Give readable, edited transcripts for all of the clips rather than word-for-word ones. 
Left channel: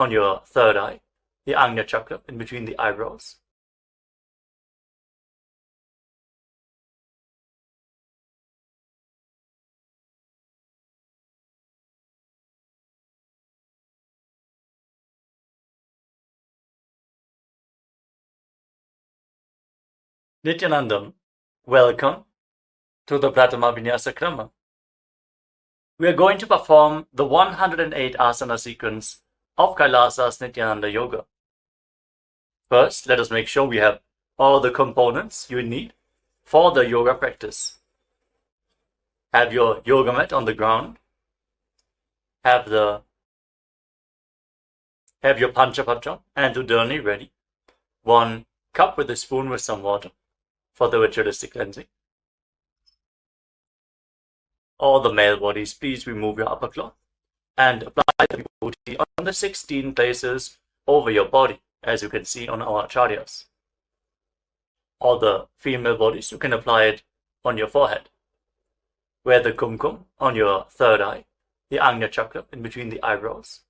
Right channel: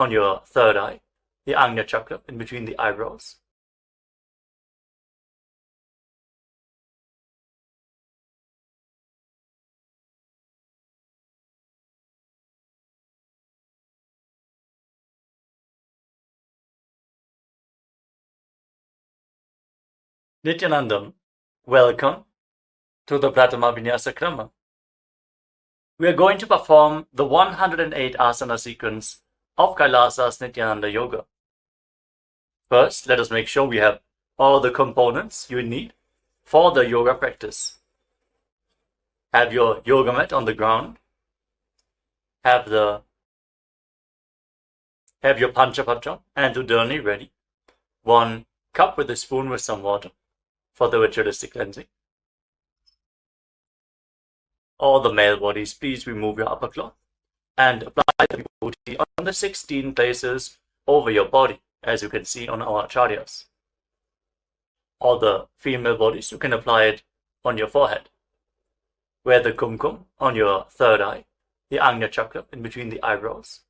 on your third eye, the Ajna chakra in between the eyebrows. Nithyanandam, welcome to the Prathama Vinyasa Krama. We are going to perform the 108 Asana sequence of KAILASA's Nithyananda Yoga. First, let us make sure we have all the components you need for the yoga practice. Have your yoga mat on the ground. Have your Panchapatra and Udani ready. 1 cup with a spoon with some water for the ritualistic cleansing. All the male bodies, please remove your upper cloth and apply the vibhuti on the 16 places over your body, as you can see on our acharyas. All the female bodies, you can apply it on your forehead. Wear the kumkum on your third eye, the Ajna chakra in between the eyebrows.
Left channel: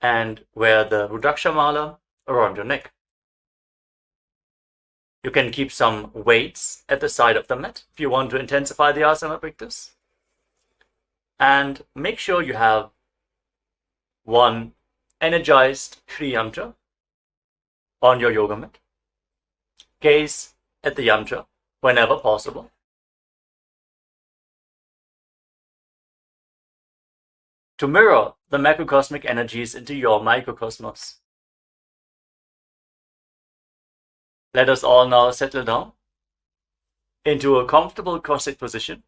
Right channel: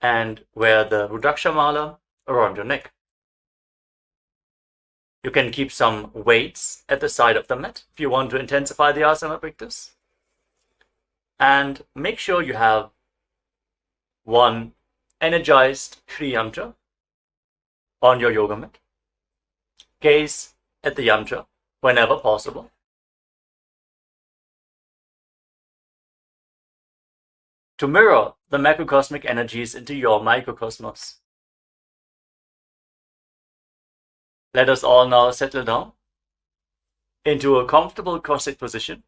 And wear the Rudraksha mala around your neck. You can keep some weights at the side of the mat if you want to intensify the asana practice. And make sure you have 1 energized Shri Yantra on your yoga mat. Gaze at the yantra whenever possible. To mirror the macrocosmic energies into your microcosmos. Let us all now settle down into a comfortable cross-legged position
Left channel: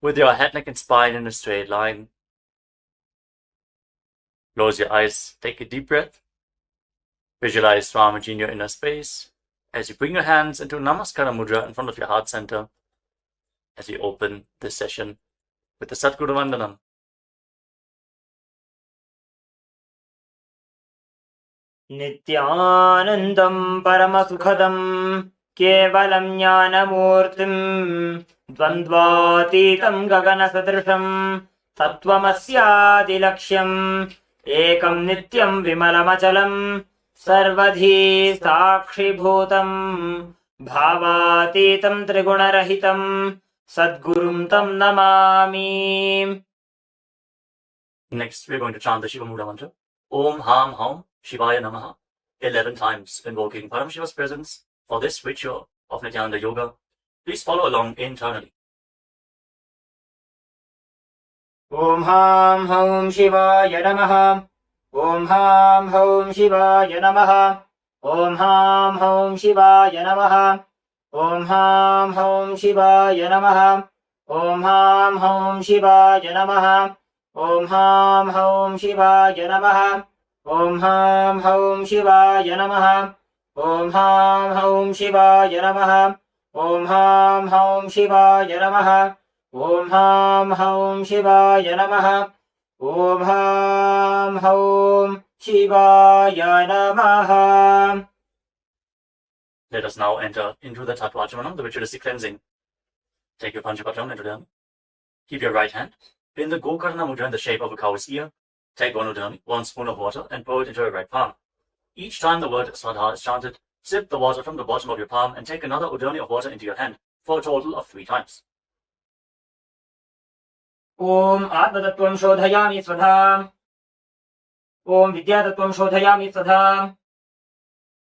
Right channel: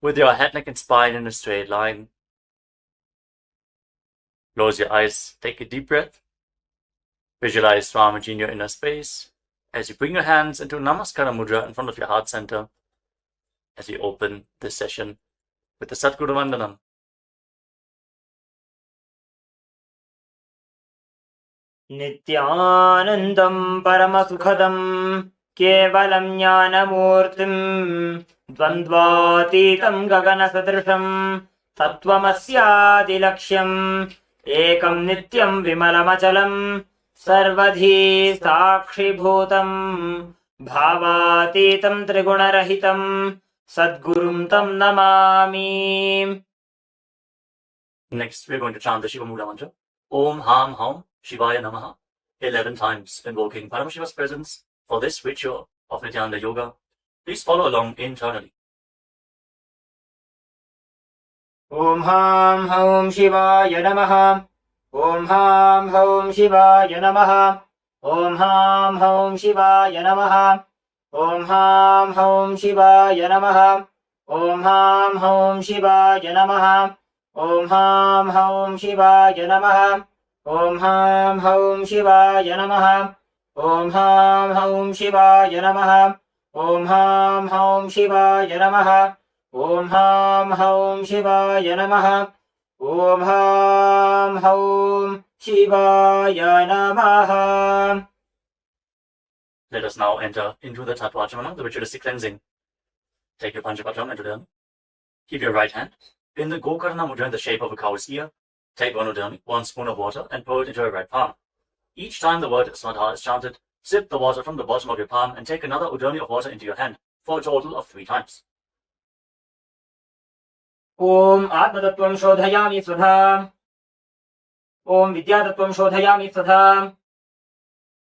with your head, neck and spine in a straight line. Close your eyes, take a deep breath. Visualize Swamiji in your inner space as you bring your hands into Namaskara Mudra in front of your heart center as we open this session with the Satguru Vandanam. Nithyanandam Paramasukhadam Kevalam Jnanamurtim Dvandvatitam Gaganasadrisham Tattvamasyadilaksham Ekam Nityam Vimalamachalam Sarvadhi Sakshibhutam Bhavatitam Trigunarahitam Sadgurum Tam Namami. Next, we are going to chant the Shiva Mula mantra. Om Ham Hum Shivaya Namaha 11 times, invoking Paramashiva's presence for this ritual of Nithyananda Yoga. Please follow along internally. Om Ham Hum Shivaya Namaha. Om Ham Hum Shivaya Namaha. Om Ham Hum Shivaya Namaha. Om Ham Hum Shivaya Namaha. Om Ham Hum Shivaya Namaha. Om Ham Hum Shivaya Namaha. Om Ham Hum Shivaya Namaha. Om Ham Hum Shivaya Namaha. Om Ham Hum Shivaya Namaha. Om Ham Hum Shivaya Namaha. Om Ham Hum Shivaya Namaha. Let us now enter into the Tattvachamanam, the ritualistic cleansing. Take your Panchapatra and Udani. Keep your right hand in the Gokarna Mudra in the shape of a cow's ear. Take 1 Udani, 1 spoon of water, and pour it into your right palm. Each time the word Swadha is chanted, sip the water from the bottom of your palm and take another Udani of water into your hand for a total of 3 times. Om Atmatattvam Shodhayami Swadha. Om Vidyatattvam Shodhayami Swadha.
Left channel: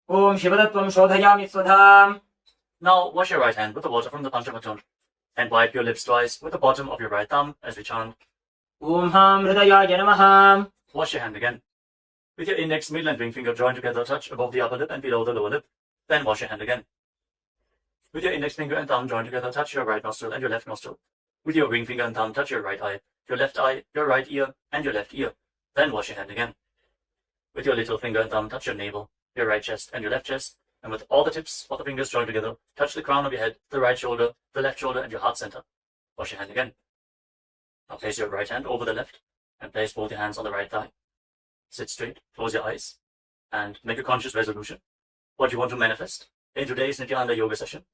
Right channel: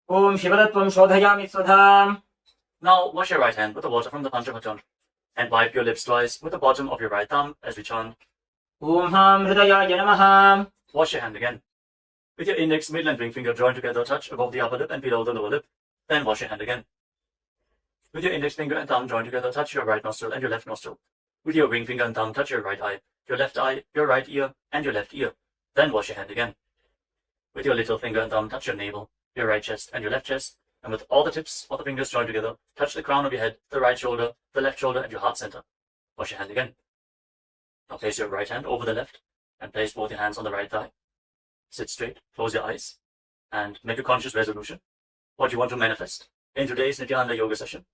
Om Shivatattvam Shodhayami Swadha. Now wash your right hand with the water from the Panchapatra and wipe your lips twice with the bottom of your right thumb as we chant. Om Ham Hridayaya Namaha. Wash your hand again. With your index, middle and ring finger joined together, touch above the upper lip and below the lower lip. Then wash your hand again. With your index finger and thumb joined together, touch your right nostril and your left nostril. With your ring finger and thumb, touch your right eye, your right ear, and your left ear. Then wash your hand again. With your little finger and thumb, touch your navel, your right chest, and your left chest. And with all the tips of the fingers joined together, touch the crown of your head, the right shoulder, the left shoulder, and your heart center. Wash your hand again. Now place your right hand over the left and place both your hands on the right thigh. Sit straight, close your eyes, and make a conscious resolution. What you want to manifest in today's Nithyananda Yoga session.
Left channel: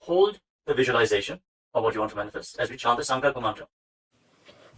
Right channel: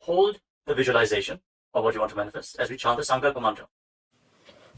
Hold the visualization of what you want to manifest as we chant the Sankalpa mantra.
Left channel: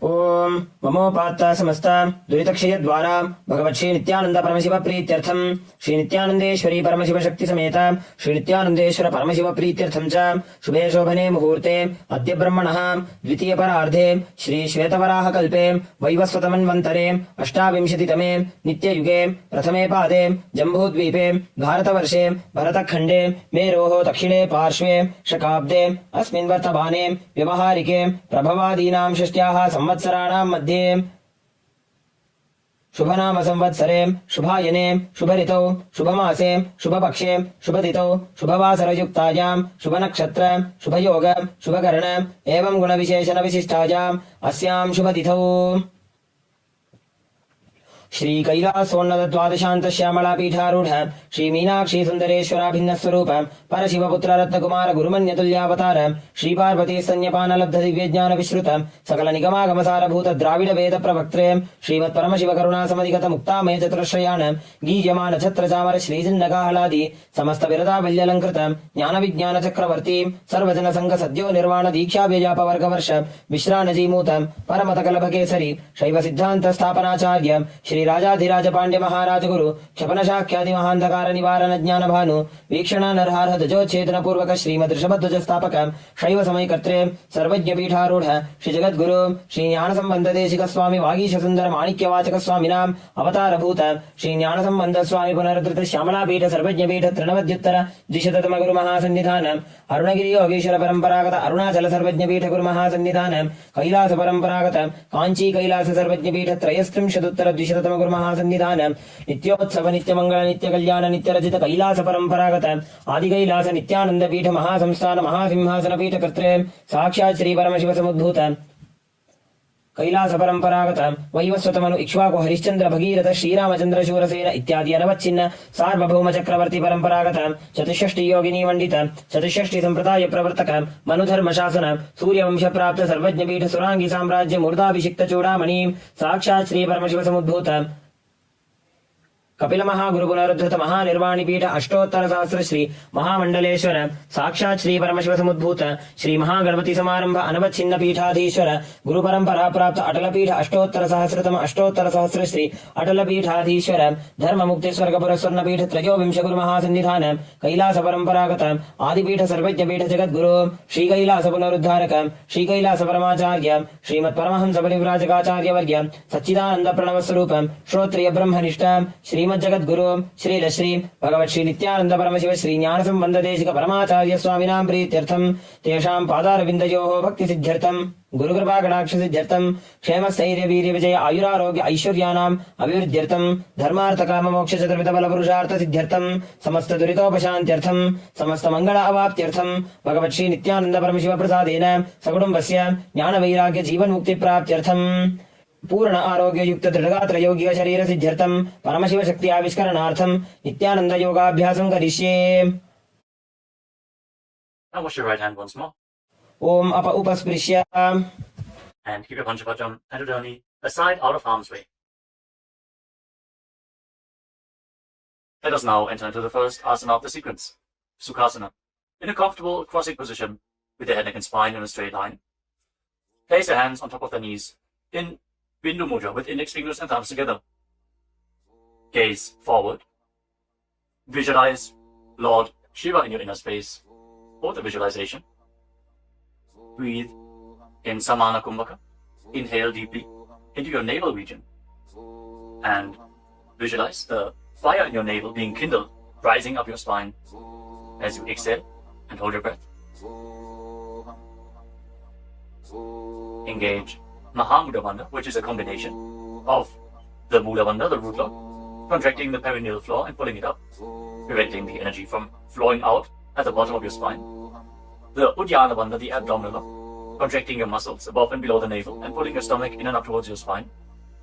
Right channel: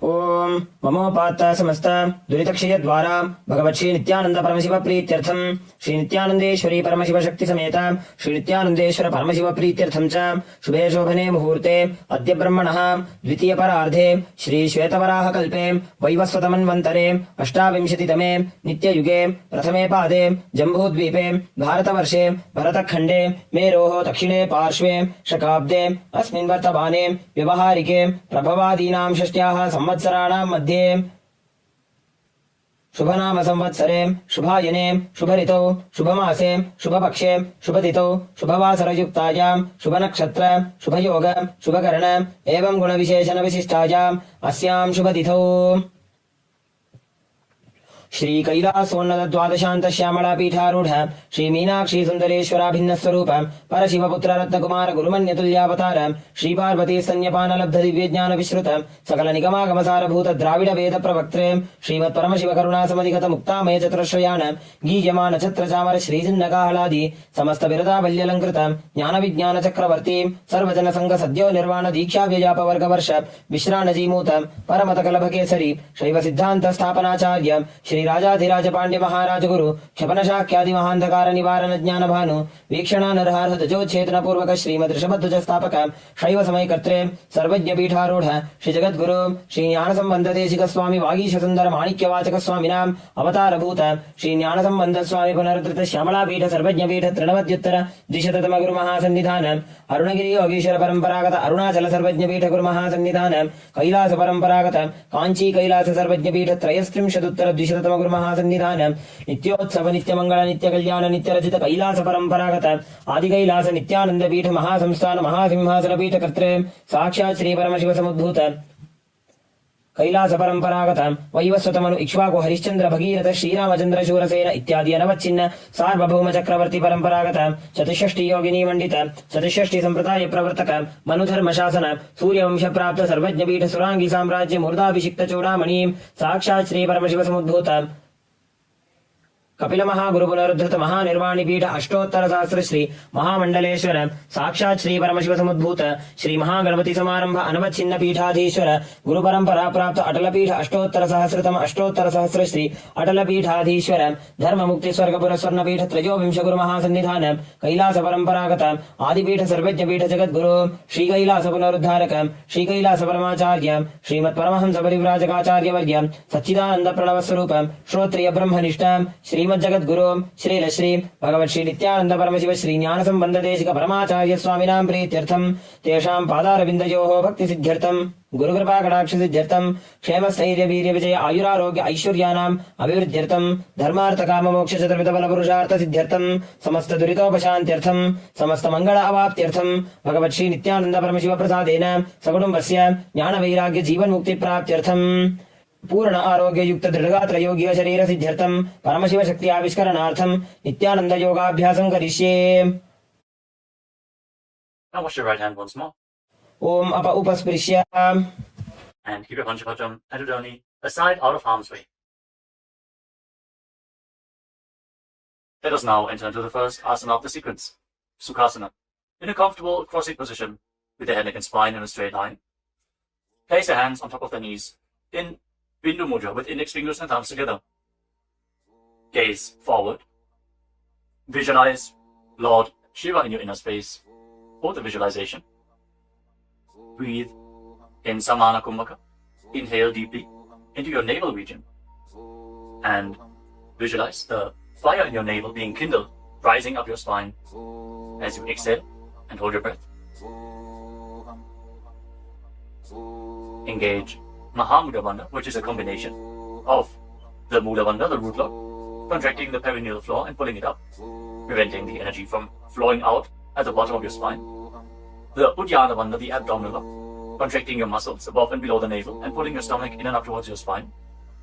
ओम ममोपात्त समस्त दुरितक्षय द्वारा भगवत् श्री नित्यानंद परमशिव प्रीत्यर्थम श्री नित्यानंदेश्वरी परमशिव शक्ति समेत श्री नित्यानंदेश्वर परमशिव प्रीत्यर्थम च शुभे शोभने मुहूर्ते अद्य ब्रह्मणः द्वितीय परार्धे श्री श्वेतवराह कल्पे वैवस्वतमन्वन्तरे अष्टाविंशतितमे नित्ययुगे प्रथमे पादे जम्बूद्वीपे भारतवर्षे भरतखण्डे मेरोः दक्षिणे पार्श्वे शकाब्दे अस्मिन् वर्तमाने व्यवहारिके प्रभवादीनां षष्ट्याः संवत्सराणां मध्ये शुभनाम संवत्सरे शुभायने शुभऋतौ शुभमासे शुभपक्षे शुभतिथौ शुभवासरयुक्तायां शुभनक्षत्र शुभयोग शुभकर्ण एवं गुणविशेषण विशिष्टायाम् अस्यां शुभतिथौ श्री कैलासोन्नत द्वादशांत श्यामला पीठारूढ़ श्री मीनाक्षी सुंदरेश्वरा भिन्न स्वरूप परशिवपुत्र रत्नकुमार गुरुमन्यतुल्यावतार श्री पार्वती स्तन्यपान लब्ध दिव्य ज्ञान विश्रुत सकल निगमागम सारभूत द्राविड वेद प्रवक्त्रे श्रीमत् परमशिव करुणा समधिगत मुक्तामय चतुरश्रयान गीयमान छत्र चामर श्री जिन्नकाहलादि समस्त बिरदावल्यलंकृत ज्ञान विज्ञान चक्रवर्ती सर्वजन संघ सद्यो निर्वाण दीक्षा व्यजाप वर्ग वर्ष विश्राण जीमूत परमत कलभ केसरी शैव सिद्धांत स्थापनाचार्य श्री राजाधिराज पांड्य महाराज गुरु क्षपन शाख्यादि महांधकार निवारण ज्ञान भानु वीक्षणा नरहार ध्वजोच्छेदन पूर्वक श्रीमद ऋषभध्वज स्थापक शैव समय कर्त्रे सर्वज्ञ पीठारूढ़ श्री जगद्गुरु श्री ज्ञान संबंध देशिक स्वामी वागीश सुंदर माणिक्य वाचक स्वामिनाम अवतार भूत श्री ज्ञान संबंध स्वामी पुनरुद्धृत श्यामला पीठ सर्वज्ञ पीठ तृणवद्युत्तर द्विशततम गुरु महासन्निधान अरुणगिरी योगीश्वर परंपरागत अरुणाचल सर्वज्ञ पीठ गुरु महासन्निधान कैलास परंपरागत कांची कैलास सर्वज्ञ पीठ त्रयस्त्रिंशदुत्तर द्विशततम गुरु महासन्निधान नित्योत्सव नित्य मंगल नित्य कल्याण नित्य रचित कैलास परंपरागत आदि कैलास नित्यानंद पीठ महासंस्थान महासिंहासन पीठ कर्त्रे साक्षात् श्री परमशिव समुद्भूत कैलास परंपरागत वैवस्वतमनु इक्ष्वाकु हरिश्चंद्र भगीरथ श्रीरामचंद्र शूरसेन इत्यादि अनवच्छिन्न सार्वभौम चक्रवर्ती परंपरागत चतुष्षष्टि योगिनी मंडित चतुष्षष्टि संप्रदाय प्रवर्तक मनुधर्म शासन सूर्यवंश प्राप्त सर्वज्ञ पीठ सुरांगी साम्राज्य मूर्धाभिषिक्त चूड़ामणि साक्षात् श्री परमशिव समुद्भूत कपिल महागुरु पुनरुद्धृत महानिर्वाणी पीठ अष्टोत्तर सहस्र श्री महामंडलेश्वर साक्षात् श्री परमशिव समुद्भूत श्री महागणपति समारंभ अनवच्छिन्न पीठाधीश्वर गुरु परंपरा प्राप्त अटल पीठ अष्टोत्तर सहस्रतम अष्टोत्तर सहस्र श्री अटल पीठाधीश्वर धर्म मुक्ति स्वर्गपुर स्वर्ण पीठ त्रयोविंश गुरु महासन्निधान कैलास परंपरागत आदिपीठ सर्वज्ञ पीठ जगद्गुरु श्री कैलास पुनरुद्धारक श्री कैलास परमाचार्य श्रीमत् परमहंस परिव्राजकाचार्य वर्य सच्चिदानंद प्रणव स्वरूप श्रोत्रिय ब्रह्मनिष्ठ श्री जगद्गुरु श्री श्री भगवत् श्री नित्यानंद परमशिव श्री ज्ञान संबंध देशिक परमाचार्य स्वामिनां प्रीत्यर्थम तेषां पादारविन्दयोः भक्ति सिद्ध्यर्थम गुरु कृपा कटाक्ष सिद्ध्यर्थम क्षेम स्थैर्य वीर्य विजय आयुरारोग्य ऐश्वर्याणाम् अभिवृद्ध्यर्थम धर्मार्थ काम मोक्ष चतुर्विध बल पुरुषार्थ सिद्ध्यर्थम समस्त दुरितोपशान्त्यर्थम समस्त मंगल अवाप्त्यर्थम भगवत् श्री नित्यानंद परमशिव प्रसादेन सकुटुम्बस्य ज्ञान वैराग्य जीवन मुक्ति प्राप्त्यर्थम पूर्ण आरोग्य युक्त दृढ़गात्र योग्य शरीर सिद्ध्यर्थम परमशिव शक्ति आविष्करणार्थम नित्यानंद योगाभ्यासं करिष्ये। Now wash your right hand once more. ओम अप उपस्पृश्य And keep your Panchapajam and your journey aside out of harm's way. Let us now enter into the first asana of the sequence, Sukhasana. In a comfortable crossing position with the head, neck and spine in a straight line. Place your hands on top of the knees in Bindu Mudra with index fingers and thumbs together. Gaze forward. Visualize Lord Shiva in your inner space. For the visualization, breathe in Samana Kumbhaka. Inhale deeply into your navel region. And visualize the fire in your navel being kindled, rising up your spine as you exhale and hold your breath. Engage Mahamudra Bandha, which is a combination of the Mula Bandha, the root lock, contracting the perineal floor and pulling it up, preventing the energy from flowing out at the bottom of your spine. The Uddiyana Bandha, the abdominal lock, contracting your muscles above and below the navel and pulling your stomach in and up towards your spine.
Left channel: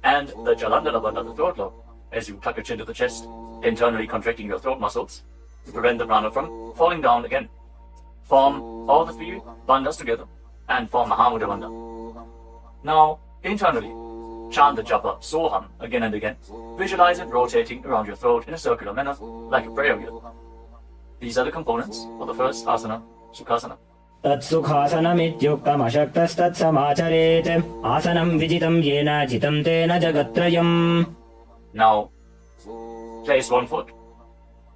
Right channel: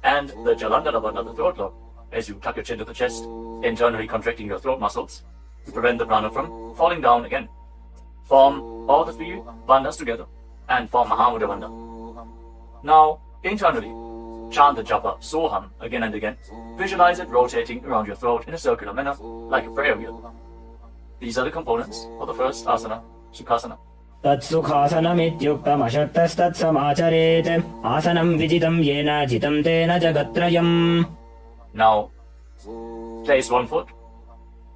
And the Jalandhara Bandha, the throat lock, as you tuck your chin to the chest, internally contracting your throat muscles to prevent the prana from falling down again. Form all the three bandhas together and form Mahamudra Bandha. Now, internally, chant the japa Soham again and again. Visualize it rotating around your throat in a circular manner, like a prayer wheel. These are the components of the first asana, Sukhasana. तत्सुखासनमित्युक्तमशक्तस्तत्समाचरेत् आसनं विजितं येन जितं तेन जगत्त्रयम्. Now, place one foot,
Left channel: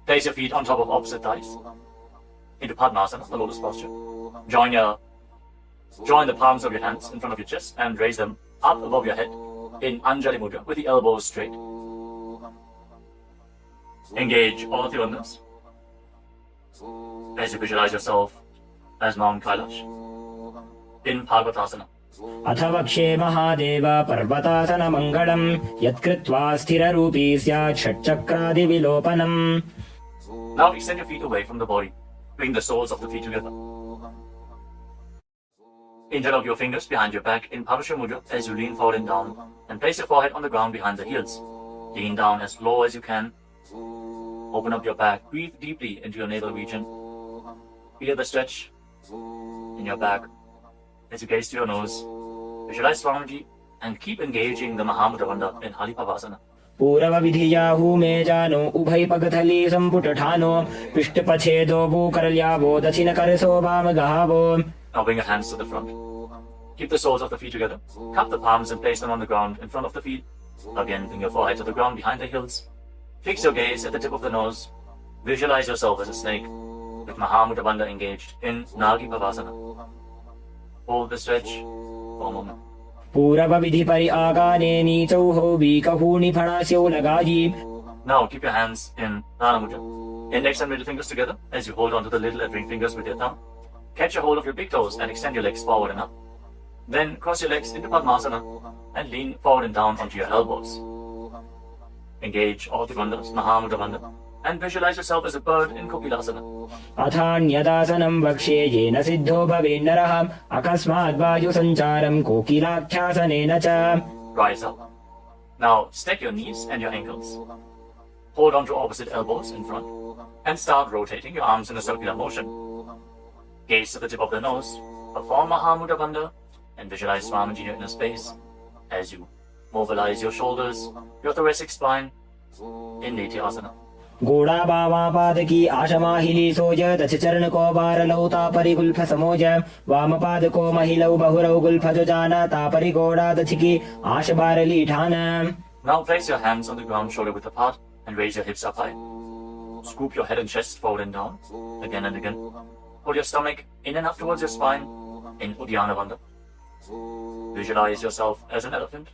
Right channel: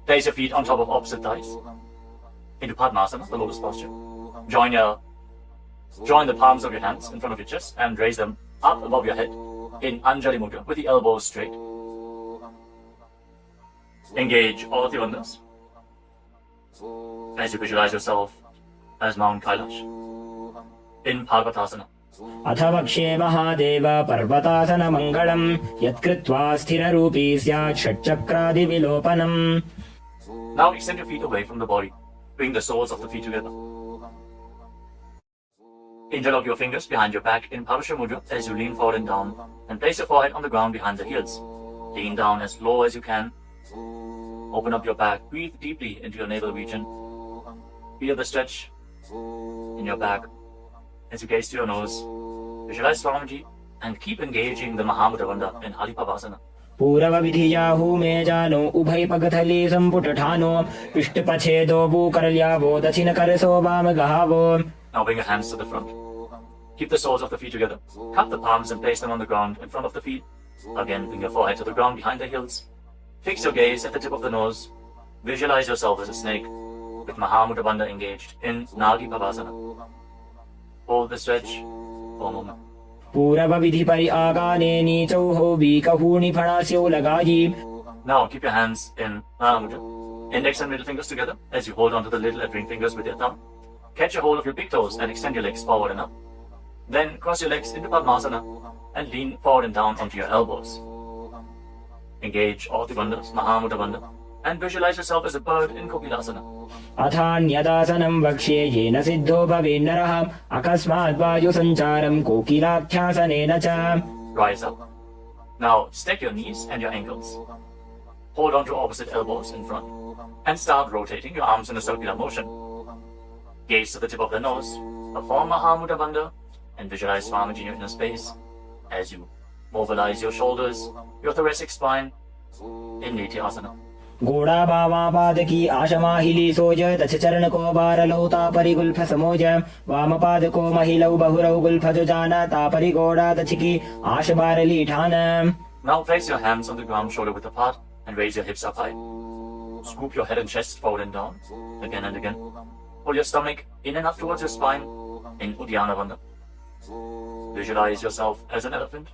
place your feet on top of opposite thighs, into Padmasana, the lotus posture. Join the palms of your hands in front of your chest and raise them up above your head in Anjali Mudra with the elbows straight. Engage all of your udders as you visualize yourself as Mount Kailash in Parvatasana. अथ वक्ष्ये महादेव पर्वतासनमङ्गलम् यत्कृत्वा स्थिररूपी स्यात् षट्चक्रादिविलोपनम्. Now extend your feet away from the body. Bring the soles of the feet together. Interlock your fingers behind your back in Parasha Mudra as you lean forward and down, and place your forehead on the ground behind the heels. Lean down as low as you can. Open up your back. Breathe deeply into your navel region. Feel the stretch in your back. As you gaze to your nose, visualize Swamiji and keep engaging the Mahamudra Bandha in Halipavasana. पूरवविधियाहू मे जानु उभय पगथली सम्पुटठानो पृष्ठपछेदो भूकरल्यावो दक्षिणकरसो वामगहावो. Now bring your hands to the front. Keep the soles of the feet together. Cup the palms and place them on the ground in front of the feet. Again, bring your forehead to the ground behind the heels. Fix your gaze at the tip of the nose. Visualize yourself as a snake with Mahamudra Bandha engaged in Nagi Pavasana. Hold the stretch for a moment. पूरवविधि परि आगाने नीचौहो बीकहूणि फणास्यौ लगायि. Now keep your hands in Prana Mudra. Index and middle fingers together as you hold onto the little and ring fingers with your thumb. Catch a hold of your big toes and extend your legs forward and up. Then cross your legs into Padmasana and lean forward and down onto your elbows. Engage all the bandhas, Mahamudra Bandha, and visualize yourself as a bird in Kokilasana. अथान्यदासनं वक्ष्ये येन सिद्धो भवेन्नरः अकस्मात् वायुसञ्चारं कोकिलाख्यासनेन च. Rise up. Now stack your knees and your ankles. Hold on to opposite elbows in front and start rotating your arms in a circular motion. Gaze to the tip of the nose, perform Mahamudra Bandha, and visualize Swamiji in your inner space as you mobilize your shoulders, your thoracic spine in Nithyananda. गोड़ा वामापादकी आशमाहिली सोज दश चरण को बारलौ तापरि Gulf समोज वामपाद को महिलौ बहुरौ Gulf जुजाना तापरि गोड़ा दछकी आश बारली ठान. Now place your hands on the ground shoulder width apart and raise your hips up high. Scoop your head and chest forward and down again and again. Pull your stomach in and up towards your spine in Uddiyana Bandha. Visualize yourself as an elephant.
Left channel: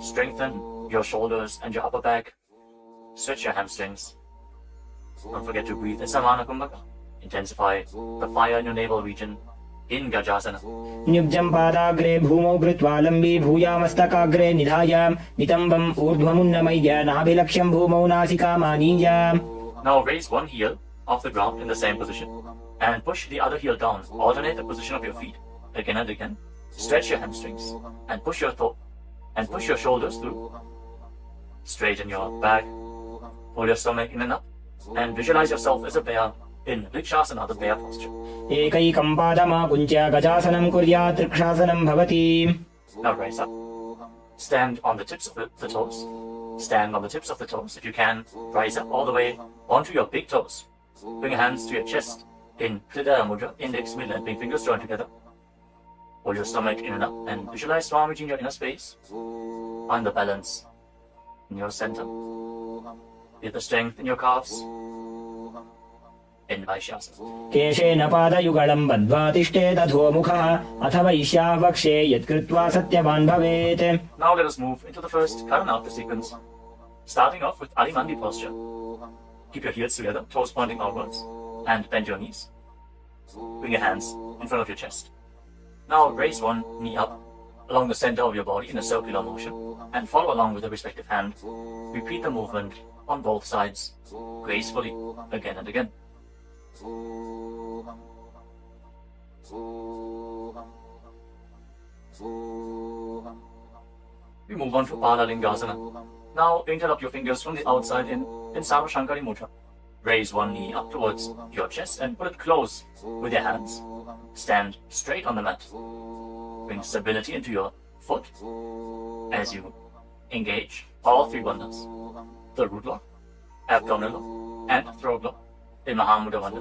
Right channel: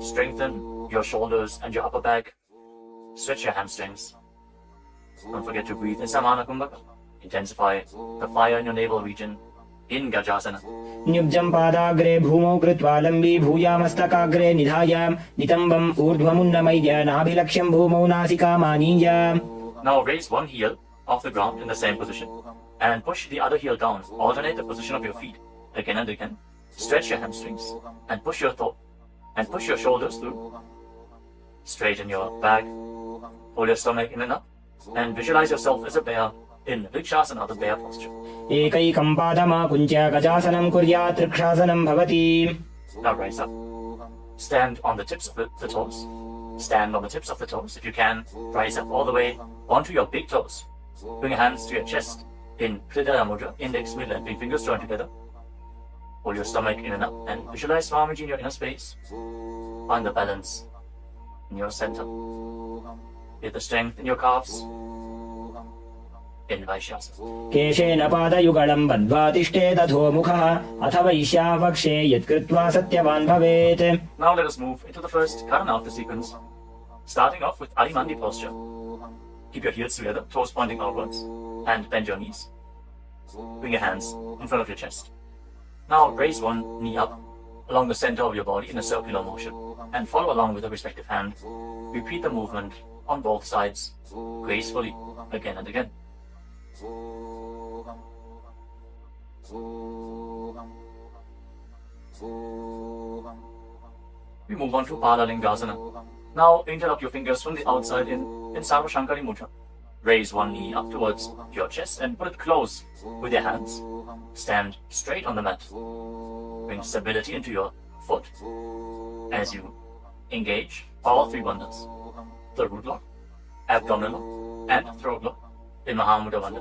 Strengthen your shoulders and your upper back. Stretch your hamstrings. Don't forget to breathe in Samana Kumbhaka. Intensify the fire in your navel region in Gajasana. न्युब्जं पादाग्रे भूमौ कृत्वा लम्बी भूयामस्तकाग्रे निधाय नितम्बम् ऊर्ध्वमुन्नमय्य नाभिलक्ष्यं भूमौ नासिकामानीय. Now raise one heel off the ground in the same position and push the other heel down. Alternate the position of your feet again and again. Stretch your hamstrings and push your shoulders through. Straighten your back. Pull your stomach in and up. And visualize yourself as a bear in Vrikshasana, the bear posture. एकैकं पादमाकुञ्च्य गजासनं कुर्यात् त्रिक्षासनं भवति. Now raise up. Stand on the tips of the toes. Stand on the tips of the toes. If you can, rise up all the way onto your big toes. Bring your hands to your chest in Hridaya Mudra, index, middle and big fingers joined together. Hold your stomach in and up and visualize Swamiji in your inner space. Find the balance in your center. Get the strength in your calves in Vaishyasana. केशेन पादयुगलं बद्ध्वा तिष्ठेत् अधोमुखः अथ वैश्याः वक्ष्ये यत्कृत्वा सत्यवान् भवेत्. Now let us move into the first Karanatha sequence, starting off with Adimandi posture. Keep your heels together, toes pointing outwards, and bend your knees. Bring your hands in front of your chest. Now raise one knee up along the center of your body in a circular motion and follow along with the respective hand. Repeat the movement on both sides gracefully again and again. We move on to Balalingasana. Now interlock your fingers from the outside in Sarvashankari Mudra. Raise one knee up towards your chest and put it close with your hands. Stand straight on the mat. Bring stability into your foot as you engage all three bandhas. The root lock, abdominal lock, and throat lock in Mahamudra Bandha.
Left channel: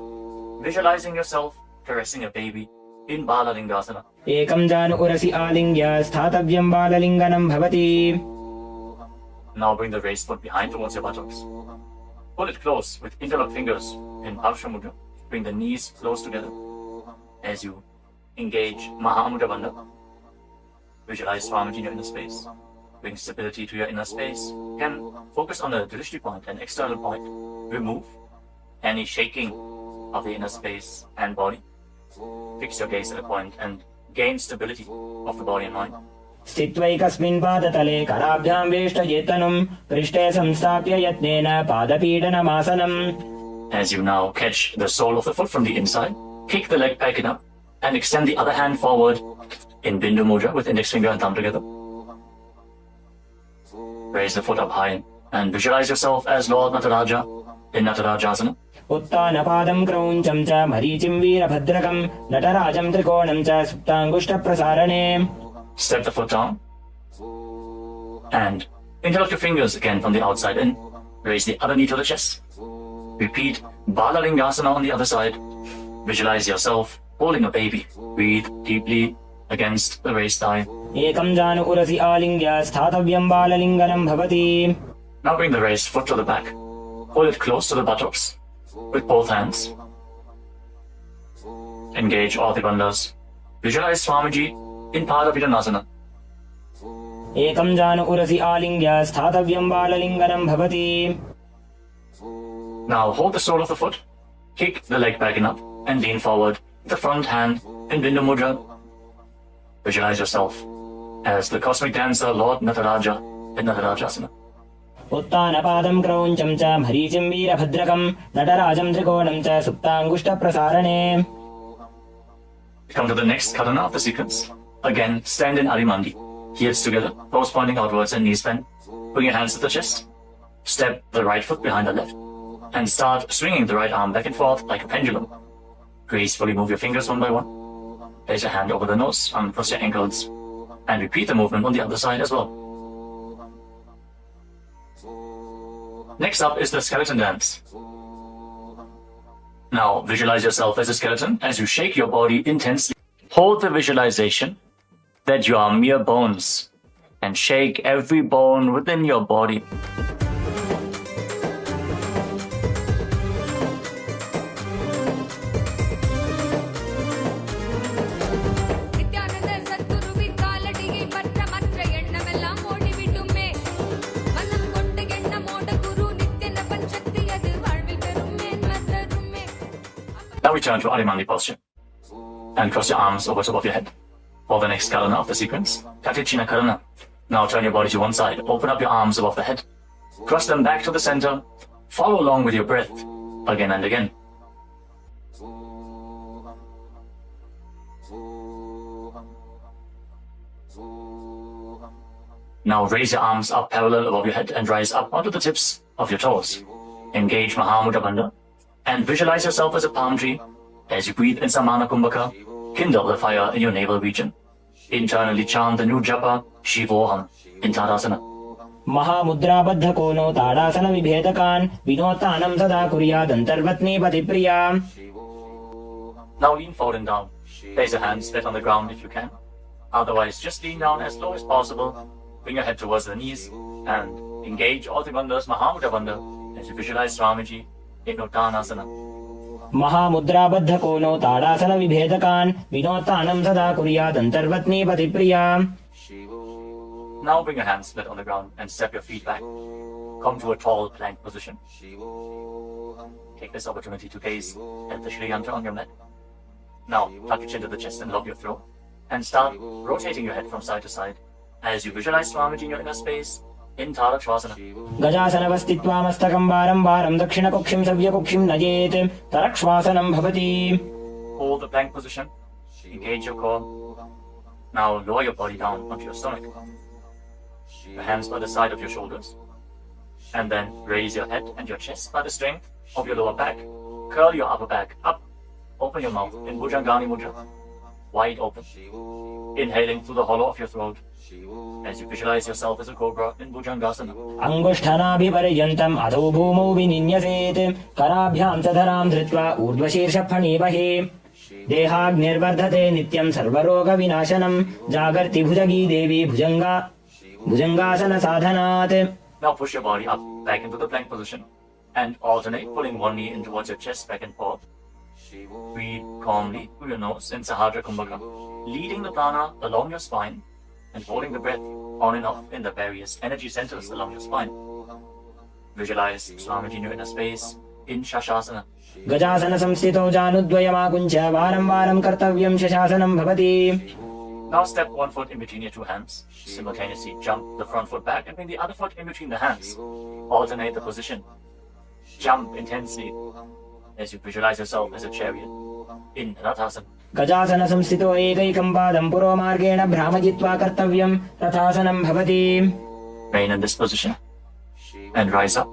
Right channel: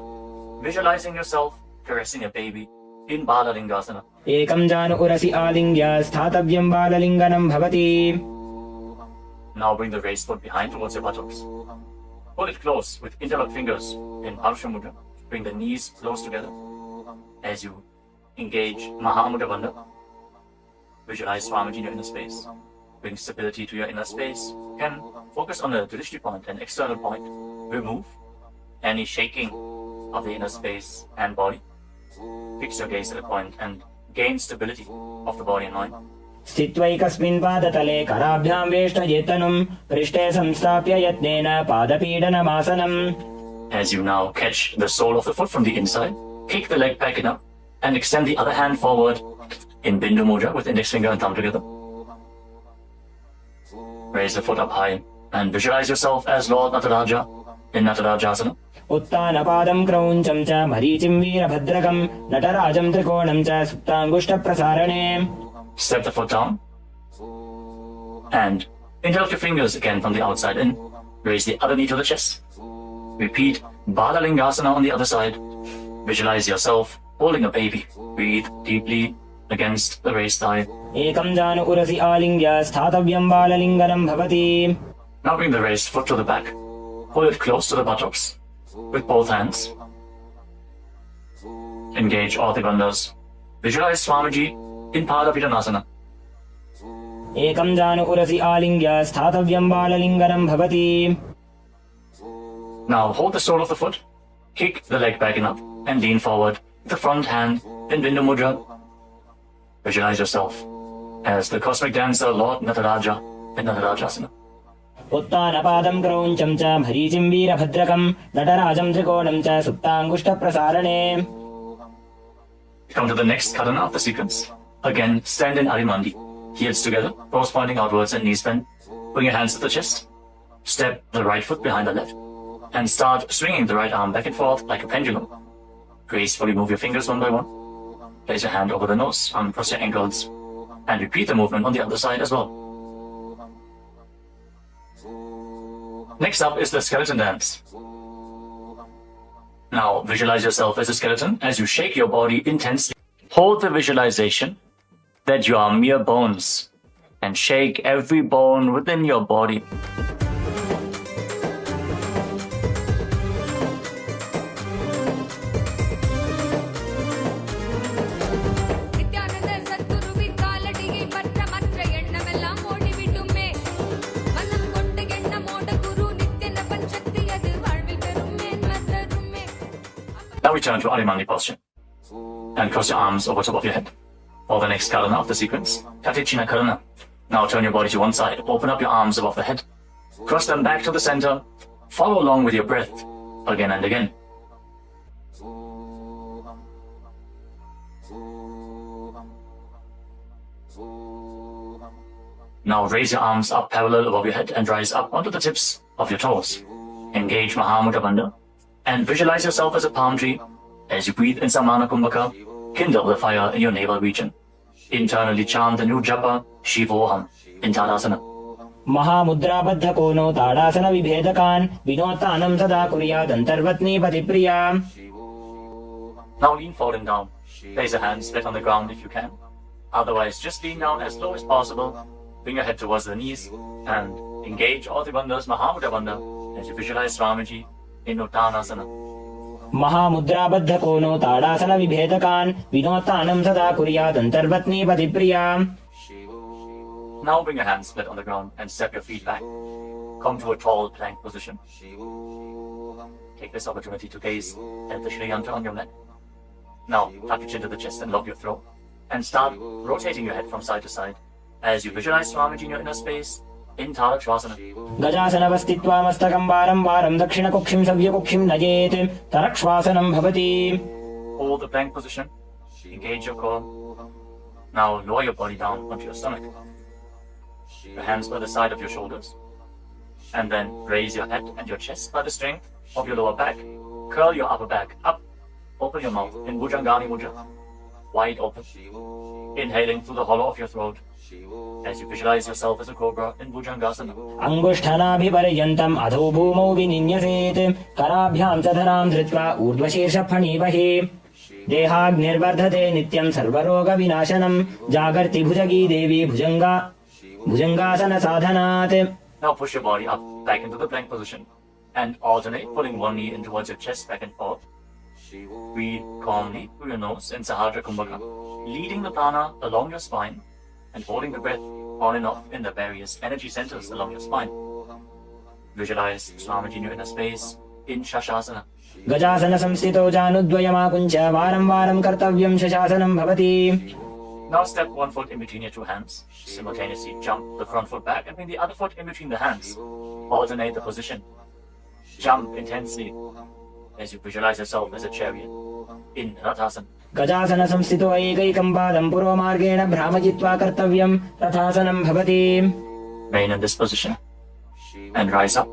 Visualizing yourself caressing a baby in Balalingasana. एकं जानु उरसि आलिङ्ग्य स्थातव्यं बाललिङ्गनं भवति. Now bring the raised foot behind towards your buttocks. Hold it close with interlocked fingers in Arsha Mudra. Bring the knees close together as you engage Mahamudra Bandha. Visualize Swamiji in your inner space. Bring stability to your inner space. You can focus on the drishti point and external point. Remove any shaking of the inner space and body. Fix your gaze at a point and gain stability of the body and mind. स्थित्वैकस्मिन् पादतले कराभ्यां वेष्टयेतनुं पृष्ठे संस्थाप्य यत्नेन पादपीडनमासनम्. As you now catch the sole of the foot from the inside, kick the leg back up and extend the other hand forward in Bindu Mudra with index finger and thumb together. Raise the foot up high and visualize yourself as Lord Nataraja in Natarajasana. उत्तानपादं क्रौञ्चं च मरीचिं वीरभद्रकं नटराजं त्रिकोणं च सुप्ताङ्गुष्ठप्रसारणे. Step the foot down and interlock your fingers again from the outside in. Raise the other knee to the chest. Repeat Balalingasana on the other side. Visualize yourself holding a baby. Breathe deeply against the raised thigh. एकं जानु उरसि आलिङ्ग्य स्थातव्यं बाललिङ्गनं भवति. Now bring the raised foot to the back. Hold it close to the buttocks with both hands. Engage all the bandhas. Visualize Swamiji in Padapidanasana. एकं जानु उरसि आलिङ्ग्य स्थातव्यं बाललिङ्गनं भवति. Now hold the sole of the foot, kick the leg back and up, and lean forward with the front hand in Bindu Mudra. Visualize yourself as the cosmic dancer Lord Nataraja in Natarajasana. उत्तानपादं क्रौञ्चं च मरीचिं वीरभद्रकं नटराजं त्रिकोणं च सुप्ताङ्गुष्ठप्रसारणे. Come to the next karana of the sequence. Again, stand in Adimandi. Heels together, toes pointing outwards and knees bent. Bring your hands to the chest. Step the right foot behind the left. And start swinging the right arm back and forth like a pendulum. Gracefully move your fingers one by one. Place your hand over the nose, uncross your ankles. And repeat the movement on the other side as well. Next up is the skeleton dance. Now visualize yourself as a skeleton as you shake your body intensely. Hold the visualization that you are mere bones and shake every bone within your body. Now return to Adimandi posture and cross your arms over top of your head. For the next karana of the sequence, Katichina Karana. Now turn your body to one side, open up your arms above the head, cross them back to the center, follow along with your breath again and again. Now raise your arms up parallel above your head and rise up onto the tips of your toes. Engage Mahamudra Bandha and visualize yourself as a palm tree. As you breathe in Samana Kumbhaka, kindle the fire in your navel region. Internally chant the new japa, Shivoham, in Tadasana. महामुद्राबद्ध कोनो ताड़ासन विभेदकान् विनोत्तानं सदा कुर्यात् अन्तर्वत्नी पतिप्रिया. Now lean forward and down. Place your hands flat on the ground if you can. Otherwise, just lean down as low as possible. Bring your head towards the knees and engage all the bandhas, Mahamudra Bandha, as you visualize Swamiji in Uttanasana. महामुद्राबद्ध कोनो ताड़ासन विभेदकान् विनोत्तानं सदा कुर्यात् अन्तर्वत्नी पतिप्रिया. Now bring your hands flat on the ground and step your feet back. Come to a tall plank position. Take this opportunity to gaze at the Shri Yantra on your mat. Now tuck your chin to the chest and lock your throat. And start rotating your head from side to side as you visualize Swamiji in your inner space in Tarakshvasana. गजासनवस्थित्वा मस्तकं वारं वारं दक्षिणकुक्षिं सव्यकुक्षिं नयेत् तरक्ष्वासनं भवति. Hold the plank position. Engage your core. Now lower your body down onto your stomach. Your hands by the side of your shoulders. And then raise your head and your chest by the strength of your lower back. Curl your upper back up. Open your mouth in Bhujangani Mudra. Wide open. Inhaling through the hollow of your throat as you visualize yourself as a cobra in Bhujangasana. अंगुष्ठानाभिपर्यन्तम् अधो भूमौ विनिन्यसेत् कराभ्यां च धरां धृत्वा ऊर्ध्वशीर्षफणीवहे. देहाग्निर्वर्धते नित्यं सर्वरोगविनाशनं जागर्ति भुजगी देवी भुजंगासन साधनात्. Now push your body up, back into the plank position, and alternate pulling one knee in towards your chest, back and forth. Breathe calmly through your nose in Sahasrara Kumbhaka, leading the prana along your spine and holding the breath on and off in the various energy centers along your spine. Visualize Swamiji in your inner space in Shastasana. गजासन संस्थितौ जानुद्वयमाकुञ्च वारं वारं कर्तव्यं शशासनं भवति. Now step one foot in between your two hands. Simultaneously jump the front foot back and bring the other foot in between the hands. Alternate the position. Jump intensely as you visualize yourself as a chariot in Rathasana. गजासन संस्थितो एकैकं पादं पुरोमार्गेण भ्रामयित्वा कर्तव्यं रथासनं भवति. Remain in this position and rise up.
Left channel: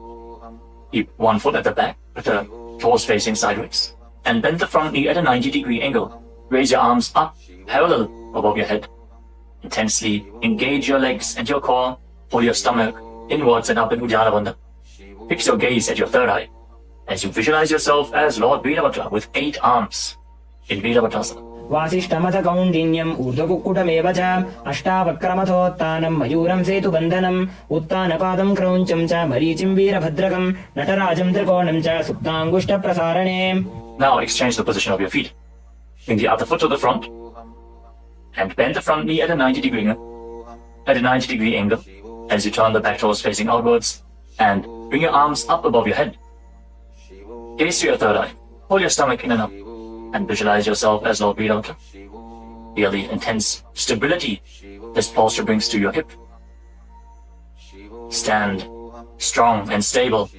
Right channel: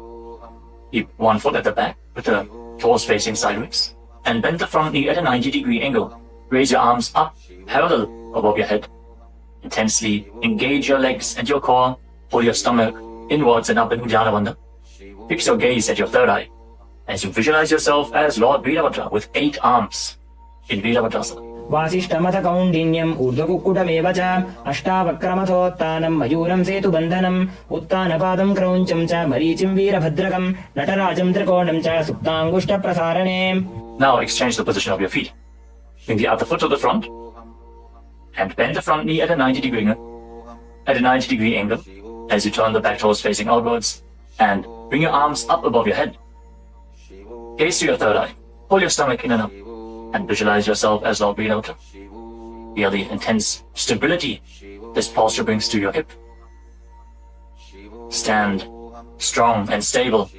Keep one foot at the back with the toes facing sideways and bend the front knee at a 90-degree angle. Raise your arms up parallel above your head. Intensely engage your legs and your core. Pull your stomach inwards and up in Ujjala Bandha. Fix your gaze at your third eye as you visualize yourself as Lord Veerabhadra with 8 arms in Veerabhadrasana. वासिष्ठमथ कौण्डिन्यम् ऊर्ध्वकुक्कुटमेव च अष्टावक्रमथोत्तानं मयूरं सेतुबन्धनम् उत्तानपादं क्रौञ्चं च मरीचिं वीरभद्रकं नटराजं त्रिकोणं च सुप्ताङ्गुष्ठप्रसारणे. Now exchange the position of your feet. Bring the other foot to the front and bend the front knee at a 90-degree angle as you turn the back toes facing outwards and bring your arms up above your head. Gaze to your third eye. Pull your stomach in and up and visualize yourself as Lord Veerabhadra. Feel the intense stability this posture brings to your hip. Stand strong and stable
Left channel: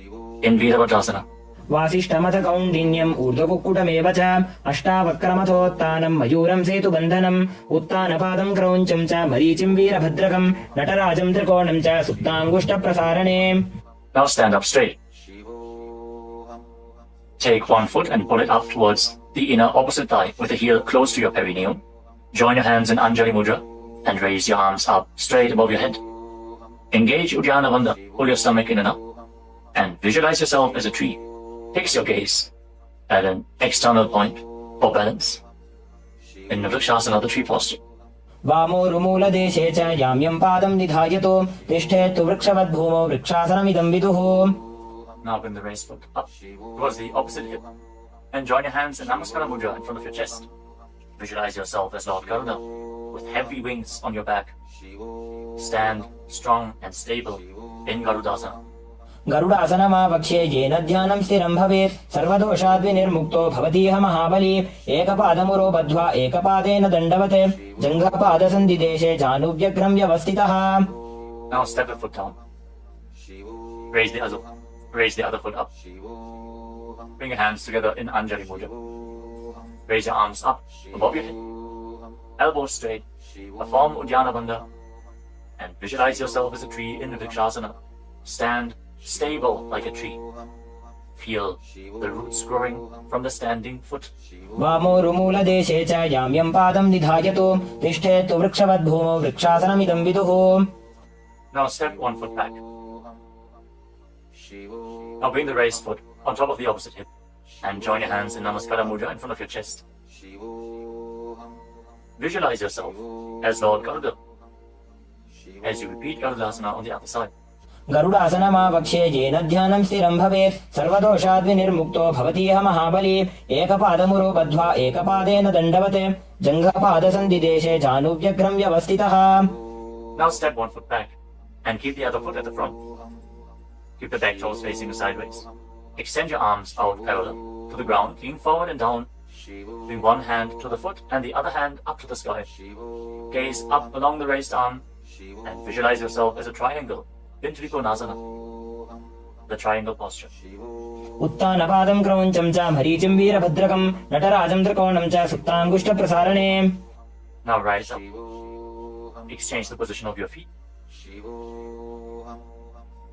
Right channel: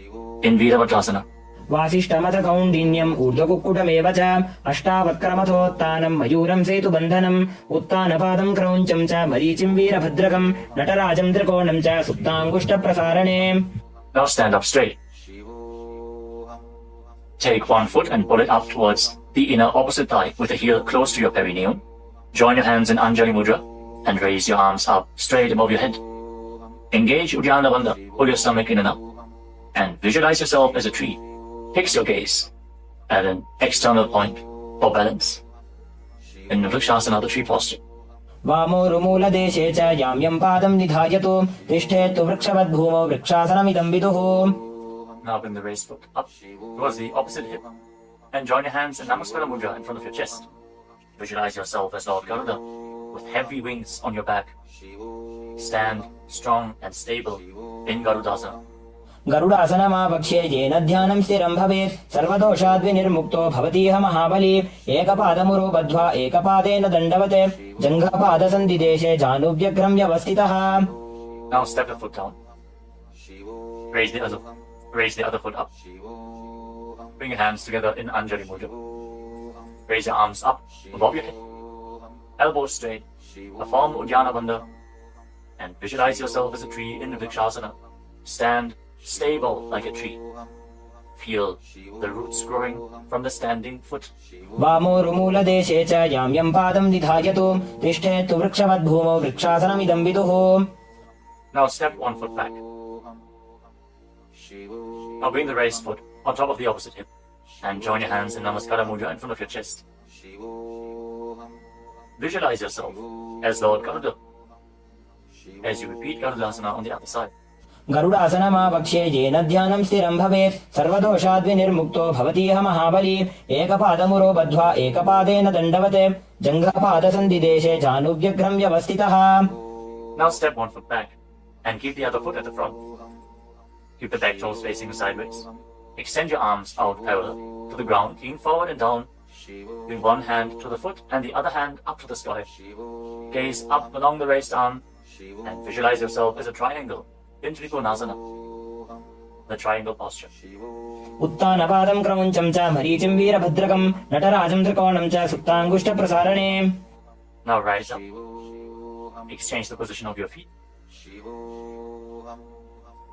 in Veerabhadrasana. वासिष्ठमथ कौण्डिन्यम् ऊर्ध्वकुक्कुटमेव च अष्टावक्रमथोत्तानं मयूरं सेतुबन्धनम् उत्तानपादं क्रौञ्चं च मरीचिं वीरभद्रकं नटराजं त्रिकोणं च सुप्ताङ्गुष्ठप्रसारणे. Now stand up straight. Take one foot and pull it up towards the inner opposite thigh with the heel close to your perineum. Join your hands in Anjali Mudra and raise your arms up straight above your head. Engage Uddiyana Bandha. Pull your stomach in and up and visualize yourself as a tree. Fix your gaze at an external point for balance in the Vrikshasana, the tree posture. वामोरुमूलदेशे च याम्यं पादं निधायतु तिष्ठेत्तु वृक्षवद्भूमौ वृक्षासनमिदं विदुः. Now bring the raised foot up towards the opposite hip and join your hands in Namaskara Mudra in front of your chest. Visualize yourself as Lord Garuda with heavy wings on your back. Stand strong and stable in Garudasana. गरुडासनमापक्षे येन ध्यानं स्थिरं भवेत् सर्वदोषाद्विनिर्मुक्तो भवतीह महाबली. एकपादमुरो बद्ध्वा एकपादेन दण्डवत् जङ्घपादसन्धिदेशे जानुव्यघ्रं व्यवस्थितः. Now step the foot down. Raise the other foot up. Bring your hands together in Anjali Mudra. Raise your arms up above your head. Elbows straight. Perform Uddiyana Bandha. And visualize yourself as a tree in Vrikshasana. Stand stable like a tree. Feel the roots growing from the standing foot. वामोरुमूलदेशे च याम्यं पादं निधायतु तिष्ठेत्तु वृक्षवद्भूमौ वृक्षासनमिदं विदुः. Now step one foot back. Now bring the raised foot on top of the opposite hip and join your hands in Namaskara Mudra in front of your chest. Visualize yourself as Lord Garuda as you repeat Garudasana on the other side. गरुडासनमापक्षे येन ध्यानं स्थिरं भवेत् सर्वदोषाद्विनिर्मुक्तो भवतीह महाबली. एकपादमुरो बद्ध्वा एकपादेन दण्डवत् जङ्घपादसन्धिदेशे जानुव्यघ्रं व्यवस्थितः. Now step one foot back and keep the other foot at the front. Keep the back toes facing sideways. Extend your arms out parallel to the ground, lean forward and down. Bring one hand to the foot and the other hand up to the sky. Gaze up along the raised arm and visualize yourself as a triangle in Trikonasana, the triangle posture. उत्तानपादं क्रौञ्चं च मरीचिं वीरभद्रकं नटराजं त्रिकोणं च सुप्ताङ्गुष्ठप्रसारणे. Now rise up. Exchange the position of your feet.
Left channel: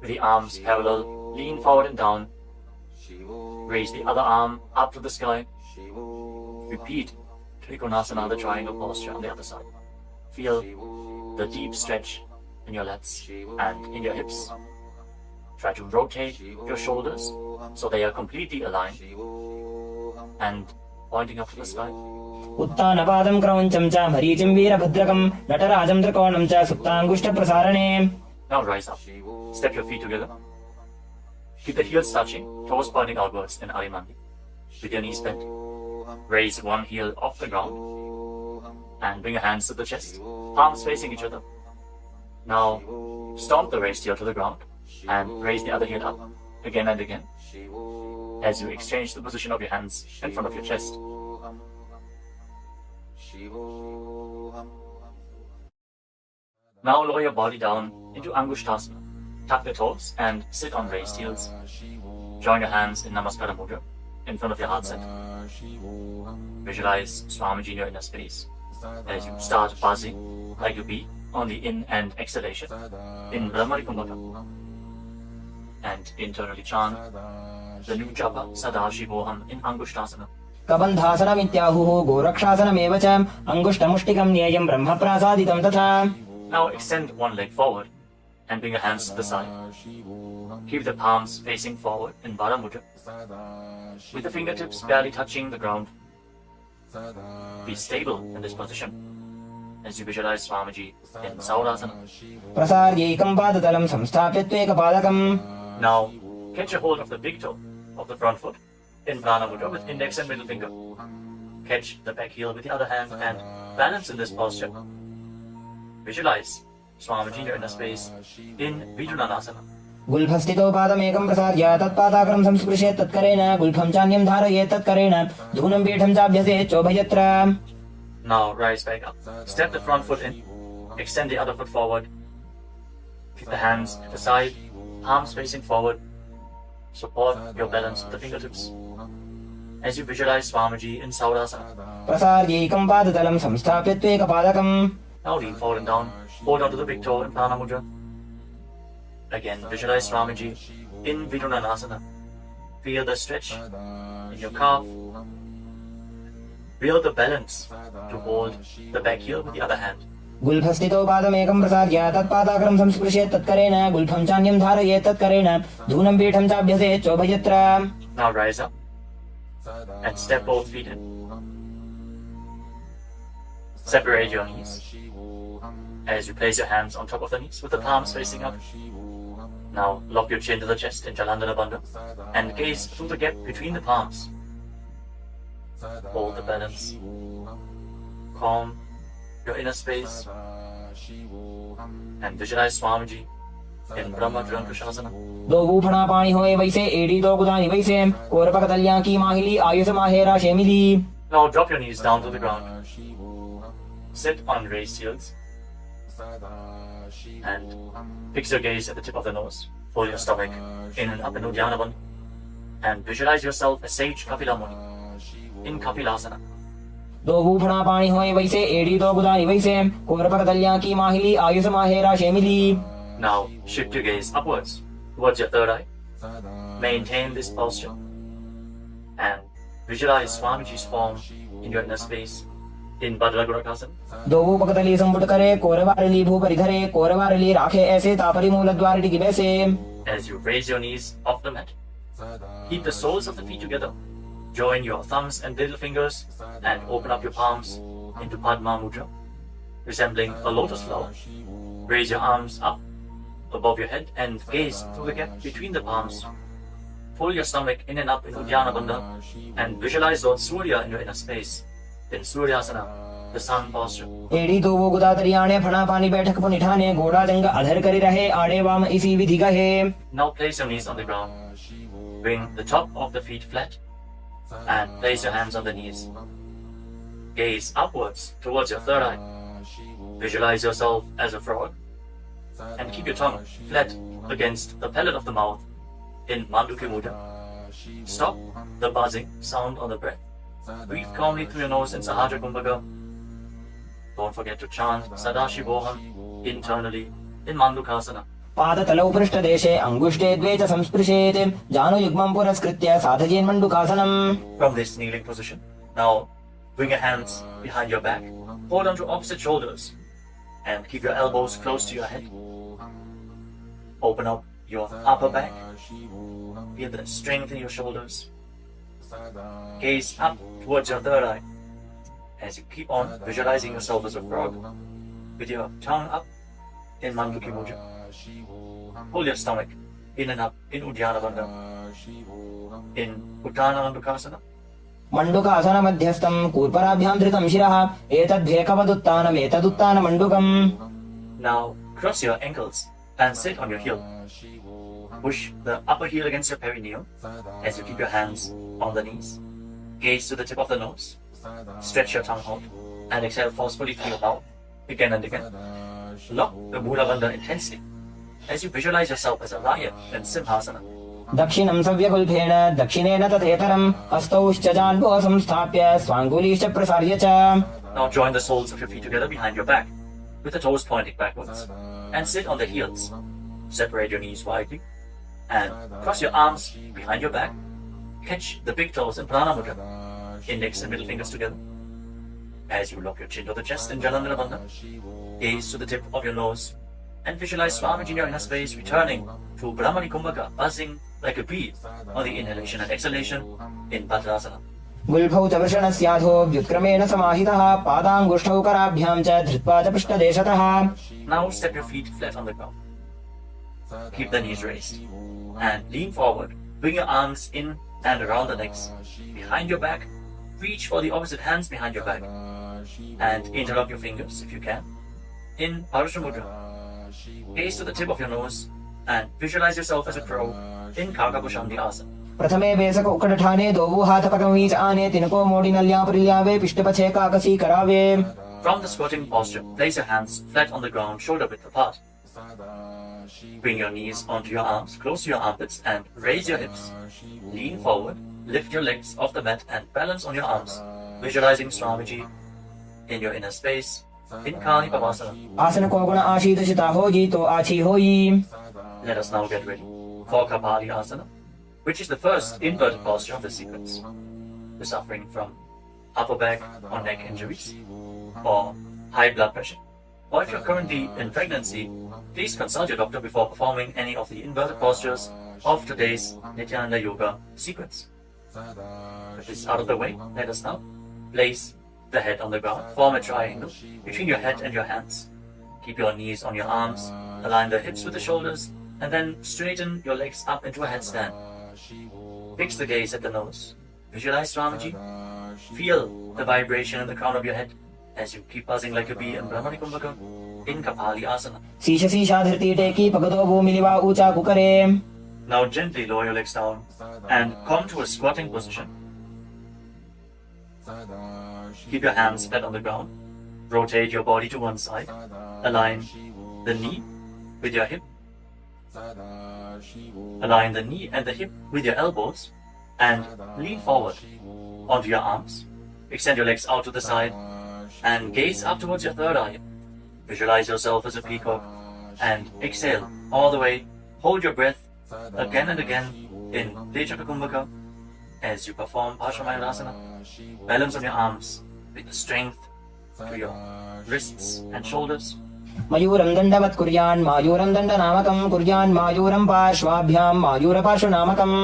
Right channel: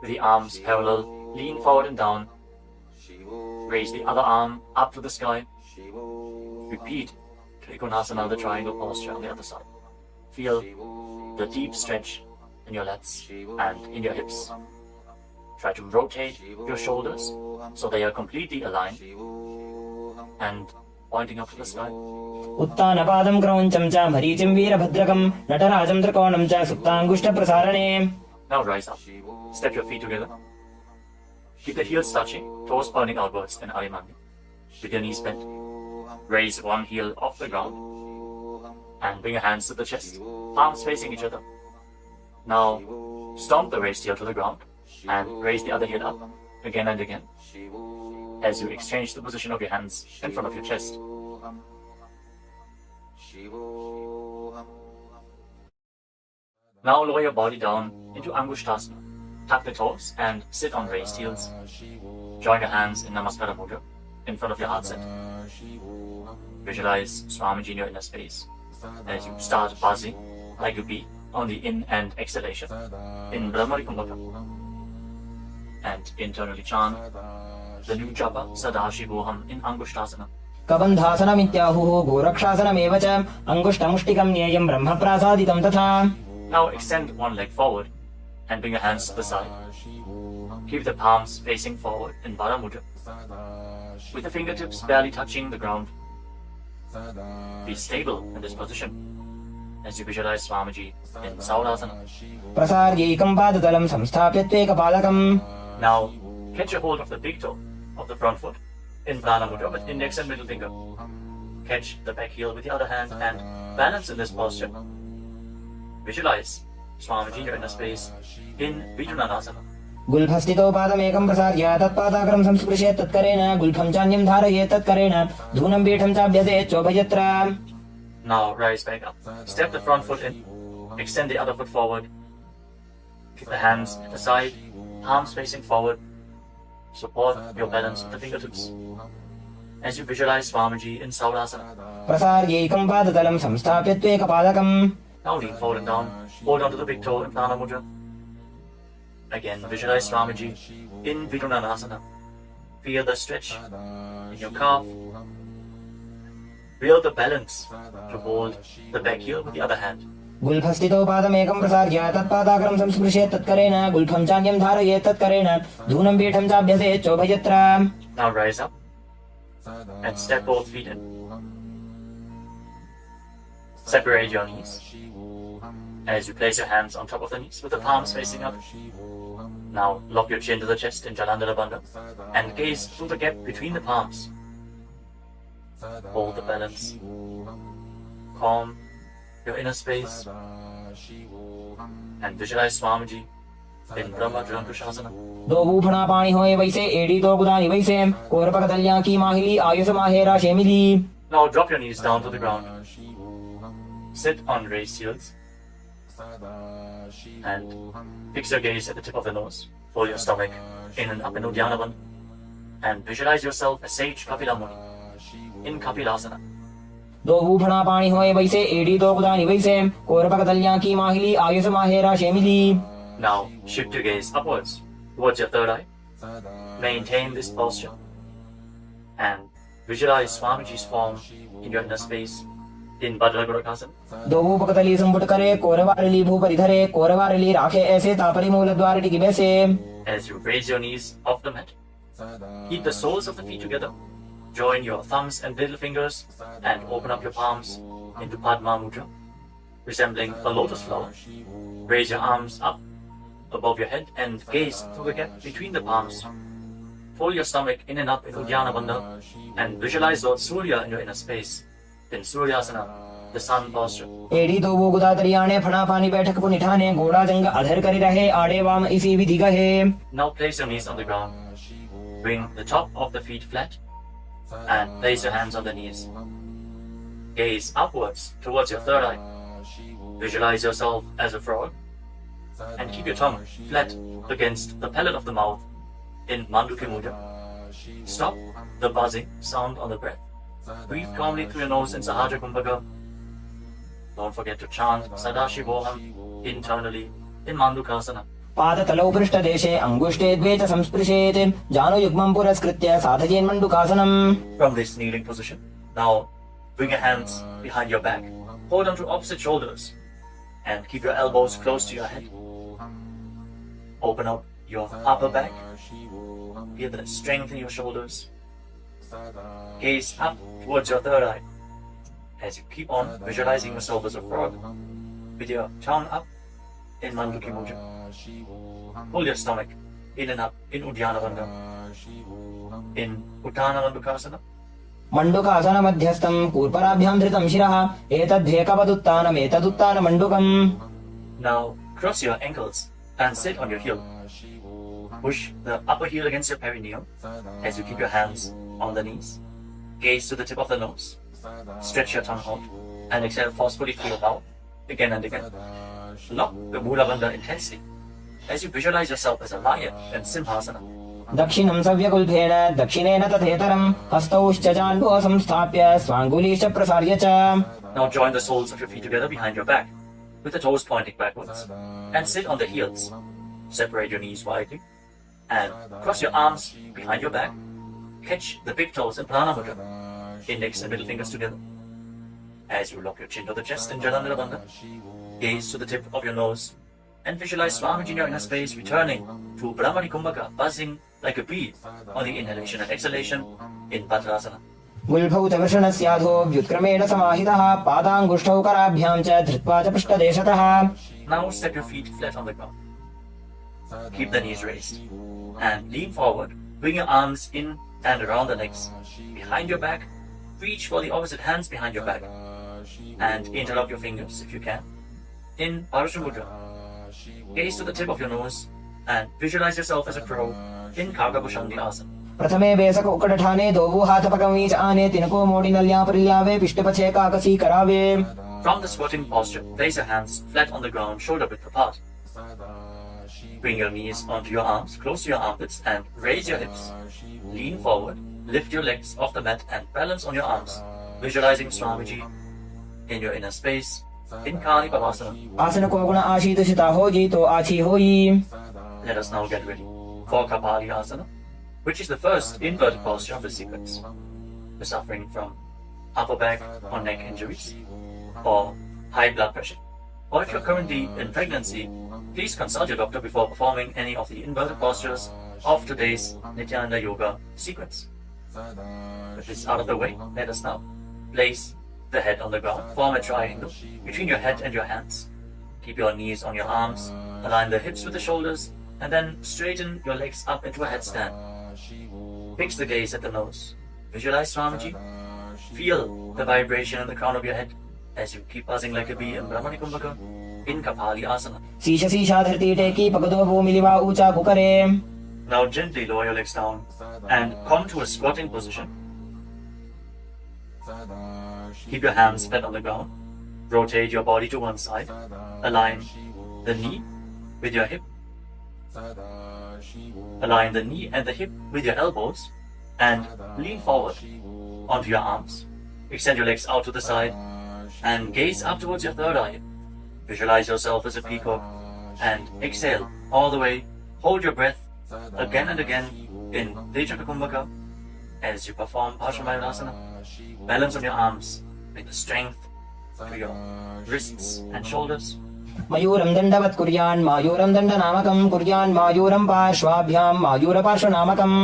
With the arms parallel, lean forward and down. Raise the other arm up to the sky. Repeat Trikonasana, the triangle posture on the other side. Feel the deep stretch in your lats and in your hips. Try to rotate your shoulders so they are completely aligned and pointing up to the sky. उत्तानपादं क्रौञ्चं च मरीचिं वीरभद्रकं नटराजं त्रिकोणं च सुप्ताङ्गुष्ठप्रसारणे. Now rise up. Step your feet together. Keep the heels touching, toes pointing outwards in Arimandi. With your knees bent, raise one heel off the ground and bring your hands to the chest, palms facing each other. Now stomp the raised heel to the ground and raise the other heel up again and again as you exchange the position of your hands in front of your chest. Now lower your body down into Angushtasana. Tuck the toes and sit on raised heels. Join your hands in Namaskara Mudra in front of your heart center. Visualize Swamiji in your inner space as you start buzzing like a bee on the in and exhalation in Brahmari Kumbhaka. And internally chant the new japa Sadashivoham in Angushtasana. कबन्धासनमित्याहुः गोरक्षासनमेव च अङ्गुष्ठमुष्टिकं न्येयं ब्रह्मप्रासादितं तथा. Now extend one leg forward and bring your hands to the side. Keep the palms facing forward in Baddha Mudra, with the fingertips barely touching the ground. Be stable in this position as you visualize Swamiji in Saulasana. प्रसार्यैकं पादतलं संस्थाप्य त्वेकपादकम्. Now catch a hold of the big toe of the front foot in Prana Mudra with index and middle finger. Catch the back heel with the other hand and balance in this posture. Visualize Swamiji in your inner space in Vinyasa. गुल्फस्थितो पादमेकं प्रसार्य तत्पादाग्रं संस्पृशेत् तत्करेण गुल्फं चान्यं धारयेत् तत्करेण धूनं पीठं चाभ्यसेत् चोभयत्र. Now rise back up. Step the front foot in. Extend the other foot forward. Keep the hands at the side, palms facing forward. Support your balance with the fingertips as you visualize Swamiji in Saurasana. प्रसार्यैकं पादतलं संस्थाप्य त्वेकपादकम्. Now lean forward and down. Hold on to the big toe in Prana Mudra. Again, visualize Swamiji in Vidunanasana. Feel the stretch in your calf. Build the balance to hold the back heel with the other hand. गुल्फस्थितो पादमेकं प्रसार्य तत्पादाग्रं संस्पृशेत् तत्करेण गुल्फं चान्यं धारयेत् तत्करेण धूनं पीठं चाभ्यसेत् चोभयत्र. Now rise up and step both feet in. Separate your knees as you place your hands on top of the knees with the palms facing up. Now lock your chin to the chest in Jalandhara Bandha and gaze through the gap between the palms. Hold the balance. Calm your inner space and visualize Swamiji in Brahma Jyankushasana. दो बूफना पानी होए वैसे एड़ी दो गुदानी वैसे कोरपक दलियां की माहिली Ayush माहेरा शेमिली. Now drop your knees down to the ground. Sit on raised heels and fix your gaze at the tip of the nose. Pull your stomach in and up in Uddiyana Bandha and visualize yourself as Sage Kapila Muni in Kapilasana. दो बूफना पानी होए वैसे एड़ी दो गुदानी वैसे कोरपक दलियां की माहिली Ayush माहेरा शेमिली. Now shift your gaze upwards towards your third eye. Maintain this posture and visualize Swamiji's form in your inner space in Bhadragurakasana. दो बूपकतली संपुट करे कोरवारली भूपरिधरे कोरवारली राखे ऐसे तापरी मूल द्वार टिकी बैसे. As you raise your knees off the mat, keep the soles of the feet together. Join your thumbs and little fingers and open up your palms into Padma Mudra, resembling a lotus flower. Raise your arms up above your head and gaze through the gap between the palms. Fold your stomach in and up in Uddiyana Bandha and visualize Lord Surya in your inner space in Suryasana, the sun posture. एड़ी दो वो गुदा तरियाने फना पानी बैठक पुनिठाने घोड़ा जंग अधर करे रहे आड़े वाम इसी विधि का है. Now place your knees on the ground. Bring the top of the feet flat and place your hands on the knees. Gaze upwards towards your third eye. Visualize yourself as a frog and keep your tongue flat against the palate of the mouth in Manduki Mudra. Stop the buzzing sound on the breath. Breathe calmly through your nose in Sahaja Kumbhaka. Don't forget to chant Sadashivoham internally in Mandukasana. पादतलौ पृष्ठदेशे अङ्गुष्ठे द्वे च संस्पृशेत् जानुयुग्मं पुरस्कृत्य साधयेन् मण्डुकासनम्. From this kneeling position, now bring your hands behind your back. Hold on to opposite shoulders and keep your elbows close to your head. Open up your upper back. Feel the strength in your shoulders. Gaze up towards your third eye as you keep on visualizing yourself as a frog with your tongue up in Mandukhi Mudra. Hold your stomach in and up in Uddiyana Bandha, in Uttana Mandukasana. मंडुकासन मध्यस्थं कूर्पराभ्यां धृतं शिरः एतद्धेकवदुत्तानम् एतदुत्तानमण्डुकम्. Now cross your ankles and sit on your heel. Push the upper heel against your perineum as you keep your hands on the knees. Gaze to the tip of the nose. Stretch your tongue out and exhale forcefully through your mouth again and again. Lock the Mula Bandha intensely as you visualize yourself as a lion in Simhasana. दक्षिणं सव्यकुल्फेन दक्षिणेन तथेतरं हस्तौश्च जान्बुः संस्थाप्य स्वाङ्गुलीश्च प्रसार्य च. Now join the soles of your feet together behind your back with the toes pointing backwards and sit on the heels. Separate your knees widely and cross your arms behind your back. Catch the big toes in Prana Mudra, index and middle fingers together. As you lock your chin to the chest in Jalandhara Bandha, gaze to the tip of your nose and visualize Swamiji in your inner space returning to Brahmani Kumbhaka, buzzing like a bee on the inhalation and exhalation in Bhadrasana. गुल्फौ च वृषणस्याधो व्युत्क्रमेण समाहितः पादाङ्गुष्ठौ कराभ्यां च धृत्वा च पृष्ठदेशतः. Now step your feet flat on the ground. Keep the knees raised and lean forward. Bring your arms in and around the legs. Behind your back, reach for the opposite hands behind your back and interlock your fingers if you can. In Parasha Mudra, gaze to the tip of your nose and visualize yourself as a crow in Kargabhushandi Asana. प्रथमे बेसक उकडठाने दोबू हाथ पकमीच आने तिनको मोड़ी नल्या परिल्यावे पिष्टपछे काकसी करावे. From the squatting posture, place your hands flat on the ground, shoulder width apart. Bring your knees onto your arms, close to your armpits and raise your hips. Lean forward, lift your legs off the mat and balance on your arms, visualizing Swamiji in your inner space in Kali Pavasana. आसन को गुण आशीर्षिता हो जी तो आछी होई. Let us now get ready for Kapali Asana, which is the first inverted posture of the sequence. We're suffering from upper back or neck injuries or high blood pressure, or if you're currently in pregnancy, please consult your doctor before performing any of the inverted postures of today's Nithyananda Yoga sequence. With this out of the way, let us now place the head on the ground, form a triangle between your head and your hands. Keep your knees on your arms, align the hips with the shoulders, and then straighten your legs up into a headstand. Fix the gaze at the nose. Visualize Swamiji. Feel the vibration in the crown of your head as you keep buzzing like a bee in Brahmani Kumbhaka in Kapali Asana. शीश शीशा धरती टेकी पगदो भूमिलिवा ऊंचा कुकरे. Now gently lower your legs down and come to a squatting position. Keep your hands flat on the ground. Rotate your body to one side. Align the knee with your hip. Align the knee and the hip with your elbows and lean forward onto your arms. Extend your legs out to the side and gaze up towards your third eye. Visualize yourself as a peacock and exhale all the way. Hold your breath again and again in Tejaka Kumbhaka as you perform Parsvamayurasana. Balance on your arms with the strength to your wrists and shoulders. मयूरं दण्डवत् कुर्यान् मायूरं दण्डनामकं कुर्यान् मायूरं पार्श्वाभ्यां मायूरपार्श्वनामकम्.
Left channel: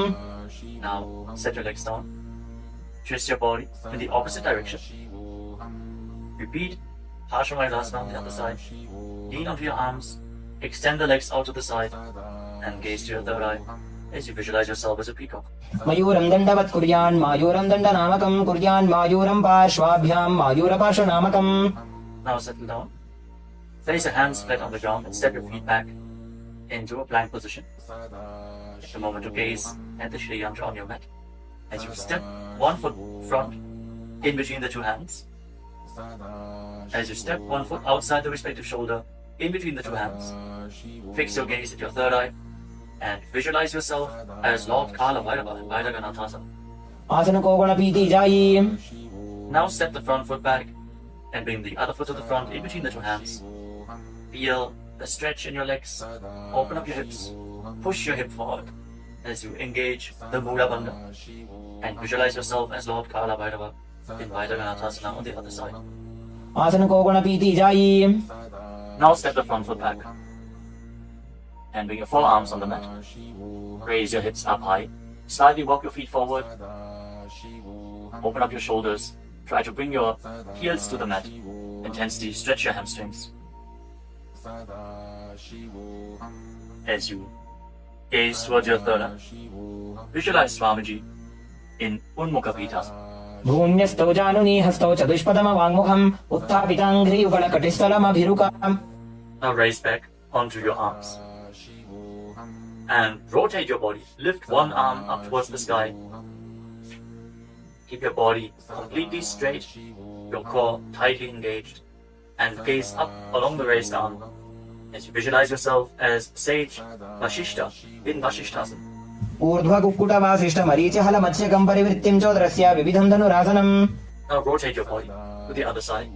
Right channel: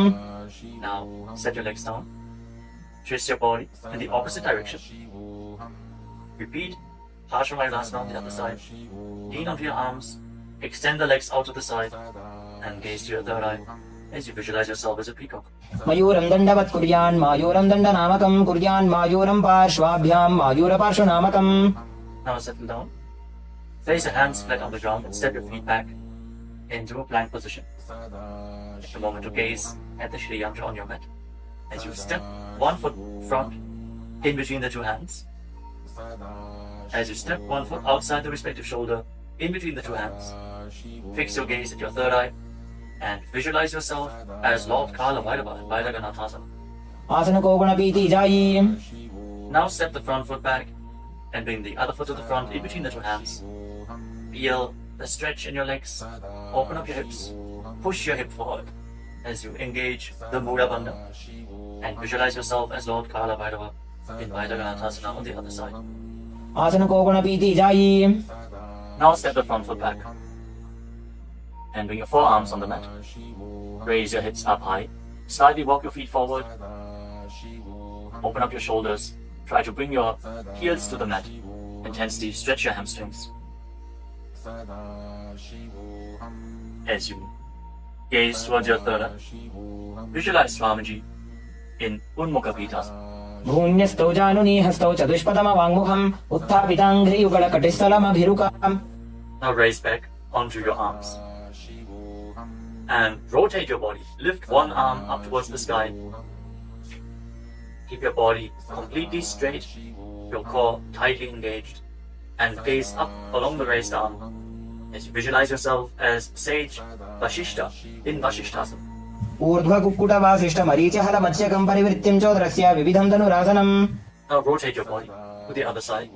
Now set your legs down. Twist your body in the opposite direction. Repeat Parsvamayurasana on the other side. Lean onto your arms. Extend the legs out to the side and gaze to your third eye as you visualize yourself as a peacock. मयूरं दण्डवत् कुर्यान् मायूरं दण्डनामकं कुर्यान् मायूरं पार्श्वाभ्यां मायूरपार्श्वनामकम्. Now settle down. Place your hands flat on the ground and step your feet back into a plank position. Take a moment to gaze at the Shri Yantra on your mat as you step one foot front in between the two hands. As you step one foot outside the respective shoulder in between the two hands, fix your gaze at your third eye and visualize yourself as Lord Kala Bhairava in Bhairaganathasana. आसन को गुण पीती जाई. Now step the front foot back and bring the other foot to the front in between the two hands. Feel the stretch in your legs. Open up your hips. Push your hip forward as you engage the Mula Bandha and visualize yourself as Lord Kala Bhairava in Bhairaganathasana on the other side. आसन को गुण पीती जाई. Now step the front foot back and bring your forearms on the mat. Raise your hips up high. Slightly walk your feet forward Open up your shoulders. Try to bring your heels to the mat. Intensely stretch your hamstrings. As you gaze towards your third eye, visualize Swamiji in Unmukha Pitasana. भून्यस्तौ जानुनी हस्तौ चतुष्पदमवाङ्मुखम् उत्थापिताङ्घ्रियुगलकटिस्थलमभिरुकाम्. Now raise back onto your arms and rotate your body. Lift one arm up towards the sky. Keep your body completely straight, your core tightly engaged, and gaze up along the raised arm as you visualize yourself as sage Vashishta in Vashishtasana. ऊर्ध्वकुक्कुटवासिष्ठमरीचिहलमत्स्यकम् परिवृत्तिम् चोदरस्य विविधम् धनुरासनम्. Now rotate your body to the other side.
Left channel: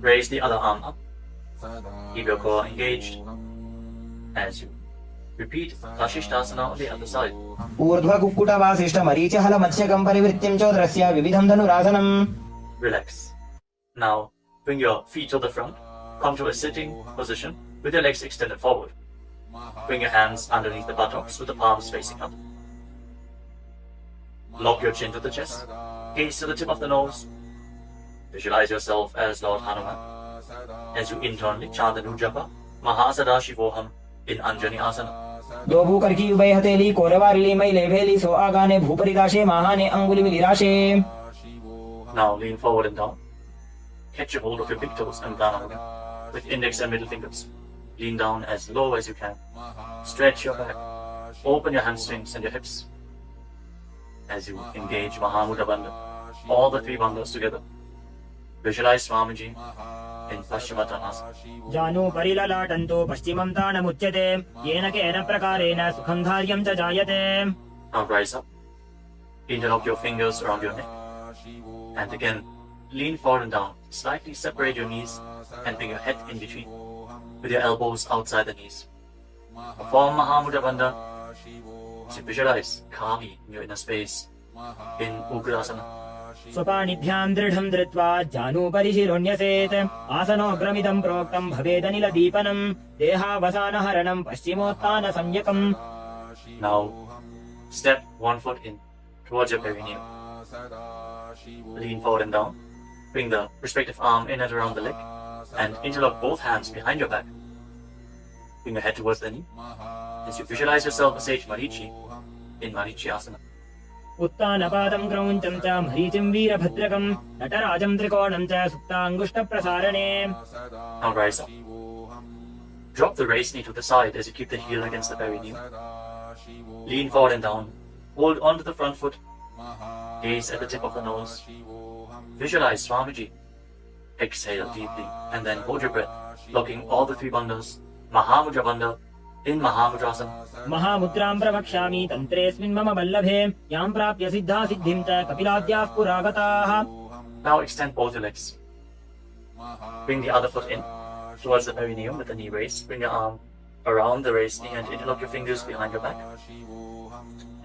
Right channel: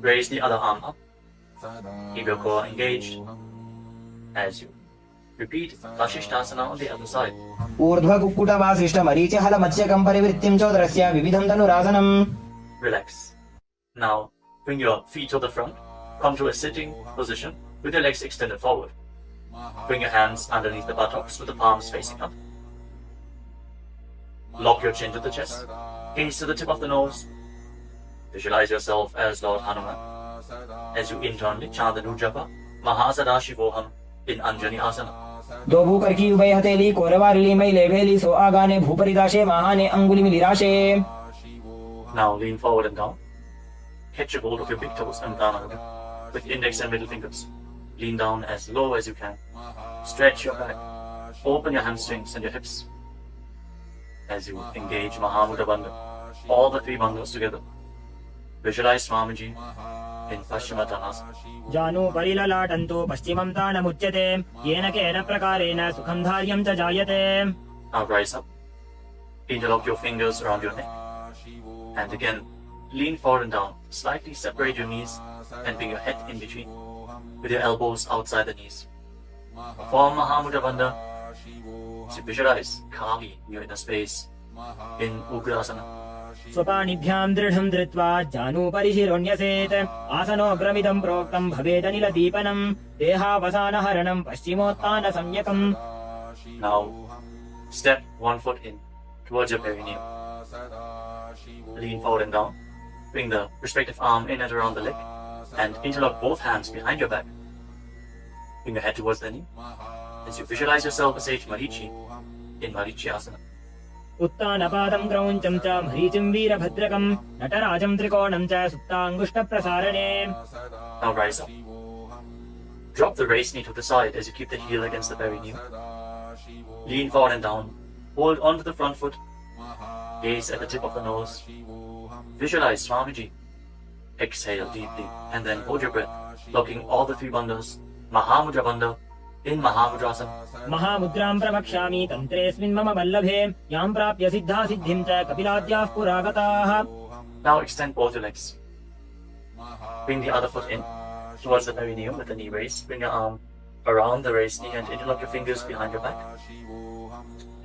Raise the other arm up. Keep your core engaged as you repeat Vashishtasana on the other side. ऊर्ध्वकुक्कुटवासिष्ठमरीचिहलमत्स्यकम् परिवृत्तिम् चोदरस्य विविधम् धनुरासनम्. Relax. Now bring your feet to the front. Come to a sitting position with your legs extended forward. Bring your hands underneath the buttocks with the palms facing up. Lock your chin to the chest. Gaze to the tip of the nose. Visualize yourself as Lord Hanuman. As you internally chant the new japa, Mahasada Shivoham in Anjani Asana. दो भूकर की उभय हथेली कोरवारिली मैले भेली सो आगाने भूपरिदाशे महाने अंगुली मिलिराशे. Now lean forward and down. Catch a hold of your big toes and down with index and middle fingers. Lean down as low as you can. Stretch your back. Open your hamstrings and your hips. As you engage Mahamudra Bandha, all the three bandhas together. Visualize Swamiji in Paschimottanasana. जानु परिललाटन्तो पश्चिमं तानमुच्यते येन केन प्रकारेण सुखं कार्यं च जायते. Now rise up. Interlock your fingers around your neck. And again, lean forward and down. Slightly separate your knees and bring your head in between with your elbows outside the knees. Form Mahamudra Bandha. So visualize Kali in your inner space in Ugrasana. स्वपाणिभ्यां दृढं धृत्वा जानुपरि शिरोन्यसेत् आसनोऽग्रमिदं प्रोक्तं भवेदनिलदीपनं देहावसानहरणं पश्चिमोत्तानसंज्ञकम्. Now step one foot in towards your perineum. Lean forward and down. Bring the respective arm in and around the leg and interlock both hands behind your back. Bring your head towards the knee as you visualize yourself as Sage Marichi in Marichi Asana. उत्तानपादं क्रौञ्चं च मरीचिं वीरभद्रकं नटराजं त्रिकोणं च सुप्ताङ्गुष्ठप्रसारणे. Now rise up. Drop the raised knee to the side as you keep the heel against the perineum. Lean forward and down. Hold onto the front foot. Gaze at the tip of the nose. Visualize Swamiji. Exhale deeply and then hold your breath, locking all the three bandhas. Mahamudra Bandha in Mahamudrasana. महामुद्रां प्रवक्ष्यामि तन्त्रेऽस्मिन् मम वल्लभे यां प्राप्य सिद्धा सिद्धिं च कपिलाद्याः पुरागताः. Now extend both your legs. Bring the other foot in towards the perineum with the knee raised. Bring your arm around the raised knee and interlock your fingers behind your back.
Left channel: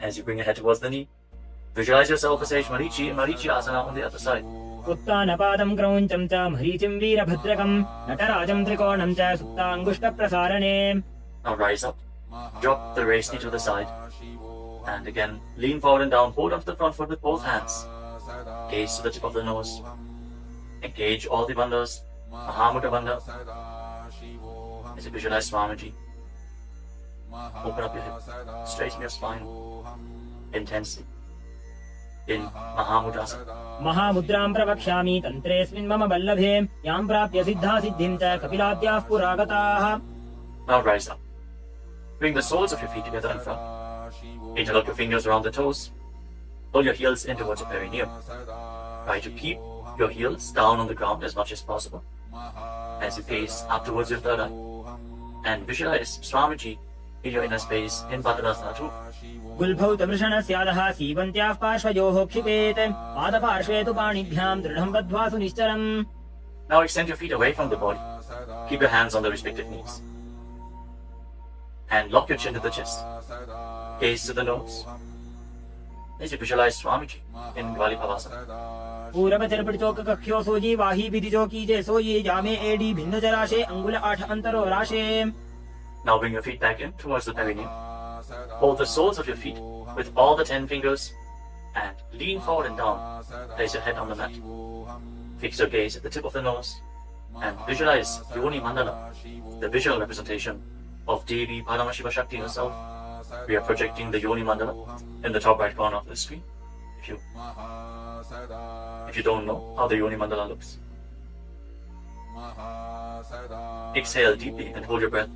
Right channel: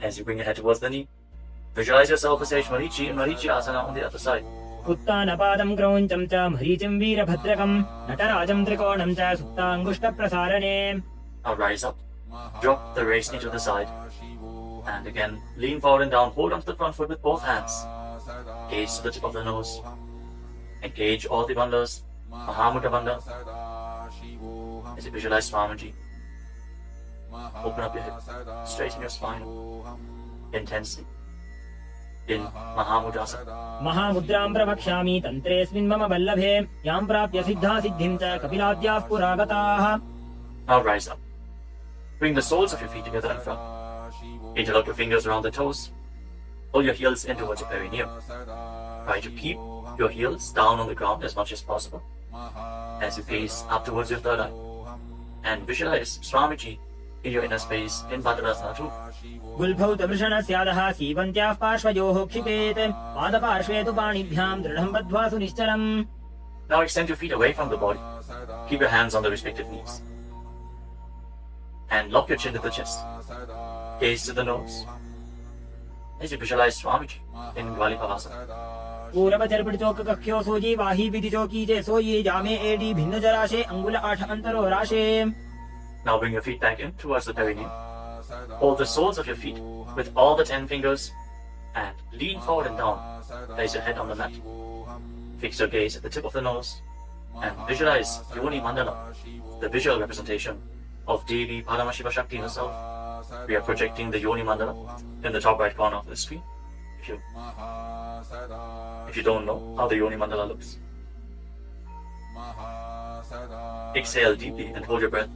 As you bring your head towards the knee, visualize yourself as Sage Marichi in Marichi Asana on the other side. उत्तानपादं क्रौञ्चं च मरीचिं वीरभद्रकं नटराजं त्रिकोणं च सुप्ताङ्गुष्ठप्रसारणे. Now rise up. Drop the raised knee to the side. And again, lean forward and down. Hold onto the front foot with both hands. Gaze to the tip of the nose. Engage all the bandhas. Mahamudra Bandha. As you visualize Swamiji. Open up your hip. Straighten your spine. Intensely. In Mahamudrasana. महामुद्रां प्रवक्ष्यामि तन्त्रेऽस्मिन् मम वल्लभे यां प्राप्य सिद्धा सिद्धिं च कपिलाद्याः पुरागताः. Now rise up. Bring the soles of your feet together in front. Interlock your fingers around the toes. Pull your heels in towards your perineum. Try to keep your heels down on the ground as much as possible. As you gaze up towards your third eye. And visualize Swamiji in your inner space in Padmasana too. गुल्भौतवृषणस्यादः सीवन्त्याः पार्श्वयोः क्षिपेत् पादपार्श्वे तु पाणिभ्यां दृढं बद्ध्वा सुनिश्चरम्. Now extend your feet away from the body. Keep your hands on the respective knees. And lock your chin to the chest. Gaze to the nose. As you visualize Swamiji in Gvalipavasana. पूरवचर्पटिचोककक्ष्यो sooji वाही विधिचोकी चे सोयी जामे AD भिन्न जराशे अंगुल 8 अंतरो राशे. Now bring your feet back in towards the perineum. Hold the soles of your feet with all the 10 fingers and lean forward and down. Place your head on the mat. Fix your gaze at the tip of the nose and visualize Yoni Mandala, the visual representation of Devi Paramashiva Shakti herself. We are projecting the Yoni Mandala in the top right corner of the screen. If you don't know how the Yoni Mandala looks, exhale deeply and hold your breath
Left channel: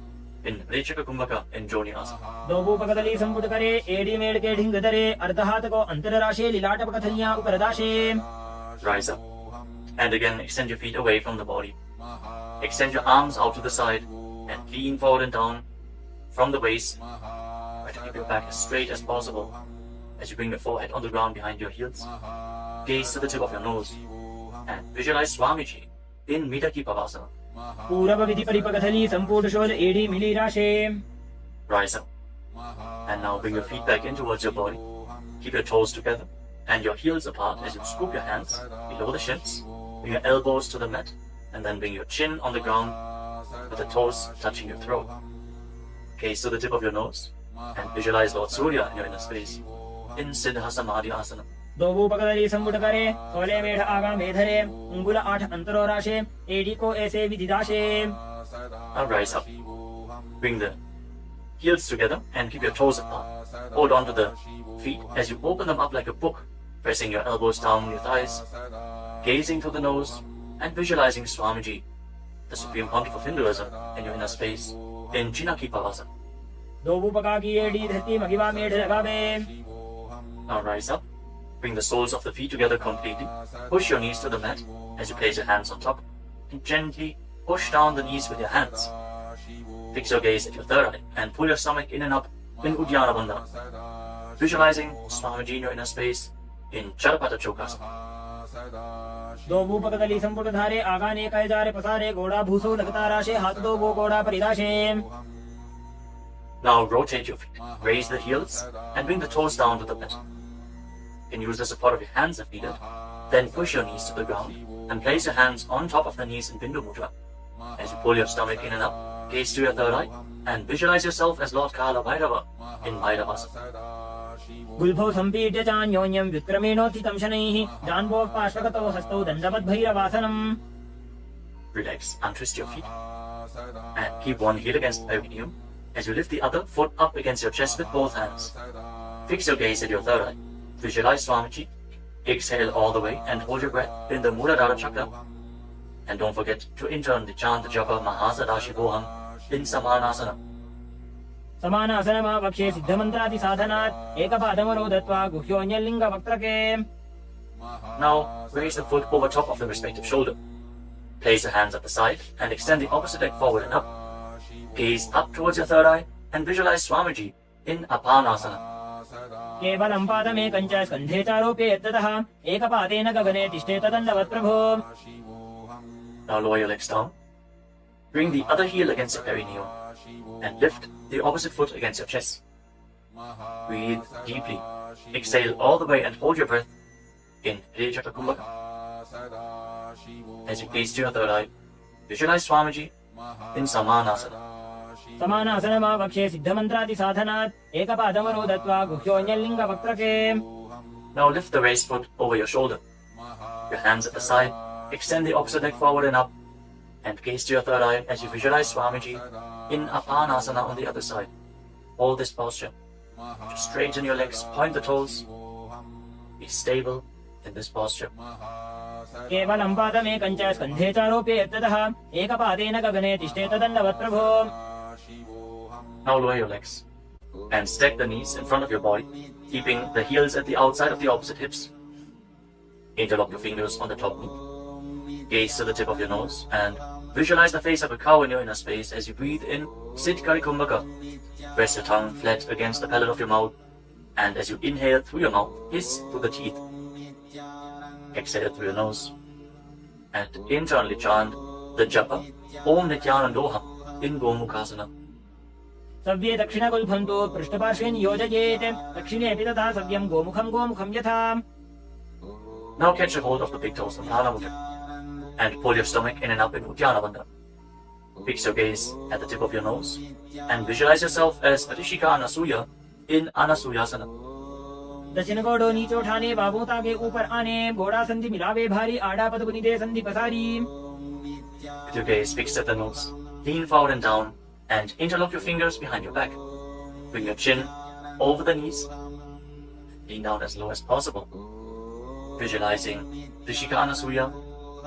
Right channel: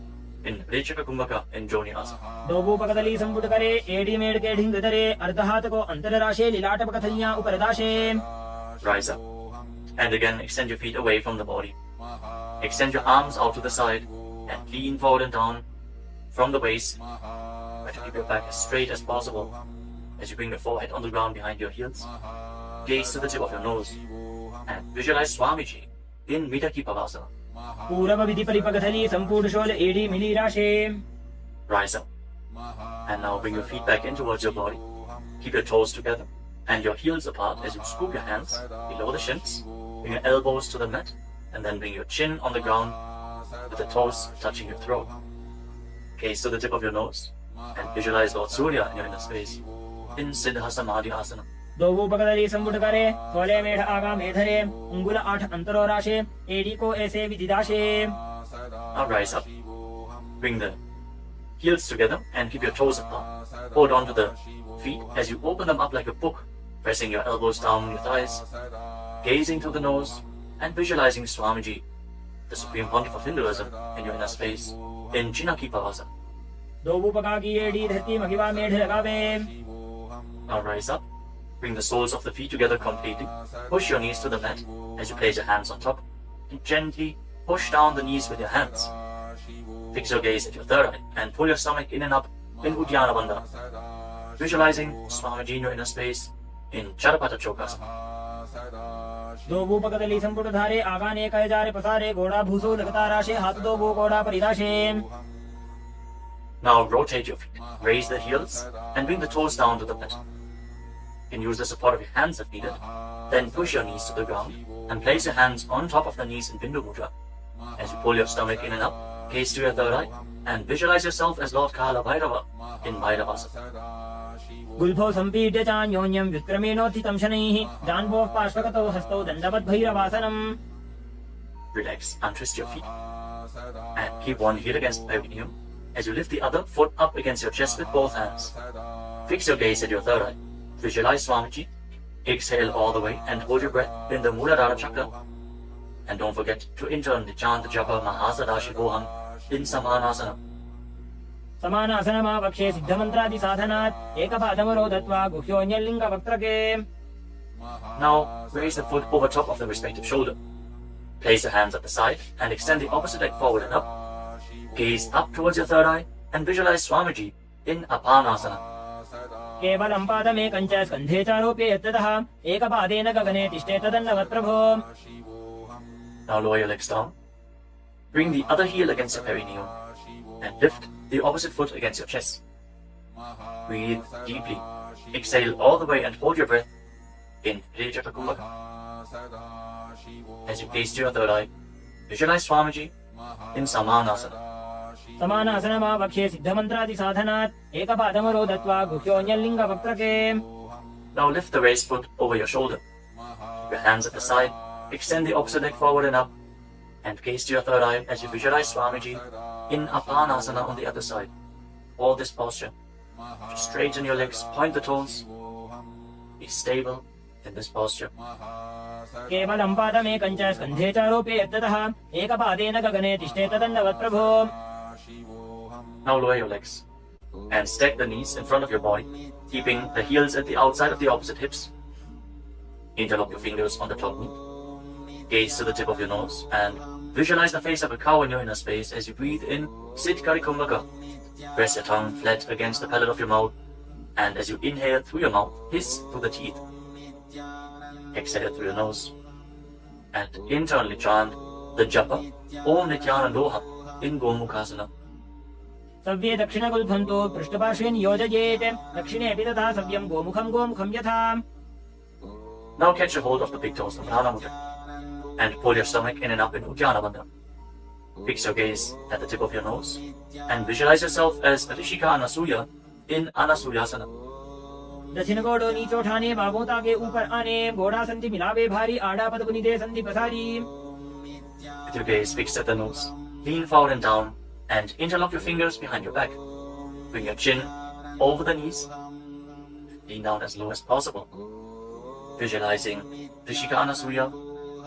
in Rechaka Kumbhaka in Joni Asana. दोभूपकदली संपुट करे AD made के ढिंग दरे अर्धहात को अंतरराशे लिलाट पकथलियां ऊपर Rise up and again extend your feet away from the body. Extend your arms out to the side and lean forward and down from the waist. Try to keep your back as straight as possible as you bring your forehead on the ground behind your heels. Gaze to the tip of your nose and visualize Swamiji in Midaki Pavasana. पूरव विधि परिपकथली संपूर्ण शोध एडी मिली राशे. Rise up and now bring your feet back in towards your body. Keep your toes together and your heels apart as you scoop your hands below the shins. Bring your elbows to the mat and then bring your chin on the ground with the toes touching your throat. Gaze to the tip of your nose and visualize Lord Surya in your inner space in Siddha Samadhi Asana. दोभूपकदली संपुट करे कोले मेढ़ आगा मेधरे अंगुल 8 अंतरो राशे AD को ऐसे विदिदाशे. Now rise up. Bring the heels together and keep your toes apart. Hold on to the feet as you open them up like a book, pressing your elbows down on your thighs, gazing through the nose and visualizing Swamiji, the Supreme Pontiff of Hinduism, in your inner space in Chinaki Pavasana. दोभूपका की AD धरती महिमा मेढ़ लगावे. Now rise up. Bring the soles of the feet together completely. Push your knees to the mat as you place your hands on top and gently push down the knees with your hands. Fix your gaze at your third eye and pull your stomach in and up in Uddiyana Bandhana. Visualizing Swamiji in your inner space in Charapata Chokasana. दोभूपकदली संपुट धारे आगा ने कहे जारे पसारे घोड़ा भूसो लगता राशे हाथ दो वो घोड़ा परिराशे. Now rotate your feet. Raise the heels and bring the toes down to the mat. You can use the support of your hands if needed. Then push your knees to the ground and place your hands on top of the knees in Bindu Mudra. As you pull your stomach in and up, gaze to your third eye and visualize yourself as Lord Kala Bhairava in Bhairavasana. गुल्फो संपीड्य चान्योन्यं विक्रमेणोत्थितं शनैः जान्वोः पार्श्वगतौ हस्तौ दण्डवद् भैरवासनम्. Relax, untwist your feet and keep one heel against the perineum as you lift the other foot up against your chest with both hands. Fix your gaze at your third eye. Visualize Swamiji. Exhale all the way and hold your breath in the Muladhara chakra. And don't forget to internally chant the japa Mahasadaशिवोऽहम् in Samanasana. समानासनमापक्षे सिद्धमन्त्रादि साधनात् एकपादमरो दत्वा गुह्योऽन्यलिङ्ग वक्त्रके. Now raise the foot over top of the respective shoulder. Place your hands at the side and extend the opposite leg forward and up. Gaze up towards your third eye and visualize Swamiji in Apanasana. केवलं पादमेकं च स्कन्धे चारोप्य यत्ततः एकपादेन गगने तिष्ठेत दण्डवत् प्रभो. Now lower your legs down. Bring the other heel against your perineum and lift the opposite foot against your chest. Breathe deeply. Exhale all the way and hold your breath in Rejaka Kumbhaka. As you gaze to your third eye, visualize Swamiji in Samanasana. समानासनमापक्षे सिद्धमन्त्रादि साधनात् एकपादमरो दत्वा गुह्योऽन्यलिङ्ग वक्त्रके. Now lift the raised foot over your shoulder. Your hands at the side. Extend the opposite leg forward and up. And gaze to your third eye as you visualize Swamiji in Apanasana on the other side. Hold this posture. Just straighten your legs, point the toes. Be stable in this posture. केवलं पादमेकं च स्कन्धे चारोप्य यत्ततः एकपादेन गगने तिष्ठेत दण्डवत् प्रभो. Now lower your legs and stack the knees in front of your body, keeping the heels at the outside of the opposite hips. Interlock your fingers on the top knee. Gaze to the tip of your nose and visualize the face of a cow in your inner space as you breathe in Siddhkari Kumbhaka. Press your tongue flat against the palate of your mouth, and as you inhale through your mouth, hiss through the teeth. Exhale through your nose and internally chant the japa Om Nithyananda Yoga in Gomukhasana. सव्ये दक्षिणगुल्फन्तो पृष्ठपार्श्वे नियोजयेत् दक्षिणेऽपि तथा सव्यं गोमुखं यथा. Now catch a hold of the big toes in Prathama Mudra and pull your stomach in and up in Uddiyana Bandhana. Fix your gaze at the tip of your nose and visualize yourself as Rishika Anasuya in Anasuyasana. दक्षिण घोड़ो नीचे उठाने, बाहों ताके ऊपर आने, घोड़ा संधि मिलावे भारी, आड़ा पद पुनीते संधि पसारी. With your gaze fixed at the nose, lean forward and down, and interlock your fingers behind your back. Bring your chin over the knees. Lean down as low as possible. Visualizing Rishika Anasuya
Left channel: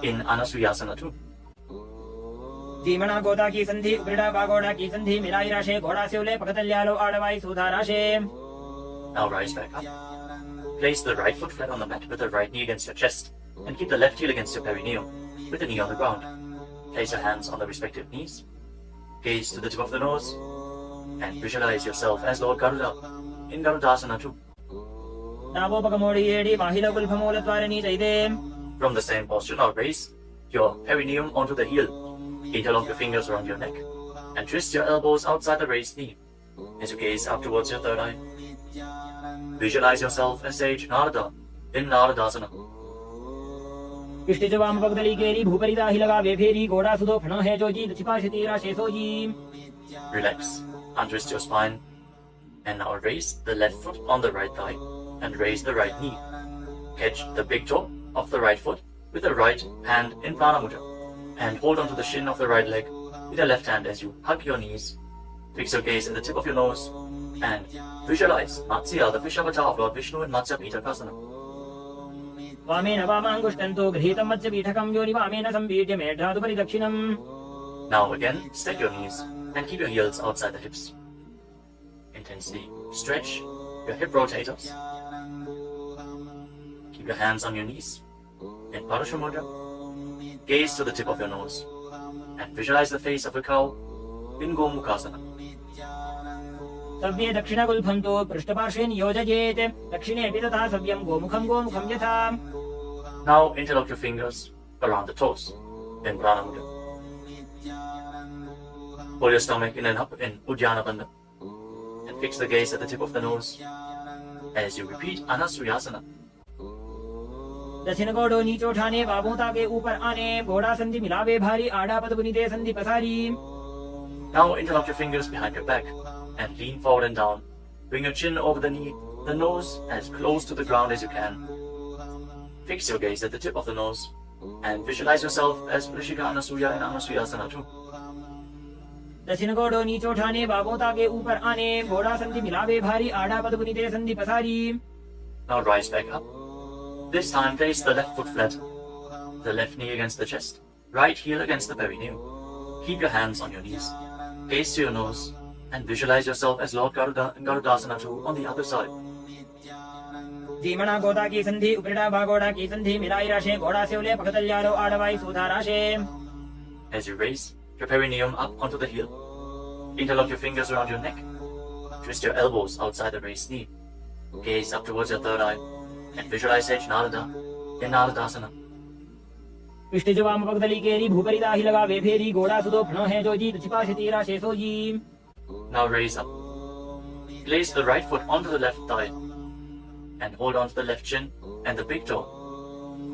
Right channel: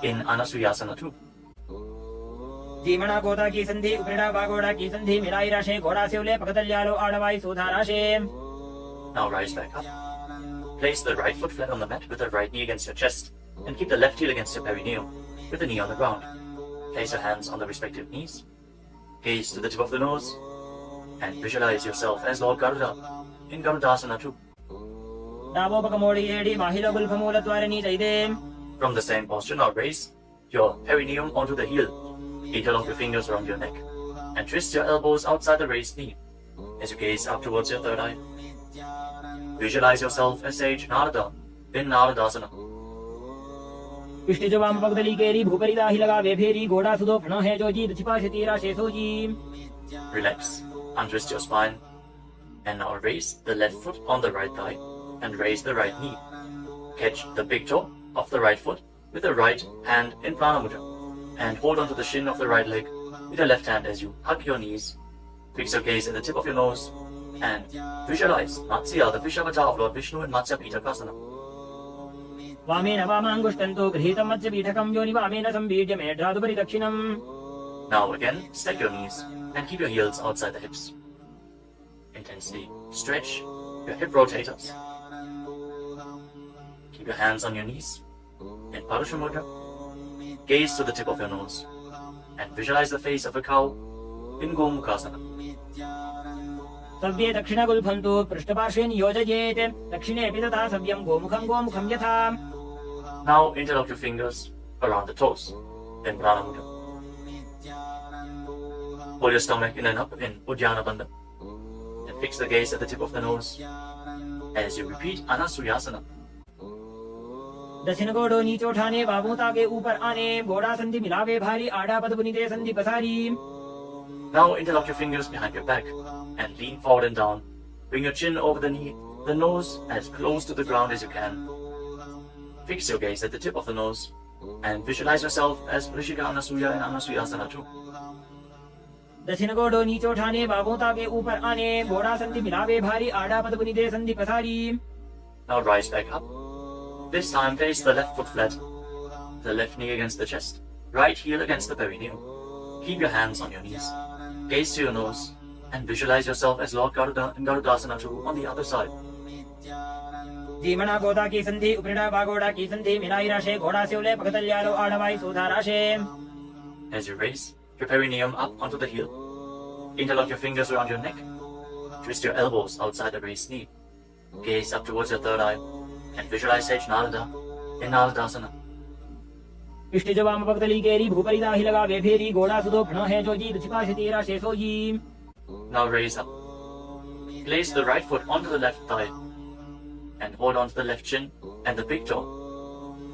in Anasuyasana 2. सीमणा गोदा की संधि, उपरिड़ा बागोड़ा की संधि, मिलाई राशे, घोड़ा सेवले, पकतल्यालो आड़वाई सूधा राशे. Now rise back up. Place the right foot flat on the mat with the right knee against your chest, and keep the left heel against your perineum, with the knee on the ground. Place your hands on the respective knees. Gaze to the tip of the nose, and visualize yourself as Lord Garuda in Garudasana 2. From the same posture, now raise your perineum onto the heel. Interlock your fingers around your neck, and twist your elbows outside the raised knee as you gaze up towards your third eye. Visualize yourself as Sage Narada in Naradasana. पिष्टिज वाम पगदली केरी भूपरी दाही लगा बेफेरी घोड़ा सुधो फणो है जो जी छिपाश तीरा शेषो जी. Relax, untwist your spine, and now raise the left foot on the right thigh and raise the right knee. Catch the big toe of the right foot with the right hand in Prana Mudra, and hold onto the shin of the right leg with your left hand as you hug your knees. Fix your gaze at the tip of your nose and visualize Matsya, the fish avatar of Lord Vishnu in Matsya Pitakasana. वामेन वामांगुष्टन्तो गृहीतं मत्स्य पीठकं योनि वामेन संबीड्य मेढ्रादुपरि दक्षिणम्. Now again, stack your knees and keep your heels outside the hips. Intensely stretch your hip rotators. Keep your hands on your knees in Parashu Mudra. Gaze to the tip of your nose and visualize the face of a cow in Gomukhasana. सव्ये दक्षिणगुल्फन्तो पृष्ठपार्श्वे नियोजयेत् दक्षिणे अपि तथा सव्यं गोमुखं यथा. Now interlock your fingers around the toes in Prana Mudra. Hold your stomach in Uddiyana Bandha and fix the gaze at the tip of the nose as you repeat Anasuyasana. दक्षिण घोड़ो नीचे उठाने, बाहों ताके ऊपर आने, घोड़ा संधि मिलावे भारी, आड़ा पद पुनीते संधि पसारी. Now interlock your fingers behind your back and lean forward and down. Bring your chin over the knee, the nose as close to the ground as you can. Fix your gaze at the tip of the nose and visualize yourself as Rishika Anasuya in Anasuyasana 2. दक्षिण घोड़ो नीचे उठाने, बाहों ताके ऊपर आने, घोड़ा संधि मिलावे भारी, आड़ा पद पुनीते संधि पसारी. Now rise back up. This time place the left foot flat, the left knee against the chest, right heel against the perineum. Keep your hands on your knees. Gaze to your nose and visualize yourself as Lord Garuda in Garudasana 2 on the other side. जीवना गोदा की संधि, उपरिड़ा बागोड़ा की संधि, मिलाई राशे, घोड़ा सेवले, पकतल्यालो आड़वाई सूधा राशे. As you raise your perineum up onto the heel, interlock your fingers around your neck, twist your elbows outside the raised knee, gaze up towards your third eye, and visualize Sage Narada in Naradasana. पिष्टिज वाम पगदली केरी भूपरी दाही लगा बेफेरी घोड़ा सुधो फणो है जो जी छिपाश तीरा शेषो जी. Now raise up. Place the right foot onto the left thigh and hold on to the left shin and the big toe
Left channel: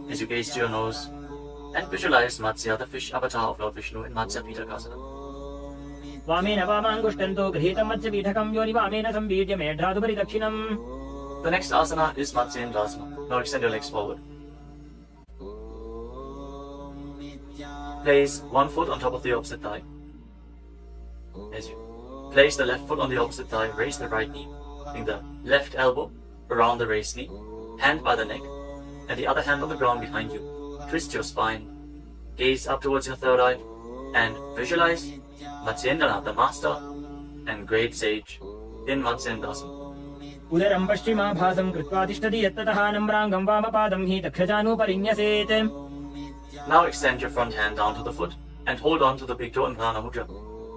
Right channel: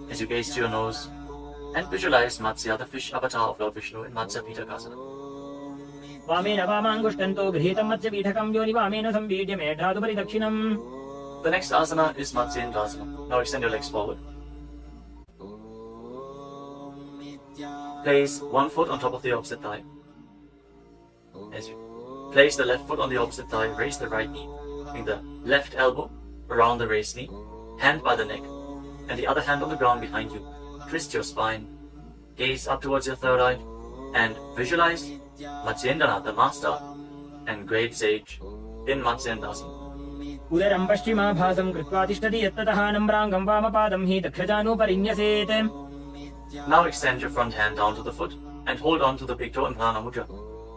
as you gaze to your nose and visualize Matsya, the fish avatar of Lord Vishnu in Matsya Pitakasana. वामेन वामांगुष्टन्तो गृहीतं मत्स्य पीठकं योनि वामेन संबीड्य मेढ्रादुपरि दक्षिणम्. The next asana is Matsyendasana. Now extend your legs forward. Place one foot on top of the opposite thigh. As you place the left foot on the opposite thigh, raise the right knee. Bring the left elbow around the raised knee, hand by the neck, and the other hand on the ground behind you. Twist your spine, gaze up towards your third eye, and visualize Matsyendana, the master and great sage in Matsyendasana. उदरं पश्चिमाभासं कृत्वा तिष्ठति यत्ततः नम्राङ्गं वामपादं हि दक्षजानोपरिन्यसेत्. Now extend your front hand down to the foot and hold on to the big toe in Prana Mudra.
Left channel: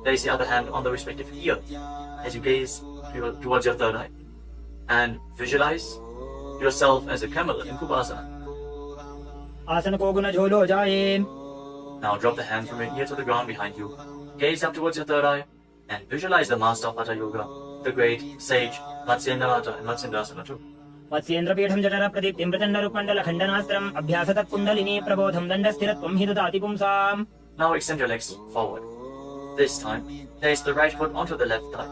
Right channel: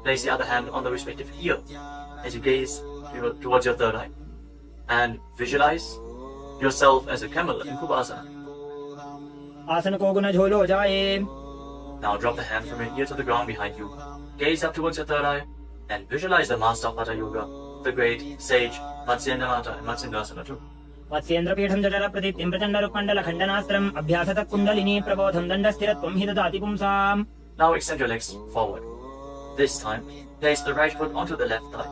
Place the other hand on the respective ear as you gaze towards your third eye and visualize yourself as a camel in Kupasana. आसन को गुण झोलो जाए. Now drop the hand from your ear to the ground behind you. Gaze up towards your third eye and visualize the master of Hatha Yoga, the great sage Matsyendana in Matsyendasana 2. Matsyendra पीठं जठर प्रदीप्तिं प्रचण्डरूपमण्डल खण्डनास्त्रम् अभ्यासतः kundalini प्रबोधं दण्डस्थिरत्वं हि ददाति पुंसाम्. Now extend your legs forward. This time, place the right foot onto the left thigh.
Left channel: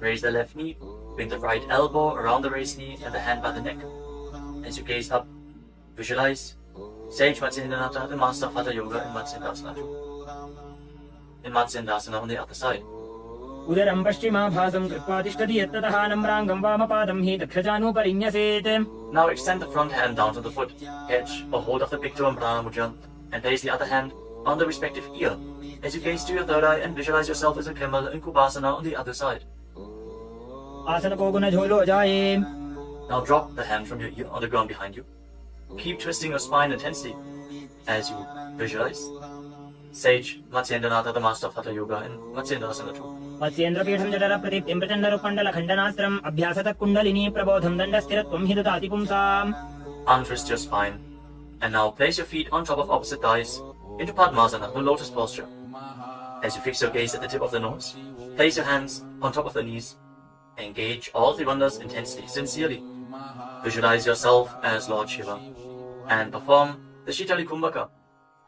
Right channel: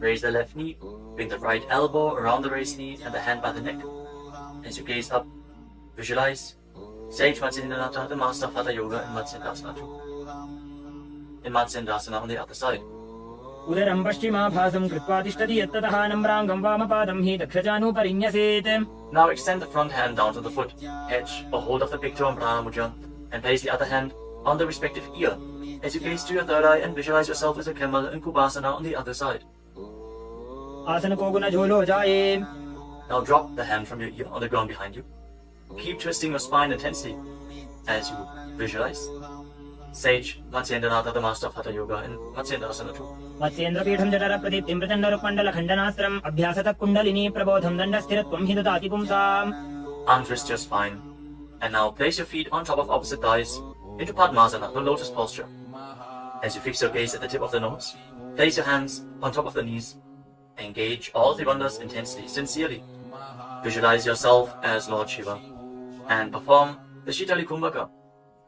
Raise the left knee, bring the right elbow around the raised knee and the hand by the neck. As you gaze up, visualize Sage Nithyananda, the master of Hatha Yoga in Matsyendasana. In Matsyendasana on the other side. उदरं पश्चिमाभासं कृत्वा तिष्ठति यत्ततः नम्राङ्गं वामपादं हि दक्षजानुपरिन्यसेत्. Now extend the front hand down to the foot, catch a hold of the big toe and prana mudra, and place the other hand on the respective ear. As you gaze to your third eye and visualize yourself as a camel in Kubasana on the other side. आसन को गुण झोलो जाए. Now drop the hand from your ear on the ground behind you. Keep twisting your spine intensely as you visualize Sage Nithyananda, the master of Hatha Yoga in Matsyendasana 2. मत्स्येन्द्रपीठं जठरप्रदीप्तिं प्रचण्डरुपण्डलखण्डनास्त्रम् अभ्यासतः kundalini प्रबोधं दण्डस्थिरत्वं हि ददाति पुंसाम्. Untwist your spine and now place your feet on top of opposite thighs into Padmasana, the lotus posture. As you fix your gaze at the tip of the nose, place your hands on top of the knees. Engage all the wonders intensely, sincerely. Visualize yourself as Lord Shiva and perform the Shitali Kumbhaka.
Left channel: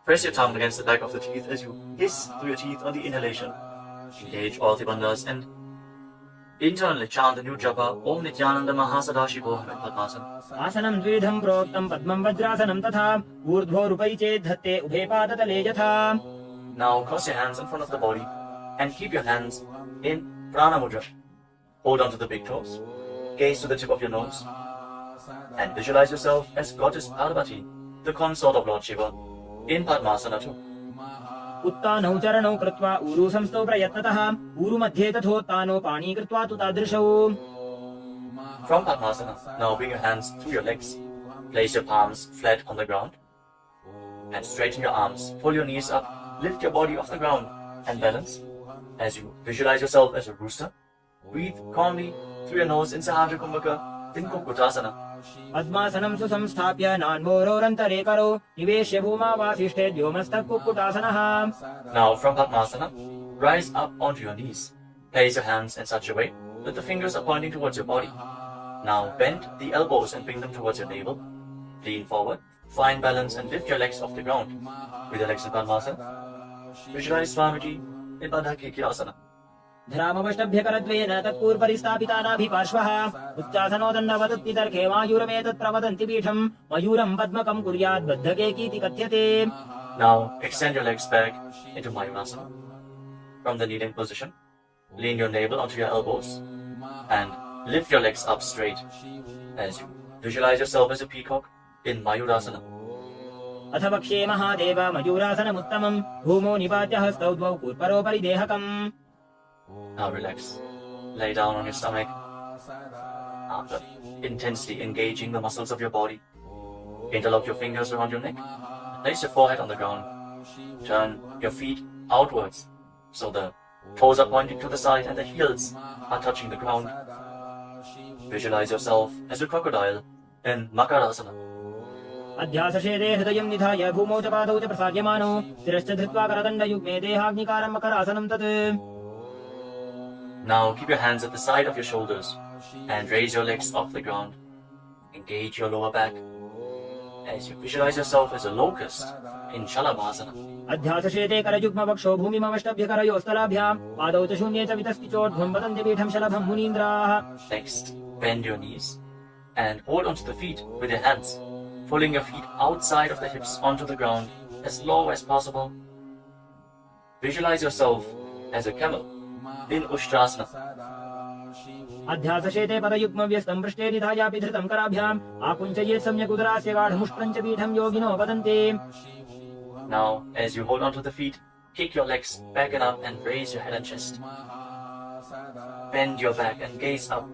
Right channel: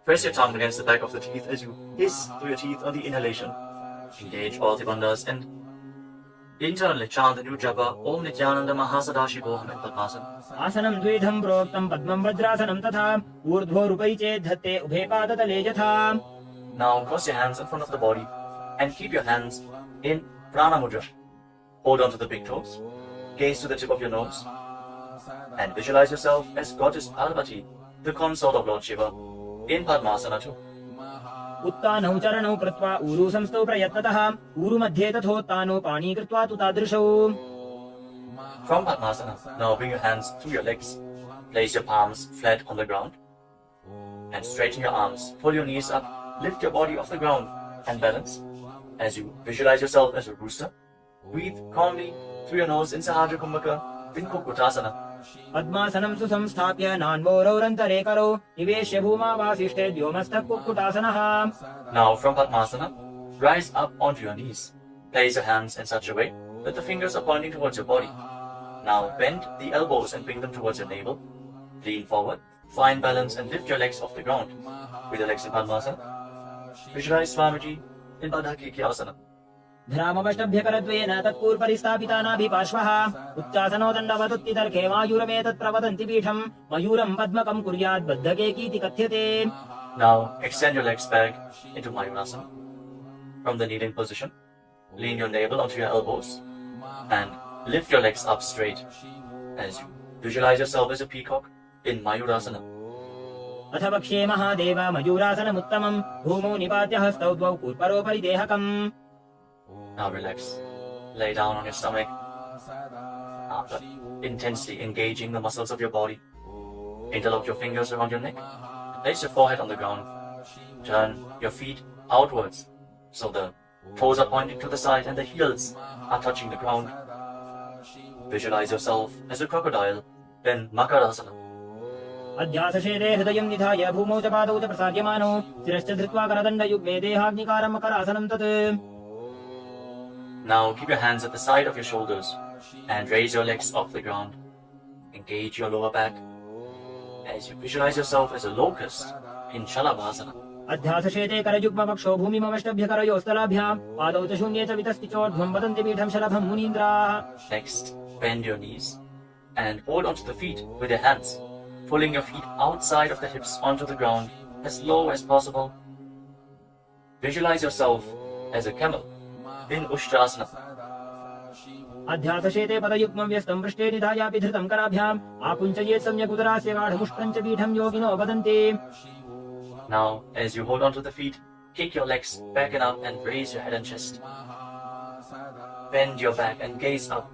Press your tongue against the back of the teeth as you hiss through your teeth on the inhalation. Engage all the wonders and internally chant the new japa Om Nithyananda Mahasadaशिवोऽहम् in Padmasana. आसनं द्विधं प्रोक्तं पद्मं वज्रासनं तथा ऊर्ध्वोरुपै चेत् धत्ते उभे पादतले यथा. Now cross your hands in front of the body and keep your hands in Prana Mudra. Hold on to the big toes, gaze to the tip of your nose, and visualize yourself as Goddess Parvati, the consort of Lord Shiva, in Padmasana 2. उत्तानौ चरणौ कृत्वा ऊरु संस्थौ प्रयत्नतः ऊरु मध्ये तथोत्तानौ पाणी कृत्वा तु तादृशौ. From Padmasana, now bring your hands to your legs, place your palms flat on the ground, and straighten your arms, pull your knees up, lift your body off the ground, and balance. As you visualize yourself as a rooster, breathe calmly through your nose in Sahaja Kumbhaka, in Kukutasana. पद्मासनं सुसंस्थाप्य नान्वोरोरन्तरे करौ निवेश्य भूमावासिष्ठे द्योमस्तः कुक्कुटासनः. Now from Padmasana, rise up onto your knees. Place your hands in such a way that the fingers are pointing towards your body. Now bend the elbows and bring them towards your navel. Lean forward, find balance and lift your legs off the ground. With your legs in Padmasana, visualize Swamiji in Asana. धरामवष्टभ्यकरद्वेन तत्पूर्वरिस्थापितानाभिपार्श्वः उच्चासनो दण्डवदत्तितर्खे मायूरमेतत् प्रवदन्ति पीठं मयूरं पद्मकं कुर्यात् बद्धकेकीति कथ्यते. Now extend your legs back into Mayurasana. From the kneeling position, lean your navel onto your elbows and lift your legs up straight as you visualize yourself as a peacock in Mayurasana. अथ वक्ष्ये महादेव मयूरासनमुत्तमम् ओमो निपात्य हस्तौ द्वौ पूर्वरोपरि देहकम्. Now relax. Lay down on your stomach. After intensely engaging the muscles of your body, interlock your fingers around your neck. Place your forehead on the ground. Turn your feet outwards so the toes are pointing to the side and the heels are touching the ground. Visualize yourself as a crocodile in Makarasana. अध्यासशेदे हृदयं निधाय भूमौ च पादौ च प्रसार्यमानो शिरश्च धृत्वा करदण्डयुग्मे देहाग्निकारं मकरासनं तत्. Now keep your hands at the side of your shoulders and raise your legs off the ground. Engage your lower back as you visualize yourself as a locust in Shalabhasana. अध्यासशेते करयुग्मवक्षो भूमिमवष्टभ्यकरयोस्तलाभ्यां पादौ च शून्ये च वितस्तिचोर्ध्वं वदन्ति पीठं शलभं मुनीन्द्राः. Next, bend your knees and hold onto the feet with your hands, pulling your feet outside of the hips onto the ground as low as possible. Visualize yourself as a camel in Ushtrasana. अध्यासशेते पदयुग्मं व्यस्तं पृष्ठे निधायापि धृतं कराभ्याम् आकुञ्चयेत् सम्यक् उदरास्य गाढमुष्टं च पीठं योगिनो वदन्ति. Now, as you hold onto the feet, kick your legs back and up and raise your head and chest. Bend your back and gaze up.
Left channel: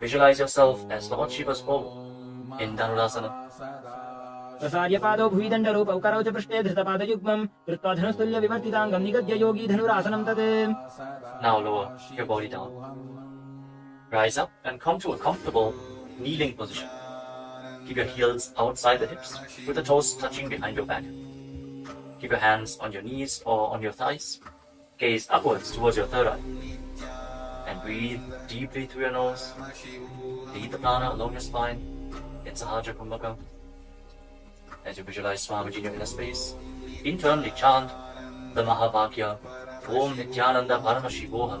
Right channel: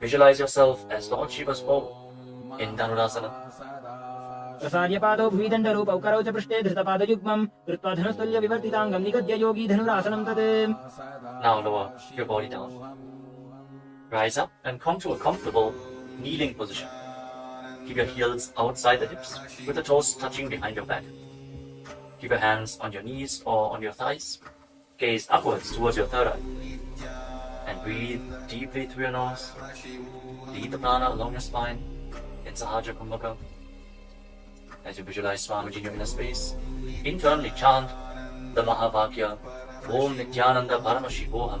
Visualize yourself as Lord Shiva's bow in Dhanurasana. प्रसार्य पादौ भुविदण्डरूपौ करौ च पृष्ठे धृतपादयुग्मं कृत्वा धनुस्तुल्य विवर्तिताङ्गं निगद्य योगी धनुरासनं तत्. Now lower your body down. Rise up and come to a comfortable kneeling position. Keep your heels outside the hips with the toes touching behind your back. Keep your hands on your knees or on your thighs. Gaze upwards towards your third eye. And breathe deeply through your nose. Lead the prana along your spine in Sahaja Kumbhaka. As you visualize Swamiji in a space, internally chant the Mahavakya Om Nithyananda Paramashivam.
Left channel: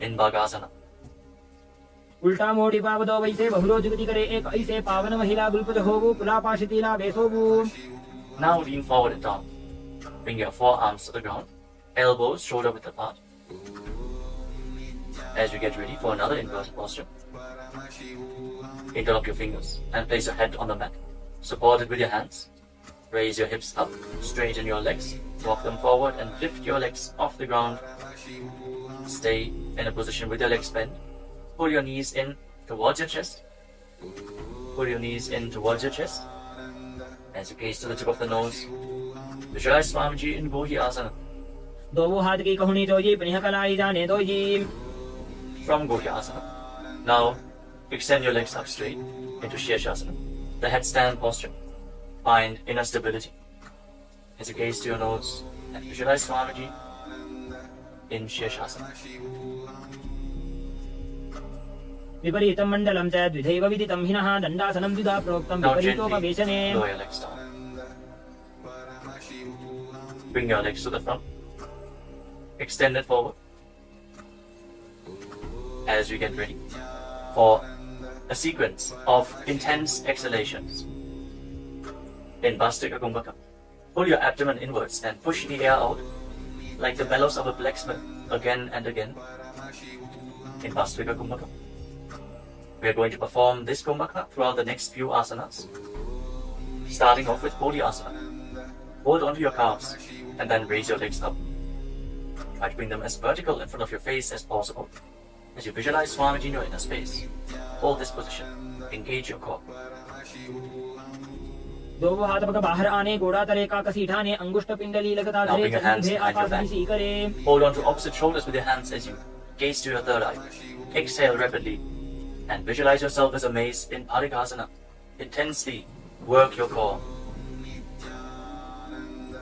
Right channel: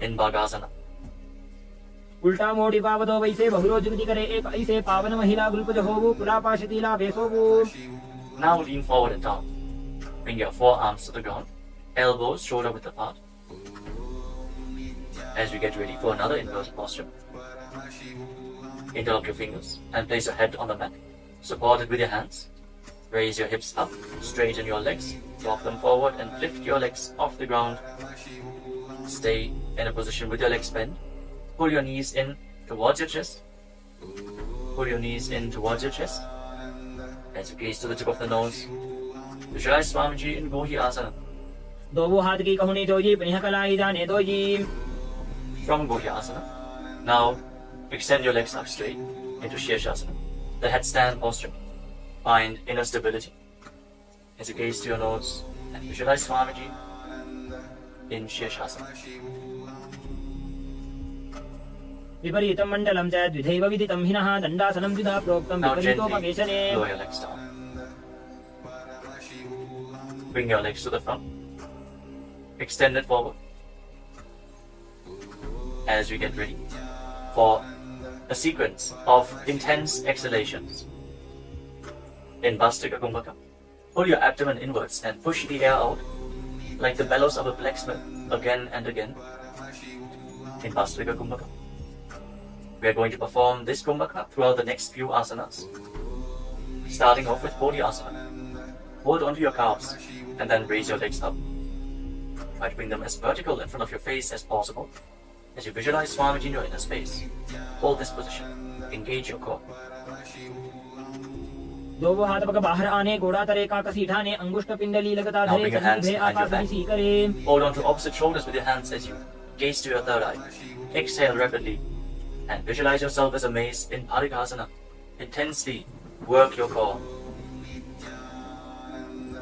in Bhagasana. उल्टा मोड़ी पावदो वैसे बहुरो जुगति करे एक ऐसे पावन महिला गुलपज होवु कुलापाशितीला बेसोवु. Now lean forward and down. Bring your forearms to the ground, elbows shoulder width apart. As we get ready for another inverted posture, interlock your fingers and place your head on the mat, supported with your hands. Raise your hips up, straighten your legs, walk them forward and lift your legs off the ground. Stay in a position with your legs bent. Pull your knees in towards your chest. Pull your knees in towards your chest. As you gaze to the tip of the nose, visualize Swamiji in Gohi Asana. दोवो हाथ की कहुनी doji प्रिय कलाई जाने doji. From Gohi Asana, now extend your legs up straight into Shirshasana, the headstand posture. Find inner stability. As you gaze to your nose and visualize Swamiji in Shirshasana. विपरीतं मण्डलं च द्विधैव विदितं हिनः दण्डासनं द्विधा प्रोक्तं Now gently विपरीतोपवेशने. lower your legs down. Bring your legs to the front. Extend it forward. As we get ready for a sequence of intense exhalations. In Bhastika Kumbhaka, pull your abdomen inwards and push the air out like the bellows of a blacksmith again and again. In Bhastika Kumbhaka, we are going to perform this Kumbhaka throughout the next few asanas. Starting off with Bodhi Asana. Hold onto your calves and then raise your legs up. Try to bring them as vertical in front of your face as possible. As you visualize Swamiji in your inner space, hold this position. Engage your core. दोवो हाथ पग बाहर आने गोड़ा तले का कसी ठाने अंगुष्ठ पिंडली लगता Now धरे bring your hands चतुर्भे behind your Akash back. सी करे. Hold on to opposite shoulders with your hands as you gaze to your third eye. Exhale rapidly and visualize yourself as a mace in Parikasana. Intensely work your core.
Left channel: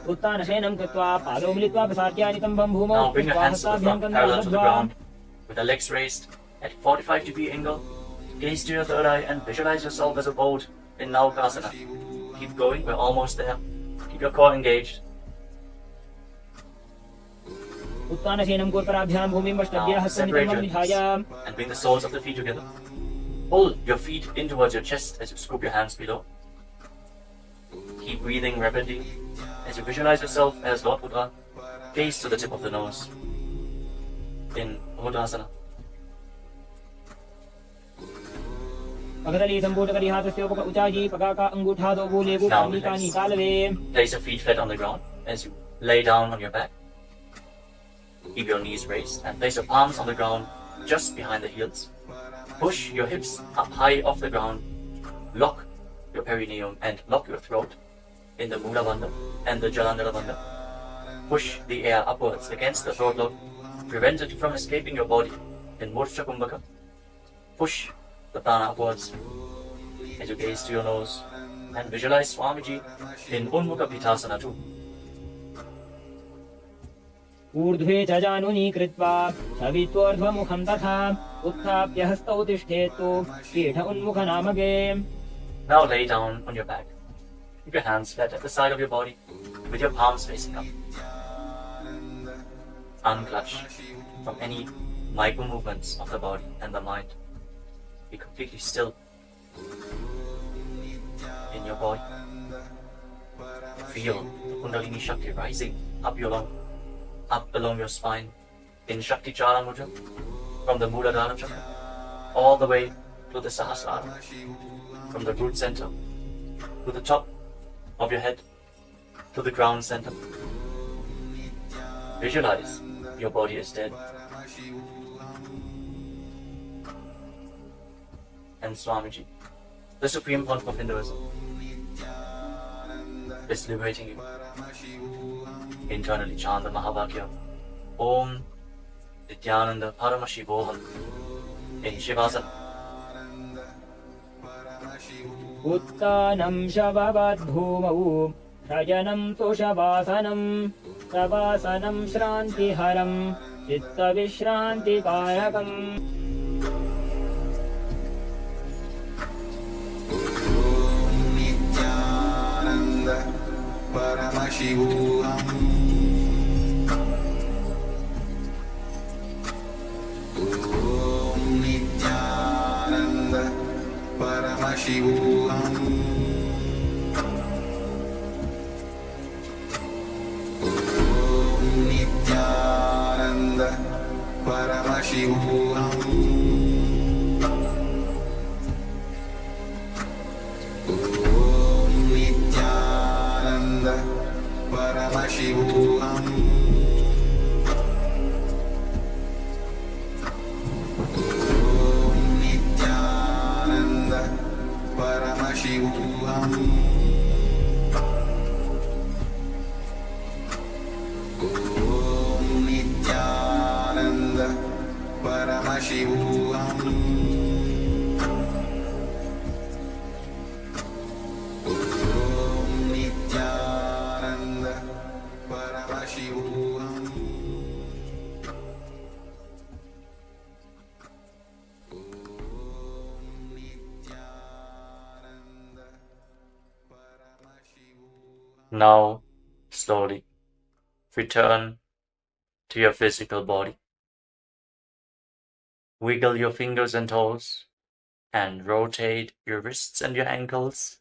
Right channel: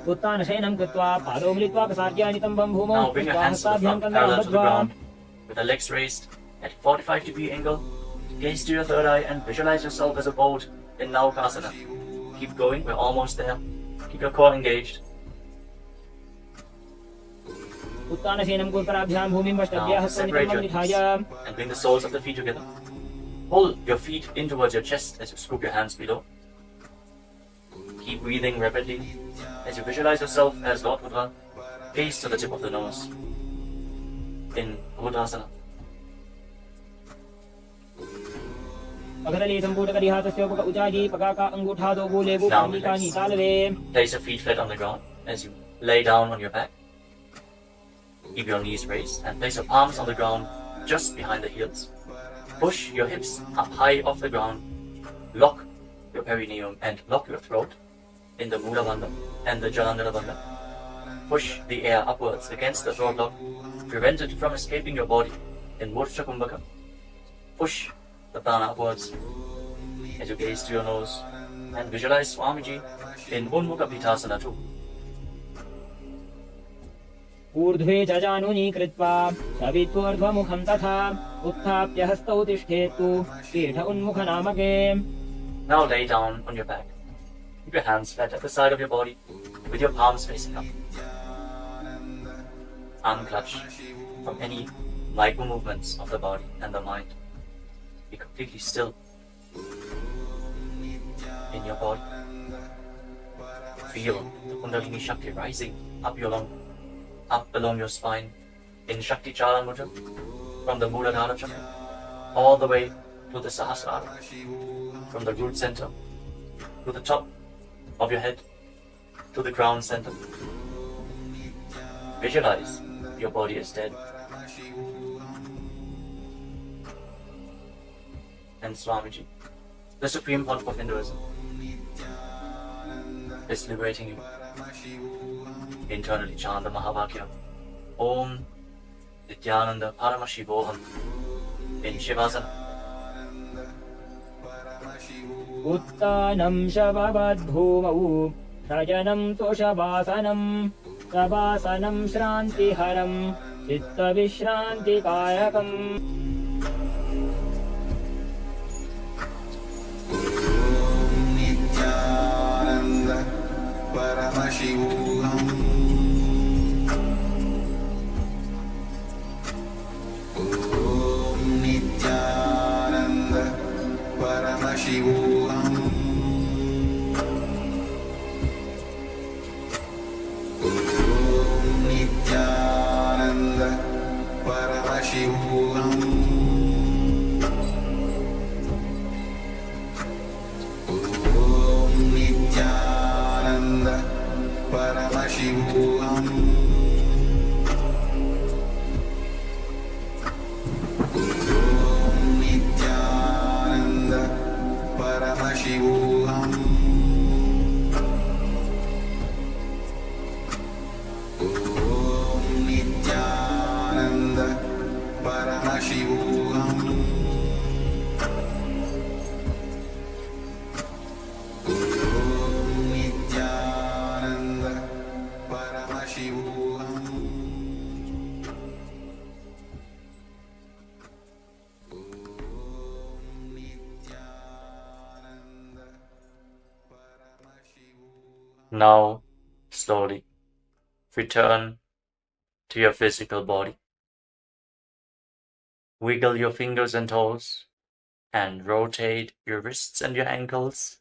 उत्तान शयनं कृत्वा पादौ मिलित्वा प्रसाद्यादितं वं भूमौ Now bring your hands to the हस्ताभ्यां front, parallel to the कन्दं ground, with the legs raised at 45-degree angle. Gaze to your third eye and visualize yourself as a boat in Naukasana. Keep going, we're almost there. Keep your core engaged. उत्तान शयनं कोल्पराभ्यां भूमिं वष्टभ्यः Now हस्तं separate नितं your निधाय. knees and bring the soles of the feet together. Pull your feet in towards your chest as you scoop your hands below. Keep breathing rapidly as you visualize yourself as Lord Buddha. Gaze to the tip of the nose in Buddhasana. पगदली संपूर्ण करी हाथस्य उपक उचाजी पगाका अंगूठा दो भूलेगु Kamika निकालवे. Place your feet flat on the ground as you lay down on your back. Keep your knees raised and place your palms on the ground just behind the heels. Push your hips up high off the ground. Lock your perineum and lock your throat in the Mula Bandha and the Jalandhara Bandha. Push the air upwards against the throat lock. Prevent it from escaping your body in Murcha Kumbhaka. Push the prana upwards as you gaze to your nose and visualize Swamiji in Unmukha Pitasana too. ऊर्ध्वे च जानुनी कृत्वा सवित्वोर्ध्वमुखं तथा उत्थाप्य हस्तौ तिष्ठेतु पीठ उन्मुख नामके. Now lay down on your back. Keep your hands flat at the side of your body with your palms facing up. Unclutch from any micro movements of the body and the mind. Be completely still in your body. Feel the Kundalini Shakti rising up along your spine in Shakti Chala Mudra from the Muladhara Chakra all the way to the Sahasrara, from the root center to the top of your head to the ground center. Visualize your body is dead. And Swamiji, the Supreme Pontiff of Hinduism, is liberating you. Internally chant the Mahavakya. Om Nithyananda Paramashiva in Shivasana. उत्तानं शववद्भूमौ रजनं तुषवासनं प्रवासनं श्रान्तिहरं चित्तविश्रान्तिकारकम्. Nithyananda Paramashivam. Now, slowly return to your physical body. Wiggle your fingers and toes and rotate your wrists and your ankles.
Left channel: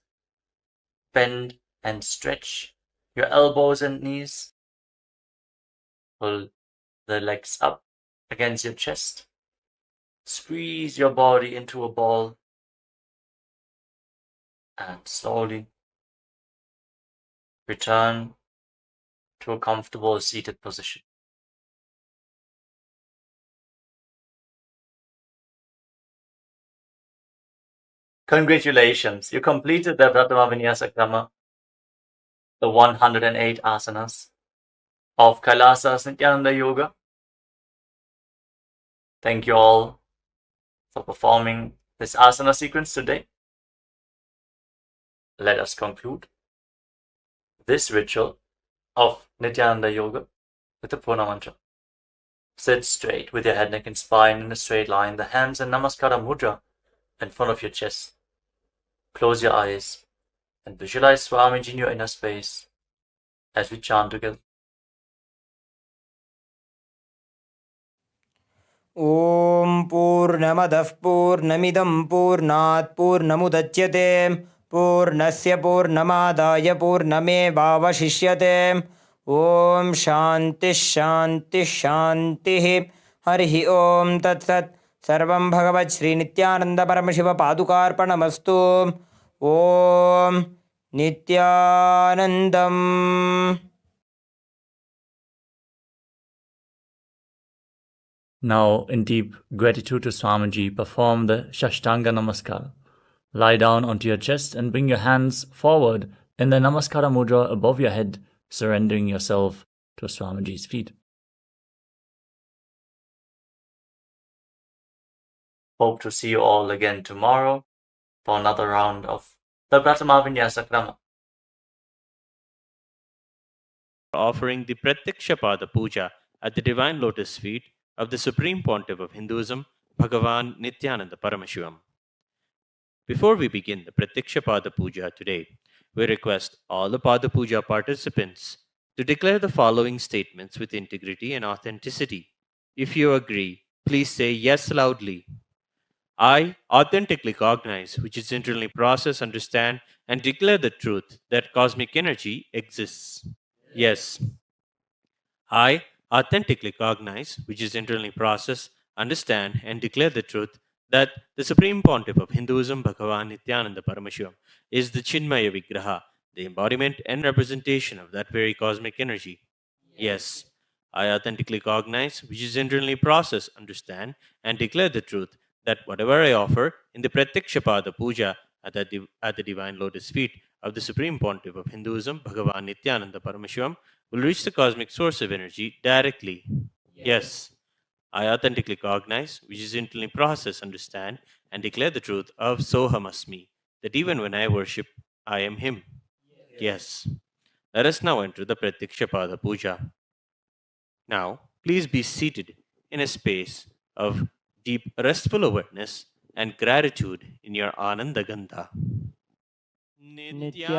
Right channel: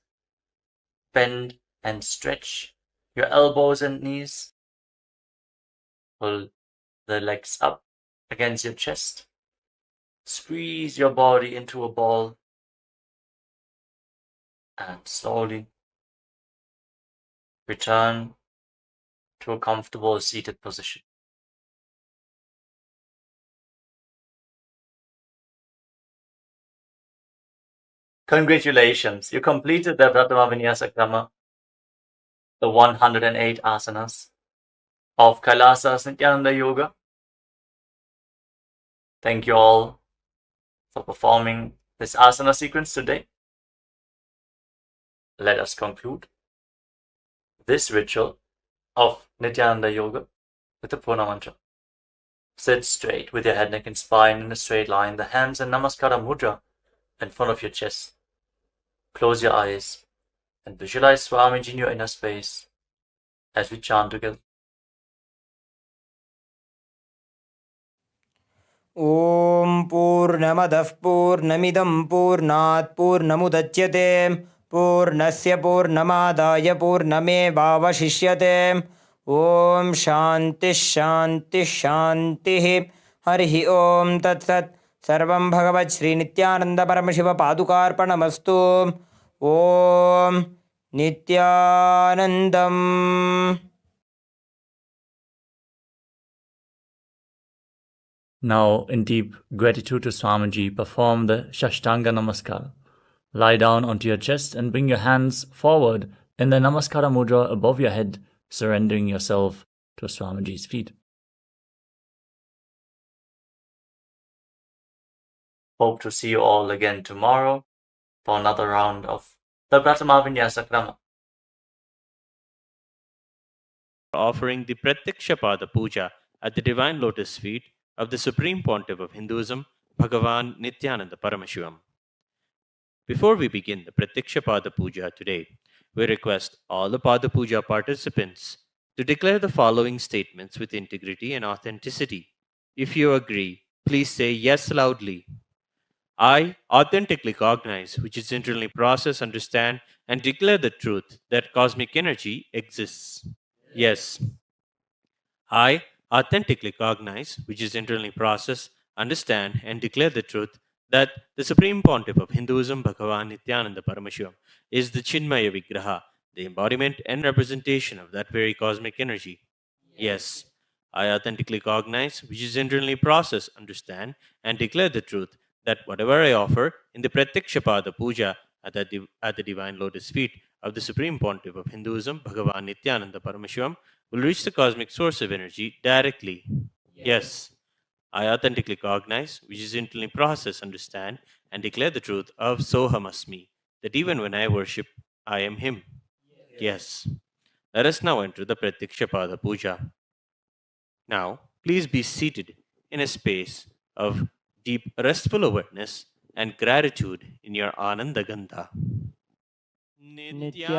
Bend and stretch your elbows and knees. Pull the legs up against your chest. Squeeze your body into a ball and slowly return to a comfortable seated position. Congratulations, you completed the Prathama Vinyasa Krama, the 108 asanas of KAILASA Nithyananda Yoga. Thank you all for performing this asana sequence today. Let us conclude this ritual of Nithyananda Yoga with the Purna Mantra. Sit straight with your head, neck and spine in a straight line, the hands in Namaskara Mudra in front of your chest. Close your eyes and visualize Swamiji in your inner space as we chant together. ॐ पूर्णमदः पूर्णमिदं पूर्णात् पूर्णमुदच्यते पूर्णस्य पूर्णमादाय पूर्णमेवावशिष्यते ॐ शान्तिः शान्तिः शान्तिः हरिः ॐ तत्सत् सर्वं भगवत् श्रीनित्यानन्द परमशिव पादुकार्पणमस्तु ॐ नित्यानन्दम्. Now, in deep gratitude to Swamiji, perform the Shashtanga Namaskara. Lie down onto your chest and bring your hands forward in the Namaskara Mudra above your head, surrendering yourself to Swamiji's feet. Hope to see you all again tomorrow for another round of the Prathama Vinyasa Krama. Offering the Pratyakshapada Puja at the Divine Lotus Feet of the Supreme Pontiff of Hinduism, Bhagavan Nithyananda Paramashivamam. Before we begin the Pratyakshapada Puja today, we request all the Pada Puja participants to declare the following statements with integrity and authenticity. If you agree, please say yes loudly. I authentically cognize, which is internally process, understand, and declare the truth that cosmic energy exists. Yes. I authentically cognize, which is internally process, understand, and declare the truth that the Supreme Pontiff of Hinduism, Bhagavan Nithyananda Paramashivamam, is the Chinmaya Vigraha, the embodiment and representation of that very cosmic energy. Yes. I authentically cognize, which is internally process, understand, and declare the truth that whatever I offer in the Pratyakshapada Puja at the Divine Lotus Feet of the Supreme Pontiff of Hinduism, Bhagavan Nithyananda Paramashivamam, will reach the cosmic source of energy directly. Yes. I authentically cognize, which is internally process, understand, and declare the truth of Soham Asmi, that even when I worship, I am Him. Yes. Let us now enter the Pratyakshapada Puja. Now, please be seated in a space of deep restful awareness and gratitude in your Ananda Gandha. Nithyanandam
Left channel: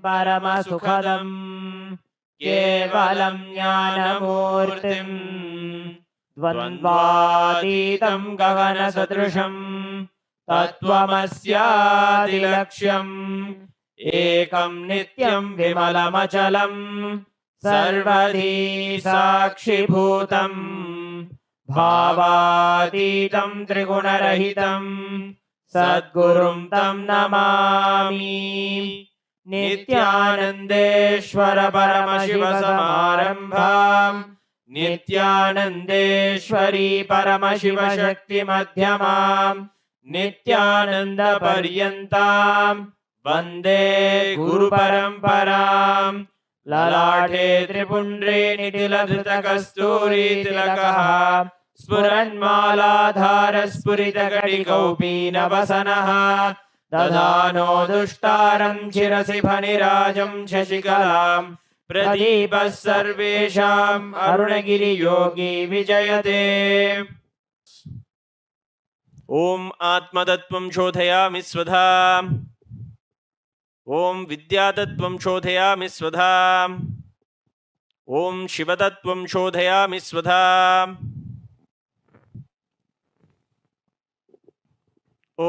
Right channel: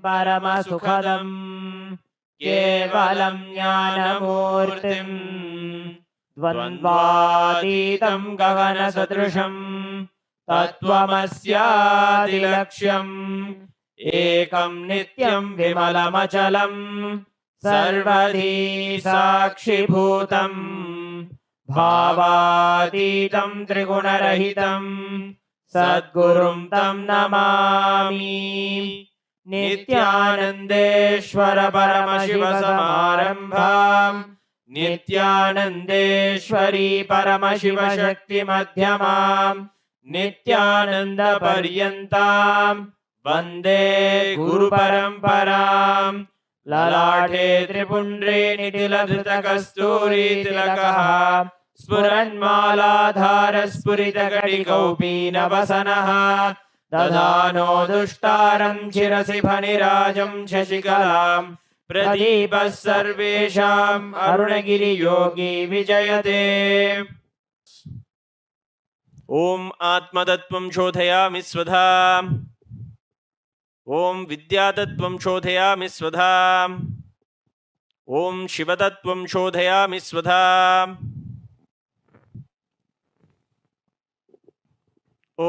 Paramasukhadam Kevalam Jnanamurtim Dvandvaditam Gagana Sadrusham तत्त्वमस्यादिलक्ष्यम् एकं नित्यं विमलमचलं सर्वधी साक्षिभूतं भावातीतं त्रिगुणरहितं सद्गुरुं तं नमामि। नित्यानन्देश्वर परमशिव समारम्भाम् नित्यानन्देश्वरी परमशिव शक्ति मध्यमाम् नित्यानन्द पर्यन्तां वन्दे गुरु परम्पराम्। ललाटे त्रिपुण्ड्रे निटिलधृतकस्तूरी तिलकः स्फुरन्मालाधार स्फुरितकटिकौपीनवसनः दधानो दुष्टारं शिरसि फणिराजं शशिकलां प्रदीपः सर्वेषाम् अरुणगिरियोगी विजयते। ॐ आत्मतत्त्वं शोधयामि स्वधा ॐ विद्यातत्त्वं शोधयामि स्वधा ॐ शिवतत्त्वं शोधयामि स्वधा ॐ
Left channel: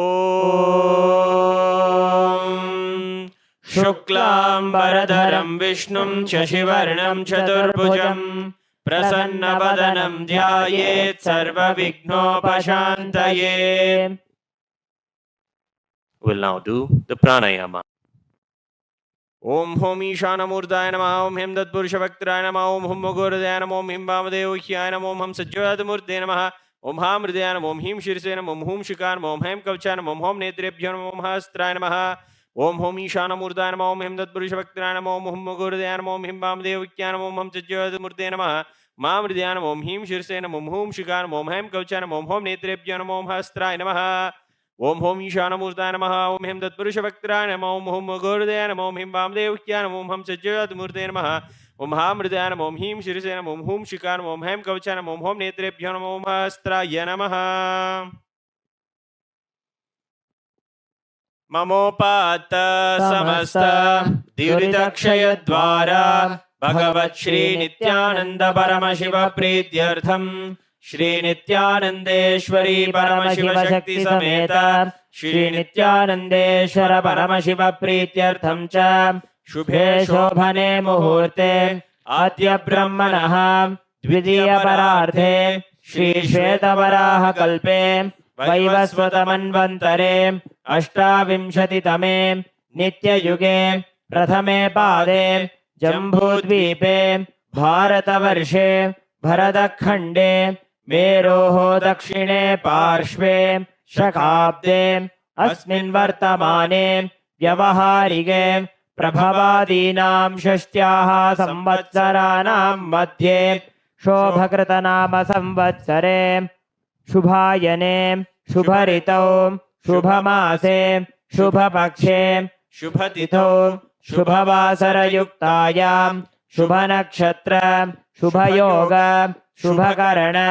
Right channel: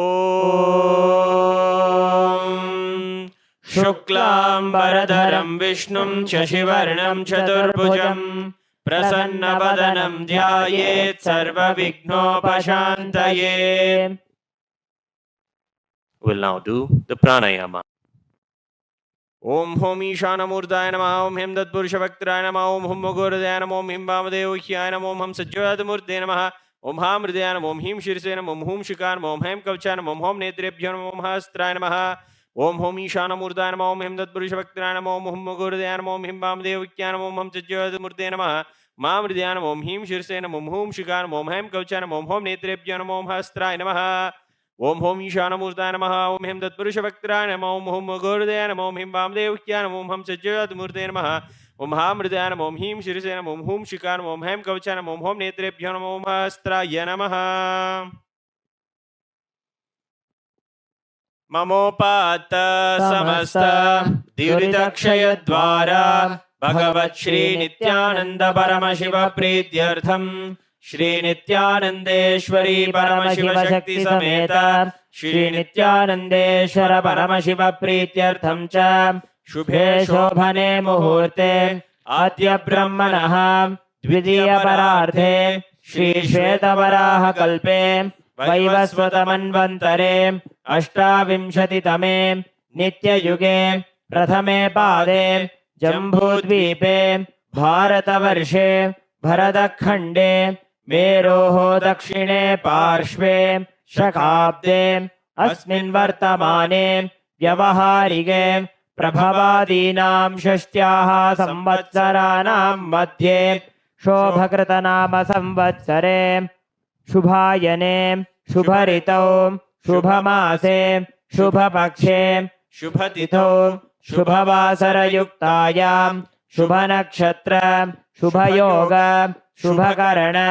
शुक्लाम्बरधरं विष्णुं शशिवर्णं चतुर्भुजं प्रसन्नवदनं ध्यायेत् सर्वविघ्नोपशान्तये। We'll now do the pranayama. Om Hom Ishanamurtaya Namah Om Him Tatpurushavaktaraaya Namah Om Hum Mogurdaya Namah Om Him Vamadevokhyaya Namah Om Ham Sajjvatamurtaya Namah Om Ham Hridaya Namah Om Him Shirsaya Namah Om Hum Shikaya Namah Om Hem Kavachaya Namah Om Hom Netrebhyo Namah Om Hastraya Namah Om Hom Ishanamurtaya Namah Om Him Tatpurushavaktaraaya Namah Om Hum Mogurdaya Namah Om Him Vamadevokhyaya Namah Om Ham Sajjvatamurtaya Namah Mam Hridaya Namah Om Him Shirsaya Namah Om Hum Shikaya Namah Om Hem Kavachaya Namah Om Hom Netrebhyo Namah Om Hastraya Namah Om Hom Ishanamurtaya Namah Om Him Tatpurushavaktaraaya Namah Om Hum Mogurdaya Namah Om Him Vamadevokhyaya Namah Om Ham Sajjvatamurtaya Namah Om Ham Hridaya Namah Om Him Shirsaya Namah Om Hum Shikaya Namah Om Hem Kavachaya Namah Om Hom Netrebhyo Namah Om Hastraya Namah Mamopata Samasta Duridakshayadvara Bhagavat Shri Nithyananda Paramashiva Prityartham Shri Nithyanandeshwari Paramashiva Shakti Sameta Shri Nithyanandeshwara Paramashiva Prityartham cha Shubhe Shobhane Muhurte Adya Brahmanaha Dvidiya Pararthe Shri Shvetavaraha Kalpe Vaivasvatamanvantare Ashtavimshatitame Nityayuge Prathame Pade Jambudvipe Bharatavarše Bharatakhande Meroho Dakshine Parshve Shakabde Asmin Vartamane Vyavaharige Prabhavadinam Shashtyaha Samvatsaranam Madhye Shobhakritanama Samvatsare Shubhayane Shubharitau Shubhamase Shubhapakshe Shubhatithau Shubhavasarayuktayam Shubhanakshatra Shubhayoga Shubhakarana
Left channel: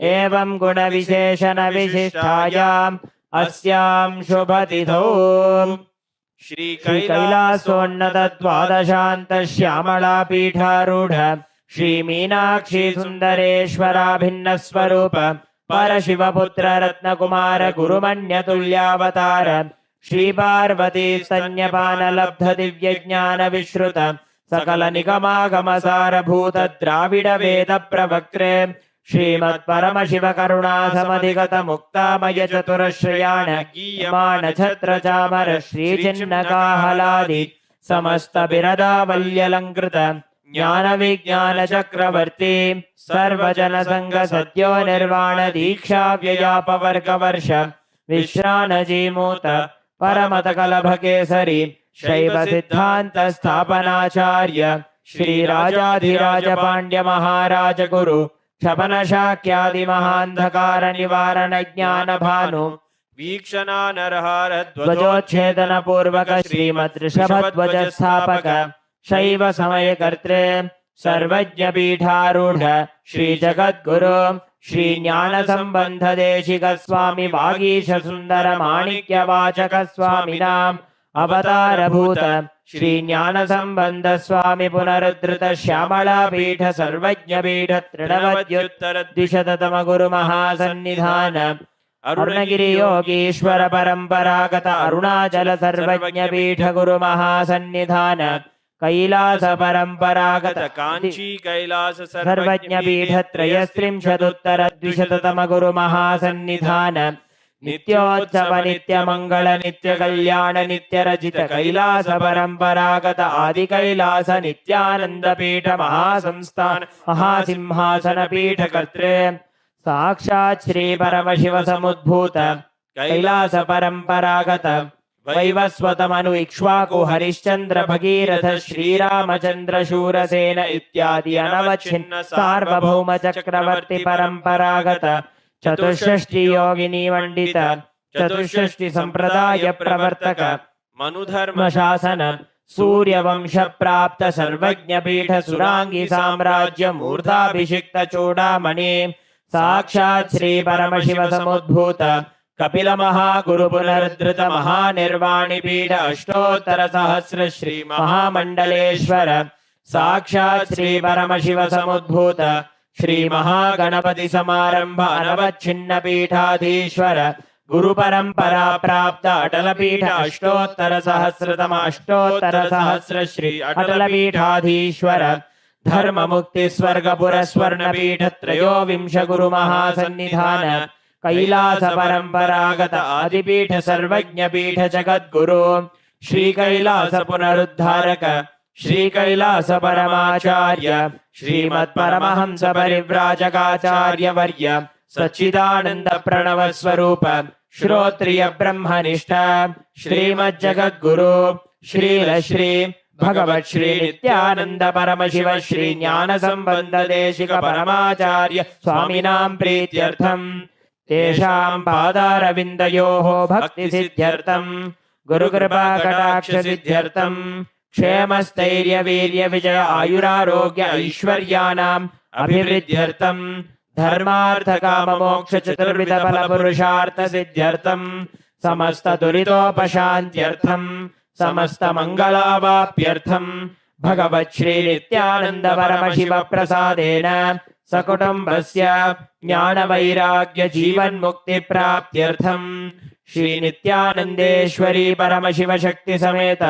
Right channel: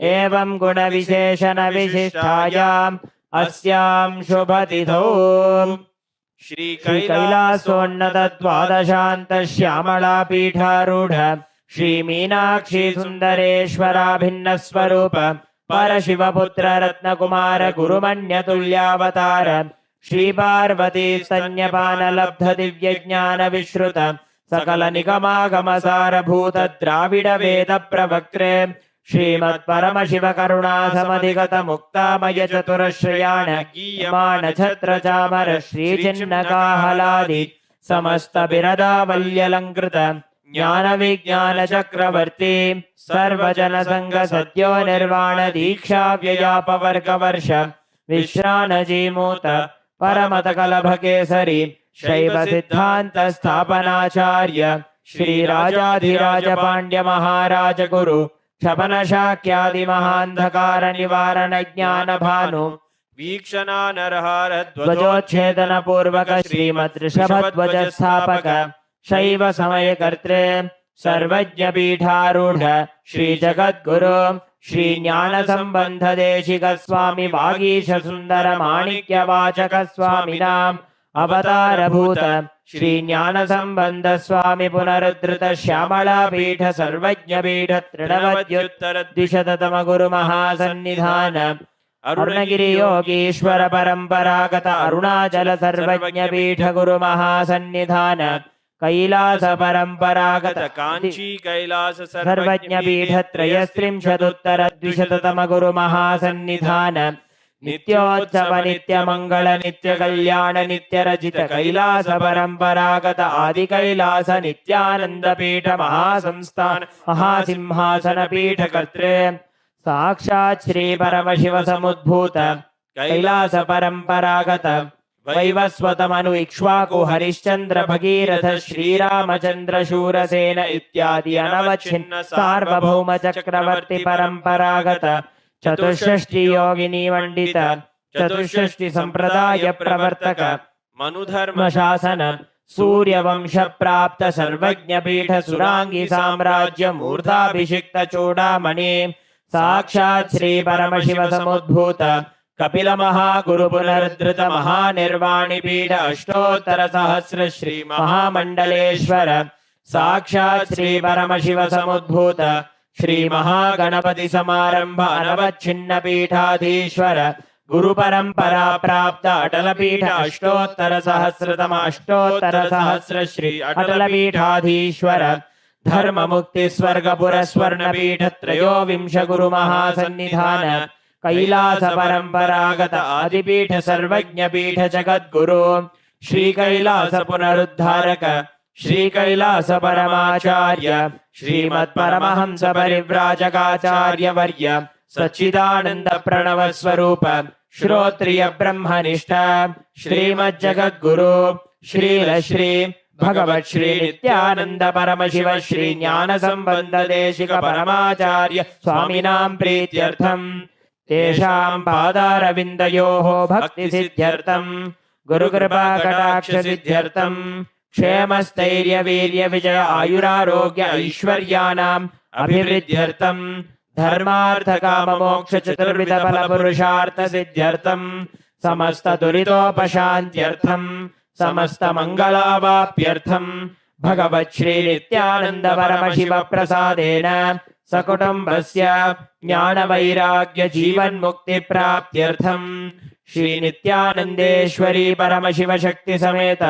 Evam Guna Visheshana Vishishtayam Asyam Shubhatithau Shri Kailasonnata Dvadashanta Shyamala Pitharudha Shri Meenakshi Sundareshwara Bhinna Swarupa Parashiva Putra Ratna Kumara Gurumanya Tulyavatara Shri Parvati Sanyapana Labdha Divya Jnana Vishruta Sakala Nigamagama Sara Bhuta Dravida Veda Pravaktre Shrimat Paramashiva Karuna Samadhigata Mukta Maya Chaturashrayana Giyamana Chatra Chamara Shri Chinnaka Haladi Samasta Birada Valyalankrita Jnana Vijnana Chakravarti Sarvajana Sangha Satyo Nirvana Diksha Vyayapa Varga Varsha Vishrana Jimuta Paramata Kalabhakesari Shaiva Siddhanta Sthapanacharya Shri Rajadhiraja Pandya Maharaja Guru Shabana Shakyadi Mahandhakara Nivarana Jnana Bhanu Vikshana Narhara Dvajochedana Purvaka Shrimat Rishabhadvaja Sthapaka Shaiva Samaya Kartre Sarvajna Pitharudha Shri Jagat Guru Shri Jnana Sambandha Deshika Swami Vagisha Sundara Manikya Vachaka Swami Nam Avatara Bhuta Shri Jnana Sambandha Swami Punarudrita Shyamala Pitha Sarvajna Pitha Trinavadyuttara Dishatatama Guru Mahasannidhana अरुणगिरि Yogeshwar परंपरागत अरुणाचल सर्वज्ञ पीठ गुरु महासन्निधान कैलास परंपरागत कांची कैलास सर्वज्ञ पीठ त्रयस्त्रिंशदुत्तर द्विशततम गुरु महासन्निधान नित्योत्सव नित्य मंगल नित्य कल्याण नित्य रजित कैलास परंपरागत आदि कैलास नित्यानंद पीठ महासंस्थान महासिंहासन पीठ कर्त्रे साक्षात् श्री परमशिव समुद्भूत कैलास परंपरागत वैवस्वत मनु इक्ष्वाकु हरिश्चंद्र भगीरथ श्रीरामचंद्र शूरसेन इत्यादि अनवच्छिन्न सार्वभौम चक्रवर्ती परंपरागत चतुष्षष्टि योगिनी मंडित चतुष्षष्टि संप्रदाय प्रवर्तक मनुधर्म शासन सूर्यवंश प्राप्त सर्वज्ञ पीठ सुरांगी साम्राज्य मूर्धाभिषिक्त चूड़ामणि साक्षात् श्री परमशिव समुद्भूत कपिल महागुरु पुनरुद्धृत महानिर्वाणि पीठ अष्टोत्तर सहस्र श्री महामंडलेश्वर साक्षात् श्री परमशिव समुद्भूत श्री महागणपति समारंभ अनवच्छिन्न पीठाधीश्वर गुरु परंपरा प्राप्त अटल पीठ अष्टोत्तर सहस्र श्री अटल पीठाधीश्वर धर्म मुक्ति स्वर्गपुर स्वर्ण पीठ त्रयोविंश गुरु महासन्निधान कैलास परंपरागत आदिपीठ सर्वज्ञ पीठ जगद्गुरु श्री कैलास पुनरुद्धारक श्री कैलास परमाचार्य श्रीमत् परमहंस परिव्राजकाचार्य वर्य सच्चिदानंद प्रणव स्वरूप श्रोत्रिय ब्रह्मनिष्ठ श्रीमद् जगद्गुरु श्रील श्री भगवत् श्री नित्यानंद परमशिव श्री ज्ञान संबंध देशिक परमाचार्य स्वामिनां प्रीत्यर्थम तेषां पादारविन्दयोः भक्ति सिद्ध्यर्थम गुरुकृपा कटाक्ष सिद्ध्यर्थम क्षेमस्थैर्य वीर्य विजय आयुरारोग्य ऐश्वर्याणाम् अभिवृद्ध्यर्थम धर्मार्थ काम मोक्ष चतुर्विध फल पुरुषार्थ सिद्ध्यर्थम समस्त दुरितोपशान्त्यर्थम समस्त मंगलावाप्यर्थम भगवत् श्री नित्यानंद परमशिव प्रसादेन सकुटुम्बस्य ज्ञान वैराग्य जीवन मुक्ति प्राप्त्यर्थम श्री नित्यानंदेश्वरी परमशिव शक्ति समेत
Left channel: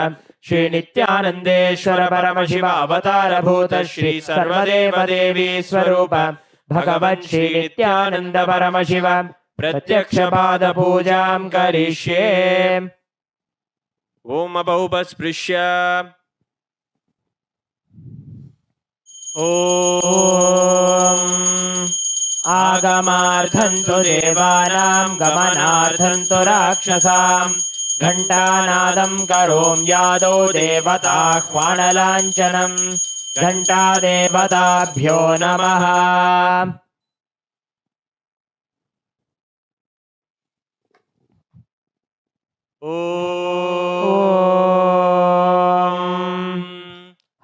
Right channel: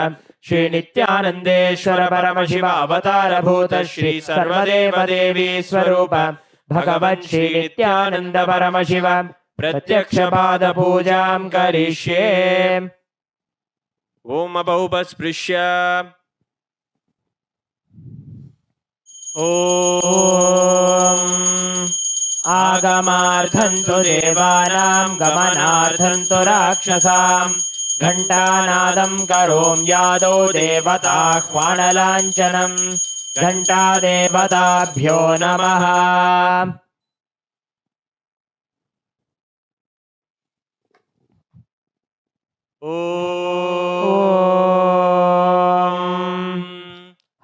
श्री नित्यानंदेश्वर परमशिव अवतार भूत श्री सर्वदेव देवी स्वरूप भगवन् श्री नित्यानंद परमशिव प्रत्यक्ष पाद पूजां करिष्ये। ओम अबौपस्पृश्य ओम आगमार्थं तु देवानां गमनार्थं तु राक्षसां घंटानादं करोम्यादौ देवताह्वानलाञ्छनं घंटादेवताभ्यो नमः।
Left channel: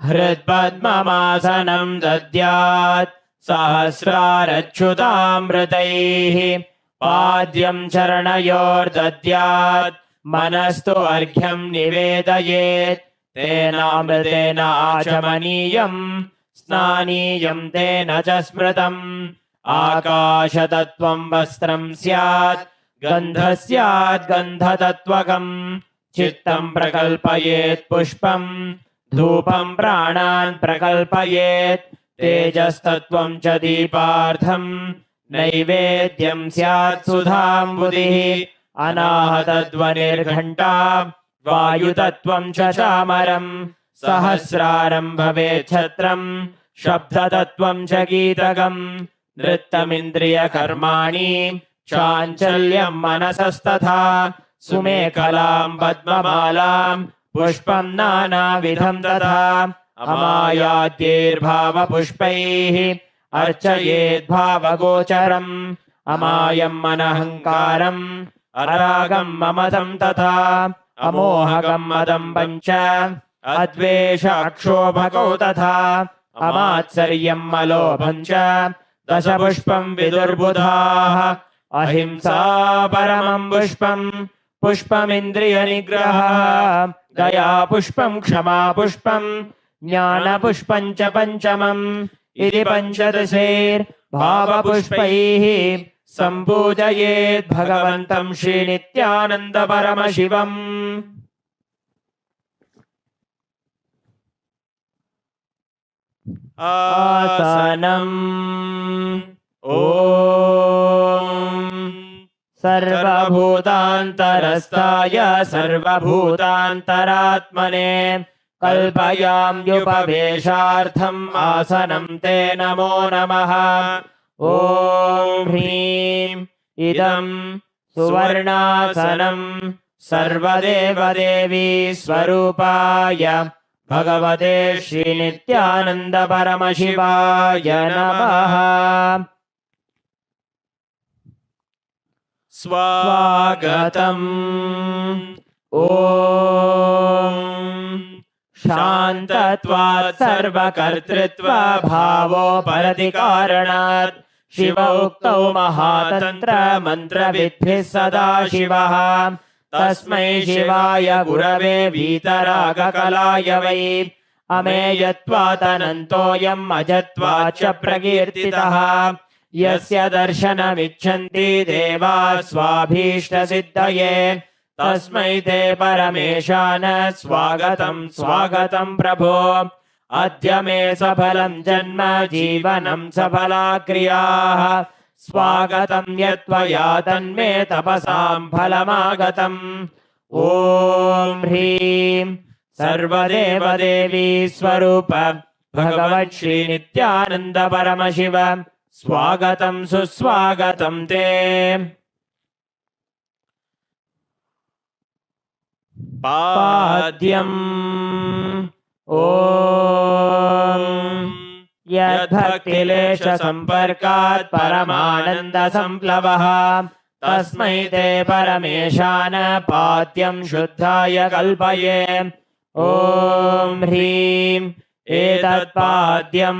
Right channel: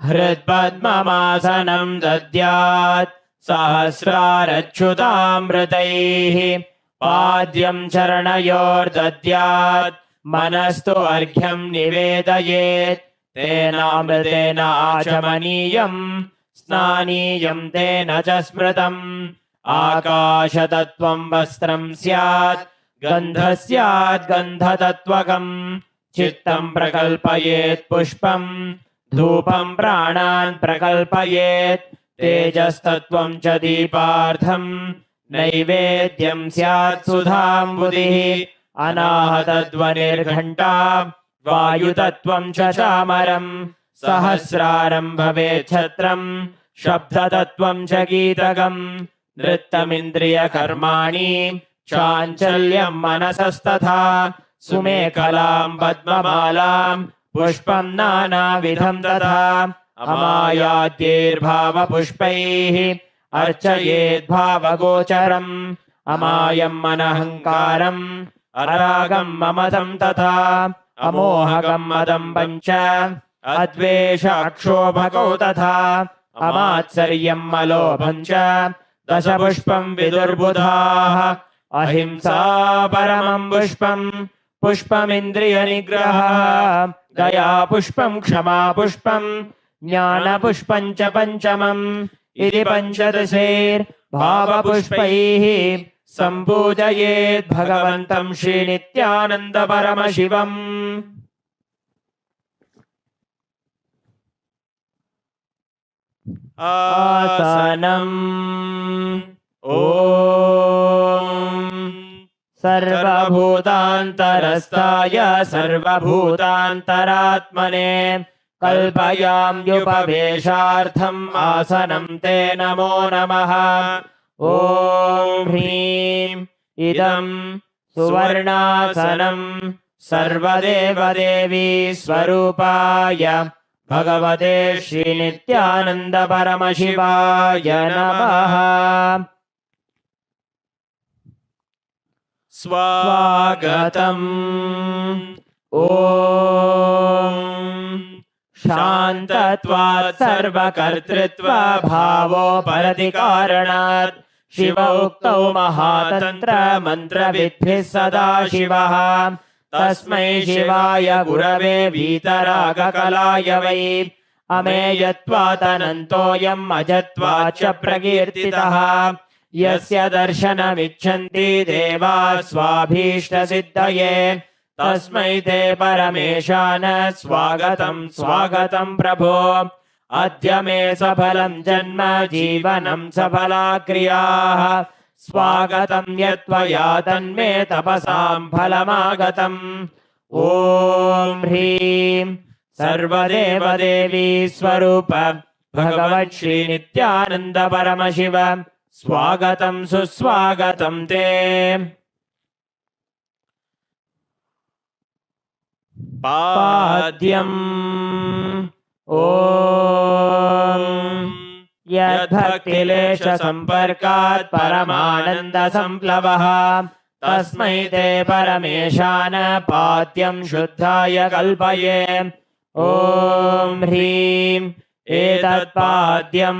हृत्पद्ममासनं दद्यात् सहस्रारच्युतामृतैः पाद्यं चरणयोर्दद्यात् मनस्तु अर्घ्यं निवेदयेत् तेनामृतेन आचमनीयं स्नानीयं तेन च स्मृतम् आकाशतत्त्वं वस्त्रं स्यात् गन्धः स्यात् गन्धतत्त्वकम् चित्तं प्रकल्पयेत् पुष्पं धूपं प्राणान् प्रकल्पयेत् तेजस्तत्त्वं च दीपार्थं नैवेद्यं स्यात् सुधाम्बुधिः अनाहतध्वनिर्घण्टा वायुतत्त्वं च चामरं सहस्रारं भवेत् छत्रं शब्दतत्त्वं च गीतकं नृत्यमिन्द्रियकर्माणि चाञ्चल्यं मनसस्तथा सुमेखलां पद्ममालां पुष्पं नानाविधं तथा अमायाद्यैर्भावपुष्पैः अर्चयेद्भावगोचरम् अमायम् अनहङ्कारम् अरागं ममतं तथा अमोहगं मदं पञ्च अद्वेष अक्षोभगौ तथा अमात्सर्यं अलोभं च दशपुष्पं विदुर्बुधाः अहिंसा परमं पुष्पं पुष्पमिन्द्रियनिग्रहः दया पुष्पं क्षमा पुष्पं ज्ञानपुष्पं च पञ्चमम् इति पञ्चदशैर्भावपुष्पैः सम्पूजयेत् भगवन्तं श्रीनित्यानन्द परमशिवम्। आसनम्। ॐ सर्वभूतान्तरस्थाय सर्वभूतान्तरात्मने कल्पयाम्युपवेशार्थम् आसनं ते नमो नमः। ॐ ह्रीं इदं सुवर्णासनं सर्वदेवदेवी स्वरूपाय भगवते श्रीनित्यानन्द परमशिवाय नमः। स्वागतम्। ॐ शान्तत्वात् सर्वकर्तृत्व भावोपरतिकारणात् शिव उक्तौ महातन्त्र मन्त्रविद्भिः सदा शिवः। तस्मै शिवाय गुरवे वीतरागकलाय वै अमेयत्वादनन्तोऽयम् अजत्वाच्च प्रकीर्तितः। यस्य दर्शनमिच्छन्ति देवाः स्वाभीष्टसिद्धये तस्मै ते परमेशान स्वागतं स्वागतं प्रभो। अद्य मे सफलं जन्म जीवनं सफला क्रियाः स्वागतं यत्त्वया तन्मे तपसां फलमागतम्। ॐ ह्रीं सर्वदेवदेवी स्वरूप भगवत् श्रीनित्यानन्द परमशिव स्वागतं सुस्वागतं ते। पाद्यम्। ॐ यद्भक्तिलेश सम्पर्कात् परमानन्द संप्लवः तस्मै ते परमेशान पाद्यं शुद्धाय कल्पये। ॐ ह्रीं एतत्पाद्यं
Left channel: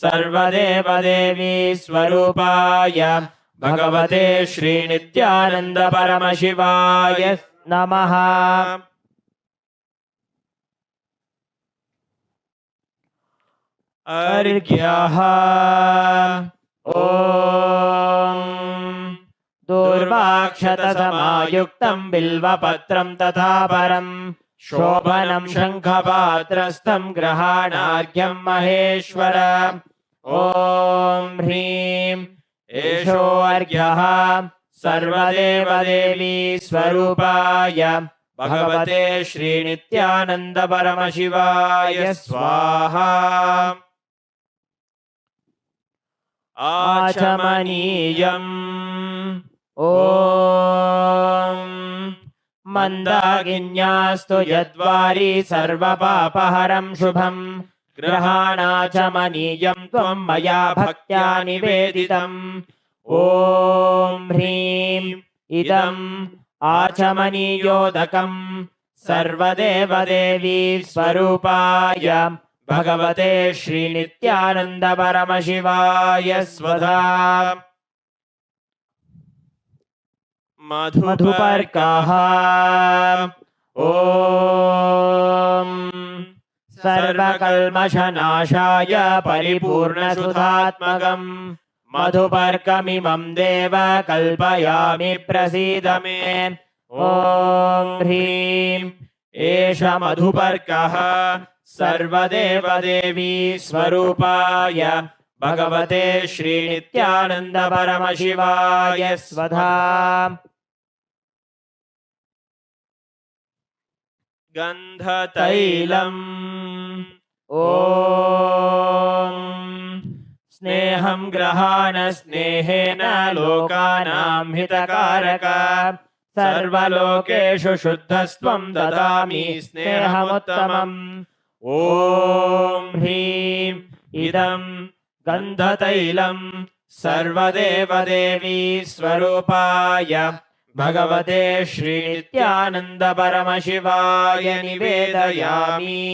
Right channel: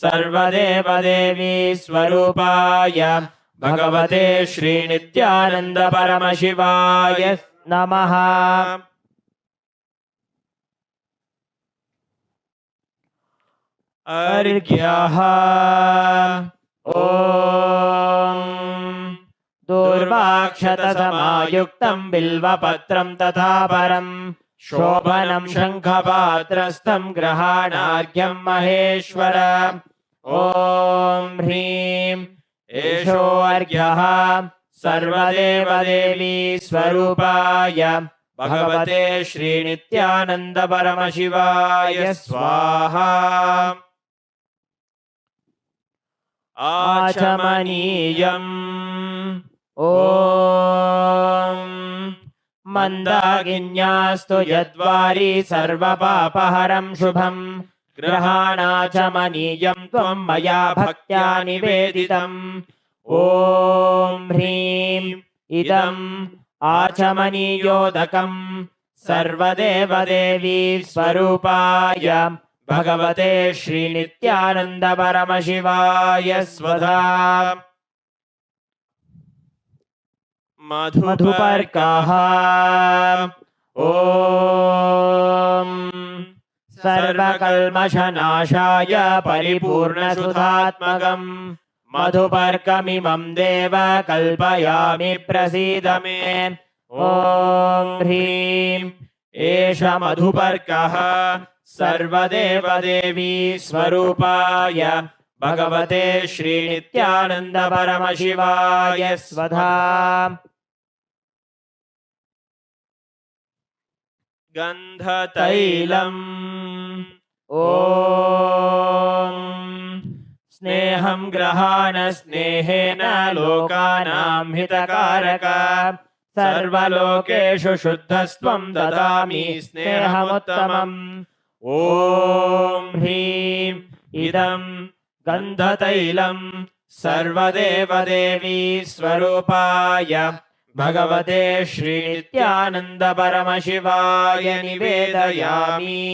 सर्वदेवदेवी स्वरूपाय भगवते श्रीनित्यानन्द परमशिवाय नमः। अर्घ्यः। ॐ दूर्वाक्षतसमायुक्तं बिल्वपत्रं तथा परं शोभनं शङ्खपात्रस्थं ग्रहाणार्घ्यं महेश्वर। ॐ ह्रीं एषोऽर्घ्यः सर्वदेवदेवी स्वरूपाय भगवते श्रीनित्यानन्द परमशिवाय स्वाहा। आचमनीयम्। ॐ मन्दाकिन्यास्तु यद्वारी सर्वपापहरं शुभम् ग्रहाणाचमनीयं त्वं मया भक्त्या निवेदितम्। ॐ ह्रीं इदम् आचमनीयोदकं सर्वदेवदेवी स्वरूपाय भगवते श्रीनित्यानन्द परमशिवाय स्वधा। मधुपर्कः। ॐ सर्वकल्मषनाशाय परिपूर्णसुधात्मकम् मधुपर्कमिमं देव कल्पयामि प्रसीद मे। ॐ ह्रीं एष मधुपर्कः सर्वदेवदेवी स्वरूपाय भगवते श्रीनित्यानन्द परमशिवाय स्वधा। गन्धतैलम्। ॐ स्नेहं ग्रहाण स्नेहेन लोकानां हितकारक सर्वलोकेषु शुद्धस्त्वं ददामि स्नेहमुत्तमम्। ॐ ह्रीं इदं गन्धतैलं सर्वदेवदेवी स्वरूपाय भगवते श्रीनित्यानन्द परमशिवाय निवेदयामि।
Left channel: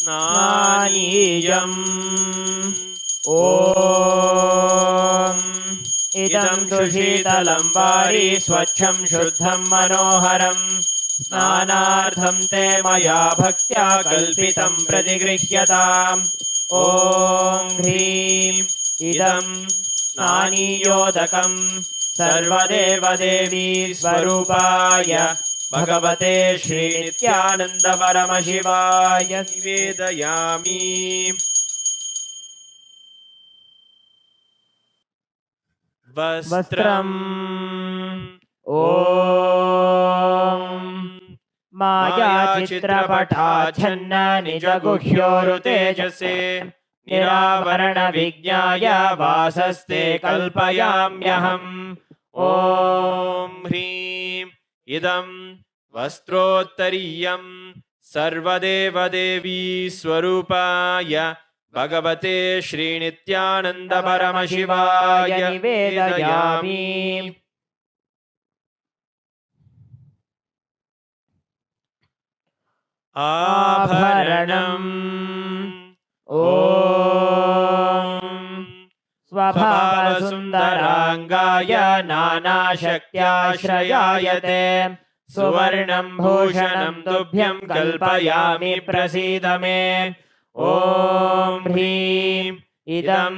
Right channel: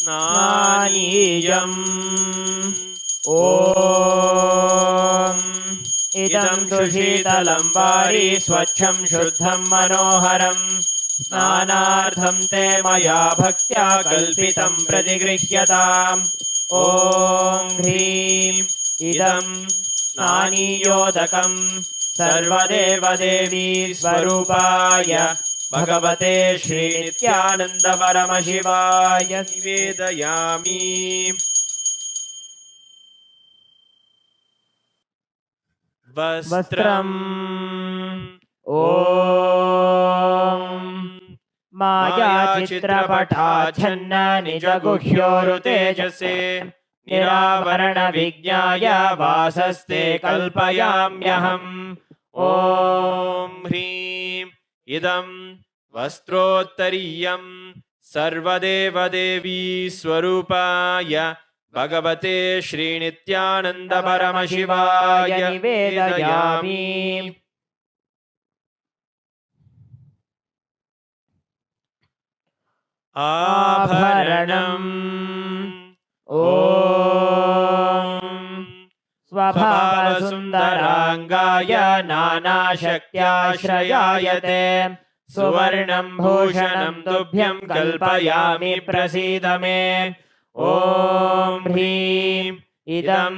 स्नानीयम्। ॐ इदं तु शीतलं वारी स्वच्छं शुद्धं मनोहरं स्नानार्थं ते मया भक्त्या कल्पितं प्रतिगृह्यताम्। ॐ ह्रीं इदं स्नानीयोदकं सर्वदेवदेवी स्वरूपाय भगवते श्रीनित्यानन्दपरमशिवाय निवेदयामि। वस्त्रम् ॐ मायाचित्रपटाच्छन्न निजगुह्योरुतेजसे निरावरणविज्ञाय वासस्ते कल्पयाम्यहम्। ॐ ह्रीं इदं वस्त्रोत्तरीयं सर्वदेवदेवी स्वरूपाय भगवते श्रीनित्यानन्दपरमशिवाय निवेदयामि। आभरणम् ॐ स्वभावसुन्दराङ्गाय नानाशक्त्याश्रयायते सुवर्णं भूषणं तुभ्यं कल्पयामि प्रसीद मे। ॐ ह्रीं इदं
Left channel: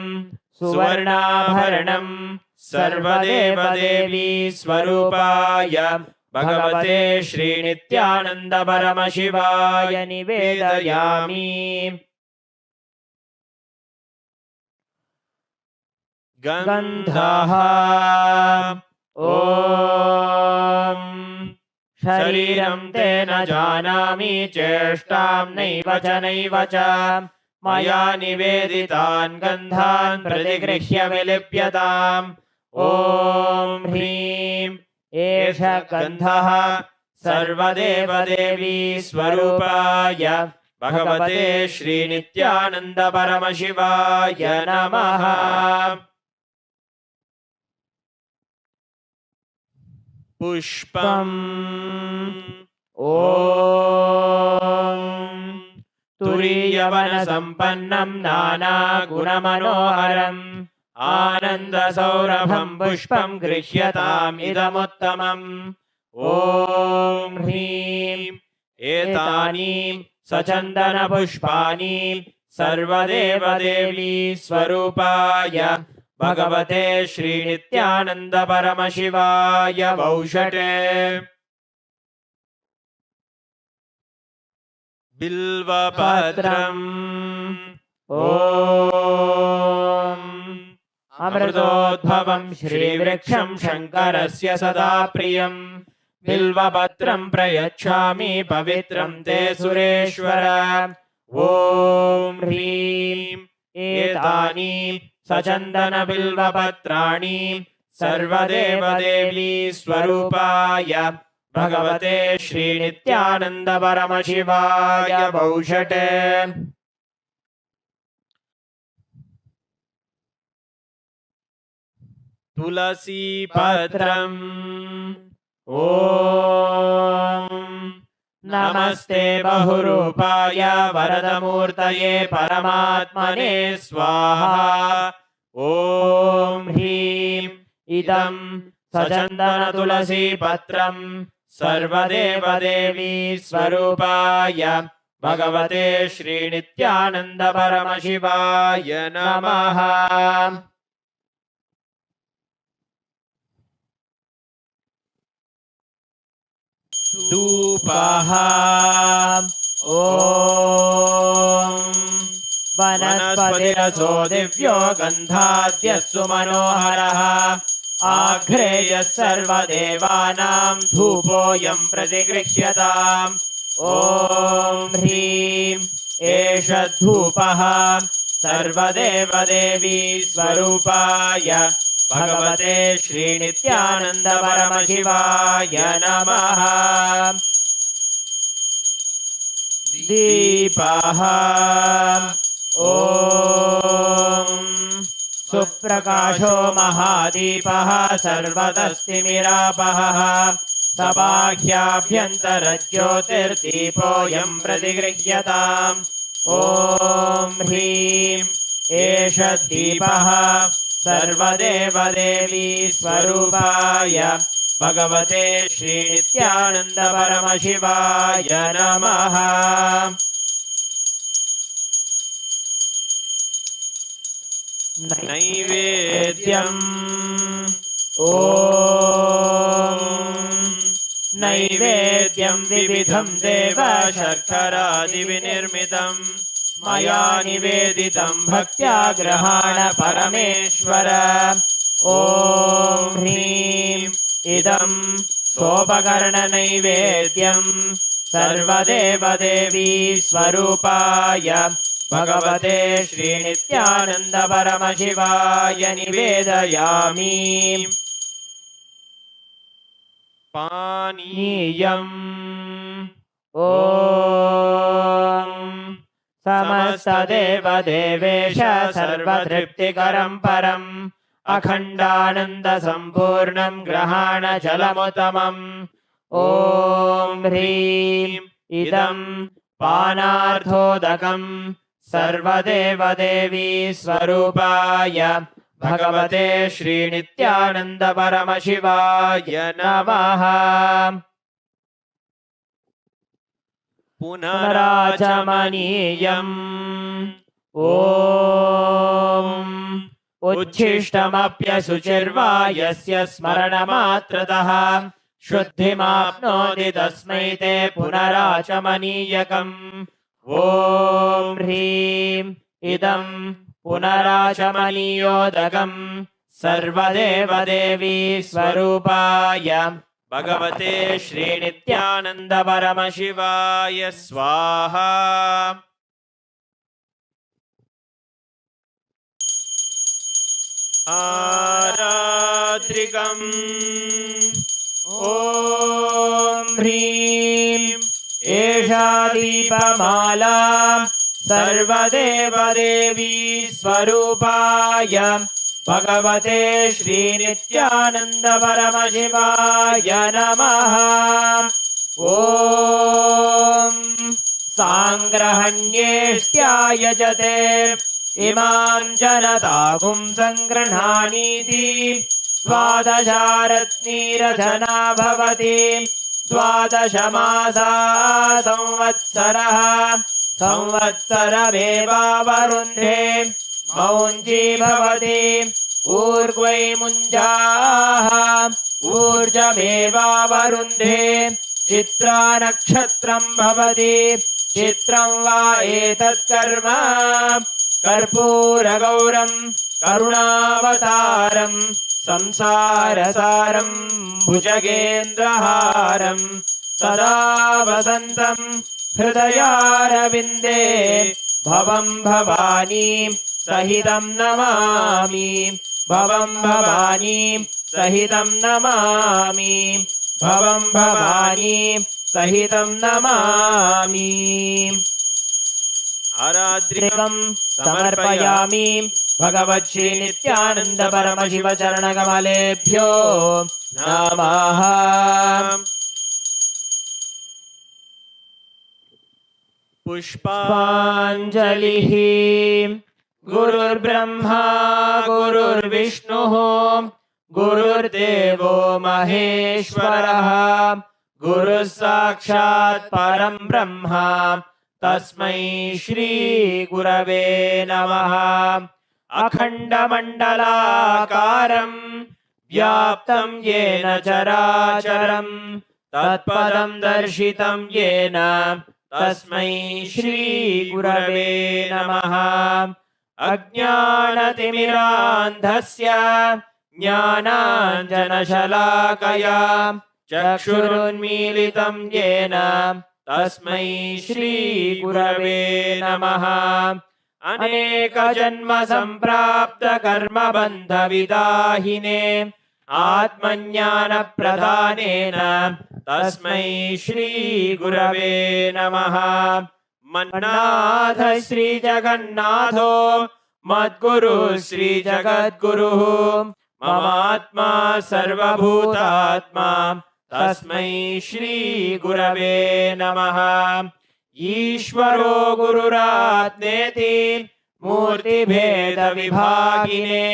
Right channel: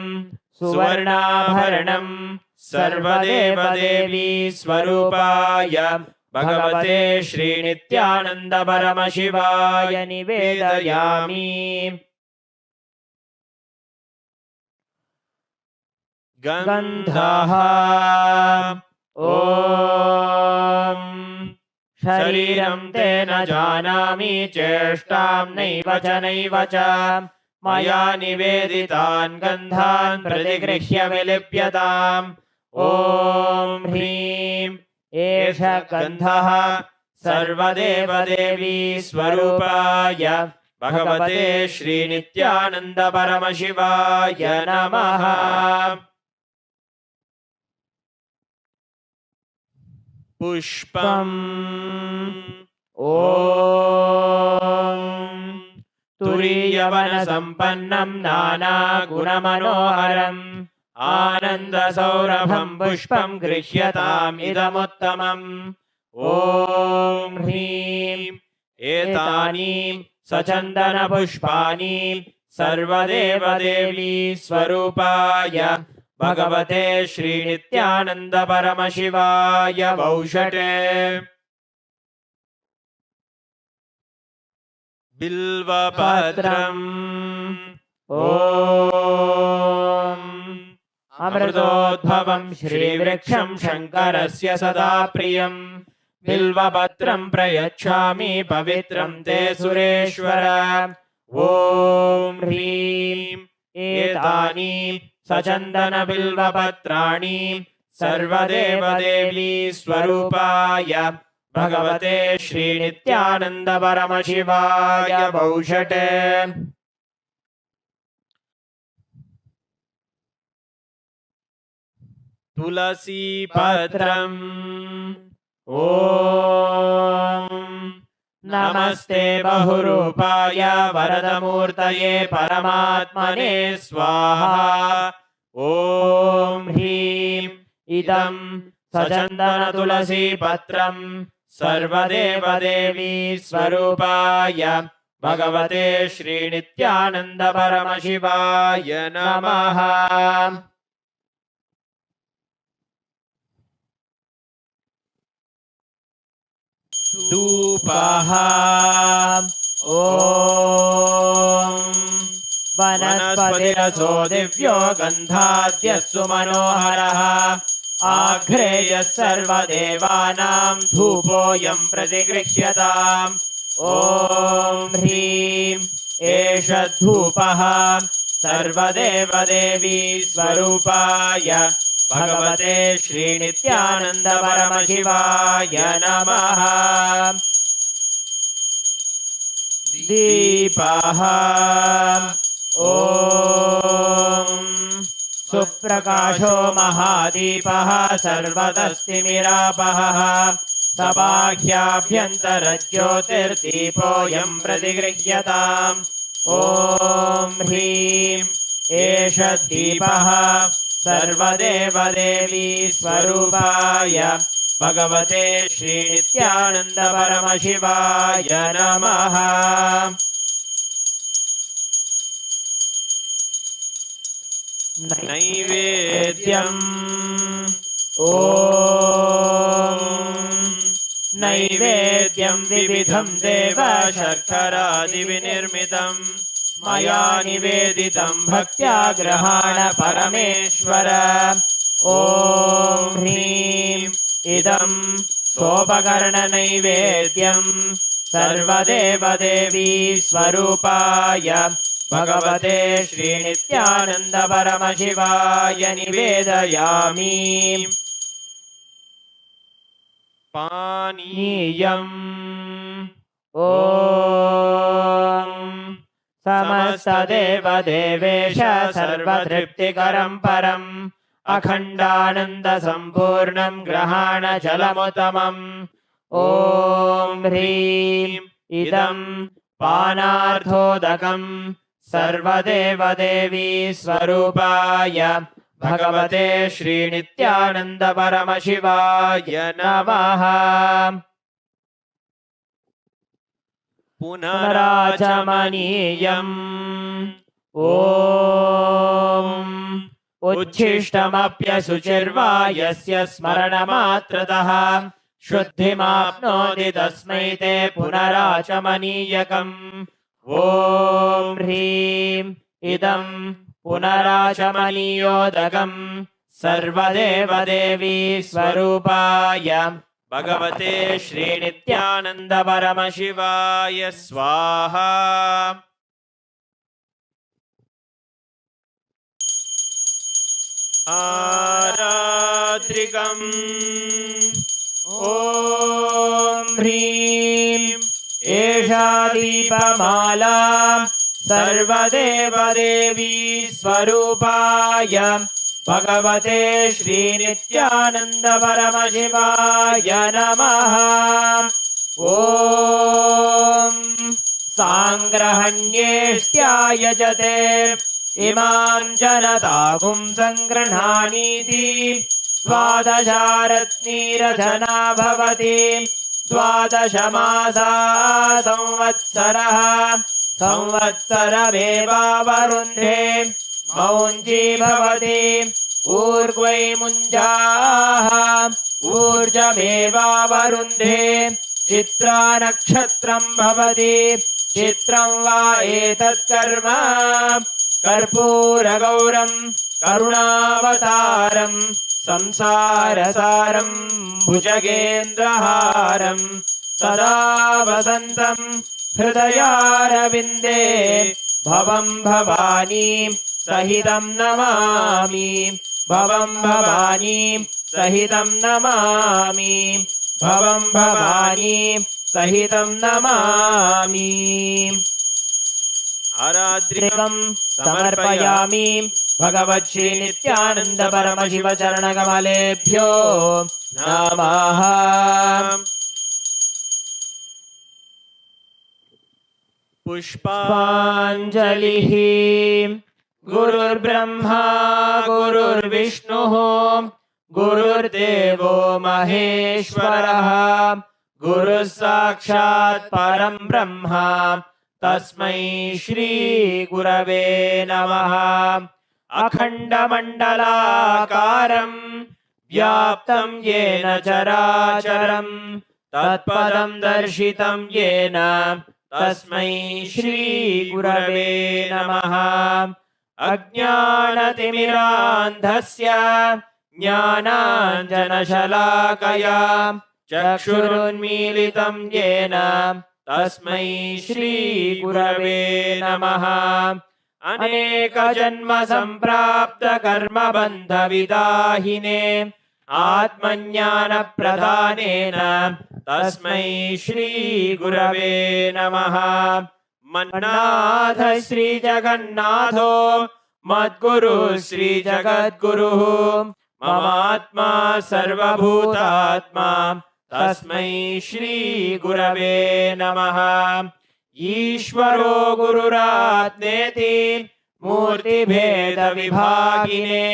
सुवर्णाभरणं सर्वदेवदेवी स्वरूपाय भगवते श्रीनित्यानन्दपरमशिवाय निवेदयामि। गन्धः ॐ शरीरं ते न जानामि चेष्टां नैव च मया निवेदितान् गन्धान् प्रतिगृह्य विलिप्यताम्। ॐ ह्रीं एष गन्धः सर्वदेवदेवी स्वरूपाय भगवते श्रीनित्यानन्दपरमशिवाय नमः। पुष्पम् ॐ तुरीयवनसम्पन्नं नानागुणमनोहरम् आनन्दसौरभं पुष्पं गृह्यताम् इदमुत्तमम्। ॐ ह्रीं एतानि सचन्दनपुष्पाणि सर्वदेवदेवी स्वरूपाय भगवते श्रीनित्यानन्दपरमशिवाय वौषटे। बिल्वपत्रम् ॐ अमृतोद्भवं श्रीवृक्षं शङ्करस्य सदा प्रियं बिल्वपत्रं प्रयच्छामि पवित्रं ते सुरेश्वर। ॐ ह्रीं एतानि सचन्दनबिल्वपत्राणि सर्वदेवदेवी स्वरूपाय भगवते श्रीनित्यानन्दपरमशिवाय वौषटे। तुलसीपत्रम् ॐ नमस्ते बहुरूपाय वरदमूर्तये परमात्मने स्वाहा। ॐ ह्रीं इदं सचन्दनतुलसीपत्रं सर्वदेवदेवी स्वरूपाय भगवते श्रीनित्यानन्दपरमशिवाय नमः। धूपः ॐ वनस्पतिरसो दिव्यो गन्धाद्यस्सु मनोहरः आघ्रेयः सर्वदेवानां धूपोऽयं प्रतिगृह्यताम्। ॐ ह्रीं एष धूपः सर्वदेवदेवी स्वरूपाय भगवते श्रीनित्यानन्दपरमशिवाय नमः। दीपः ॐ सुप्रकाशो महादीपः सर्वतस्तिमिरापहः सबाह्याभ्यन्तरज्योतिर्दीपोऽयं प्रतिगृह्यताम्। ॐ ह्रीं एष दीपः सर्वदेवदेवी स्वरूपाय भगवते श्रीनित्यानन्दपरमशिवाय नमः। नैवेद्यम् ॐ नैवेद्यं विविधं देव शर्करादिविनिर्मितं मया निवेदितं भक्त्या गृहाण परमेश्वर ॐ ह्रीं इदं सोपकरणनैवेद्यं सर्वदेवदेवी स्वरूपाय भगवते श्रीनित्यानन्द परमशिवाय निवेदयामि पानीयम् ॐ समस्तदेवदेवेश सर्वतृप्तिकरं परम् अखण्डानन्दसम्पूर्णं ग्रहाण जलमुत्तमम् ॐ ह्रीं इदं पानार्थोदकम् सर्वदेवदेवी स्वरूपाय भगवते श्रीनित्यानन्द परमशिवाय नमः पुनराचमनीयम् ॐ उच्छिष्टमप्यशुचिर्वा यस्य स्मरणमात्रतः शुद्धिमाप्नोति तस्मै ते पुनराचमनीयकम् ॐ ह्रीं इदं पुनराचमनीयोदकम् सर्वदेवदेवी स्वरूपाय भगवते श्रीनित्यानन्द परमशिवाय स्वाहा आरात्रिकम् ॐ ह्रीं एषा दीपमाला सर्वदेवदेवी स्वरूपाय भगवते श्रीनित्यानन्द परमशिवाय नमः ॐ साङ्ग्रहण्येष्ट्यायजते इमां जनतागुं सङ्गृह्णानीति द्वादशारत्नीरचना भवति द्वादशमासा संवत्सरः संवत्सरमेवावरुन्धे मौञ्जी भवति ऊर्ध्वै मुञ्जाः ऊर्जमेवावरुन्धे चित्रा नक्षत्रं भवति चित्रं वा एतत्कर्म कर्पूरगौरं करुणावतारं संसारसारं भुजगेन्द्रहारं सदा वसन्तं हृदयारविन्दे भवं भवानी सहितं नमामि भवं भवानी सहितं नमामि भवं भवानी सहितं नमामि आरात्रिकं समर्पयामि भगवत् नित्यानन्द परमशिव चरणकमलेभ्यो नमः पुष्पाञ्जलिः गुरुर्ब्रह्मा गुरुर्विष्णुः गुरुर्देवो महेश्वरः गुरुः साक्षात् परं ब्रह्म तस्मै श्री गुरवे नमः अखण्डमण्डलाकारं व्याप्तं येन चराचरं तत्पदं दर्शितं येन तस्मै श्री गुरवे नमः अज्ञानतिमिरान्धस्य ज्ञानाञ्जनशलाकया चक्षुरुन्मीलितं येन तस्मै श्री गुरवे नमः अनेकजन्म सम्प्राप्त कर्मबन्धविदाहिने आत्मज्ञानप्रदानेन तस्मै श्री गुरवे नमः मन्नाथ श्री जगन्नाथो मद्गुरु श्री जगद्गुरुः ममात्मा सर्वभूतात्मा तस्मै श्री गुरवे नमः ईश्वरो गुरुरात्मेति मूर्तिभेदविभागिने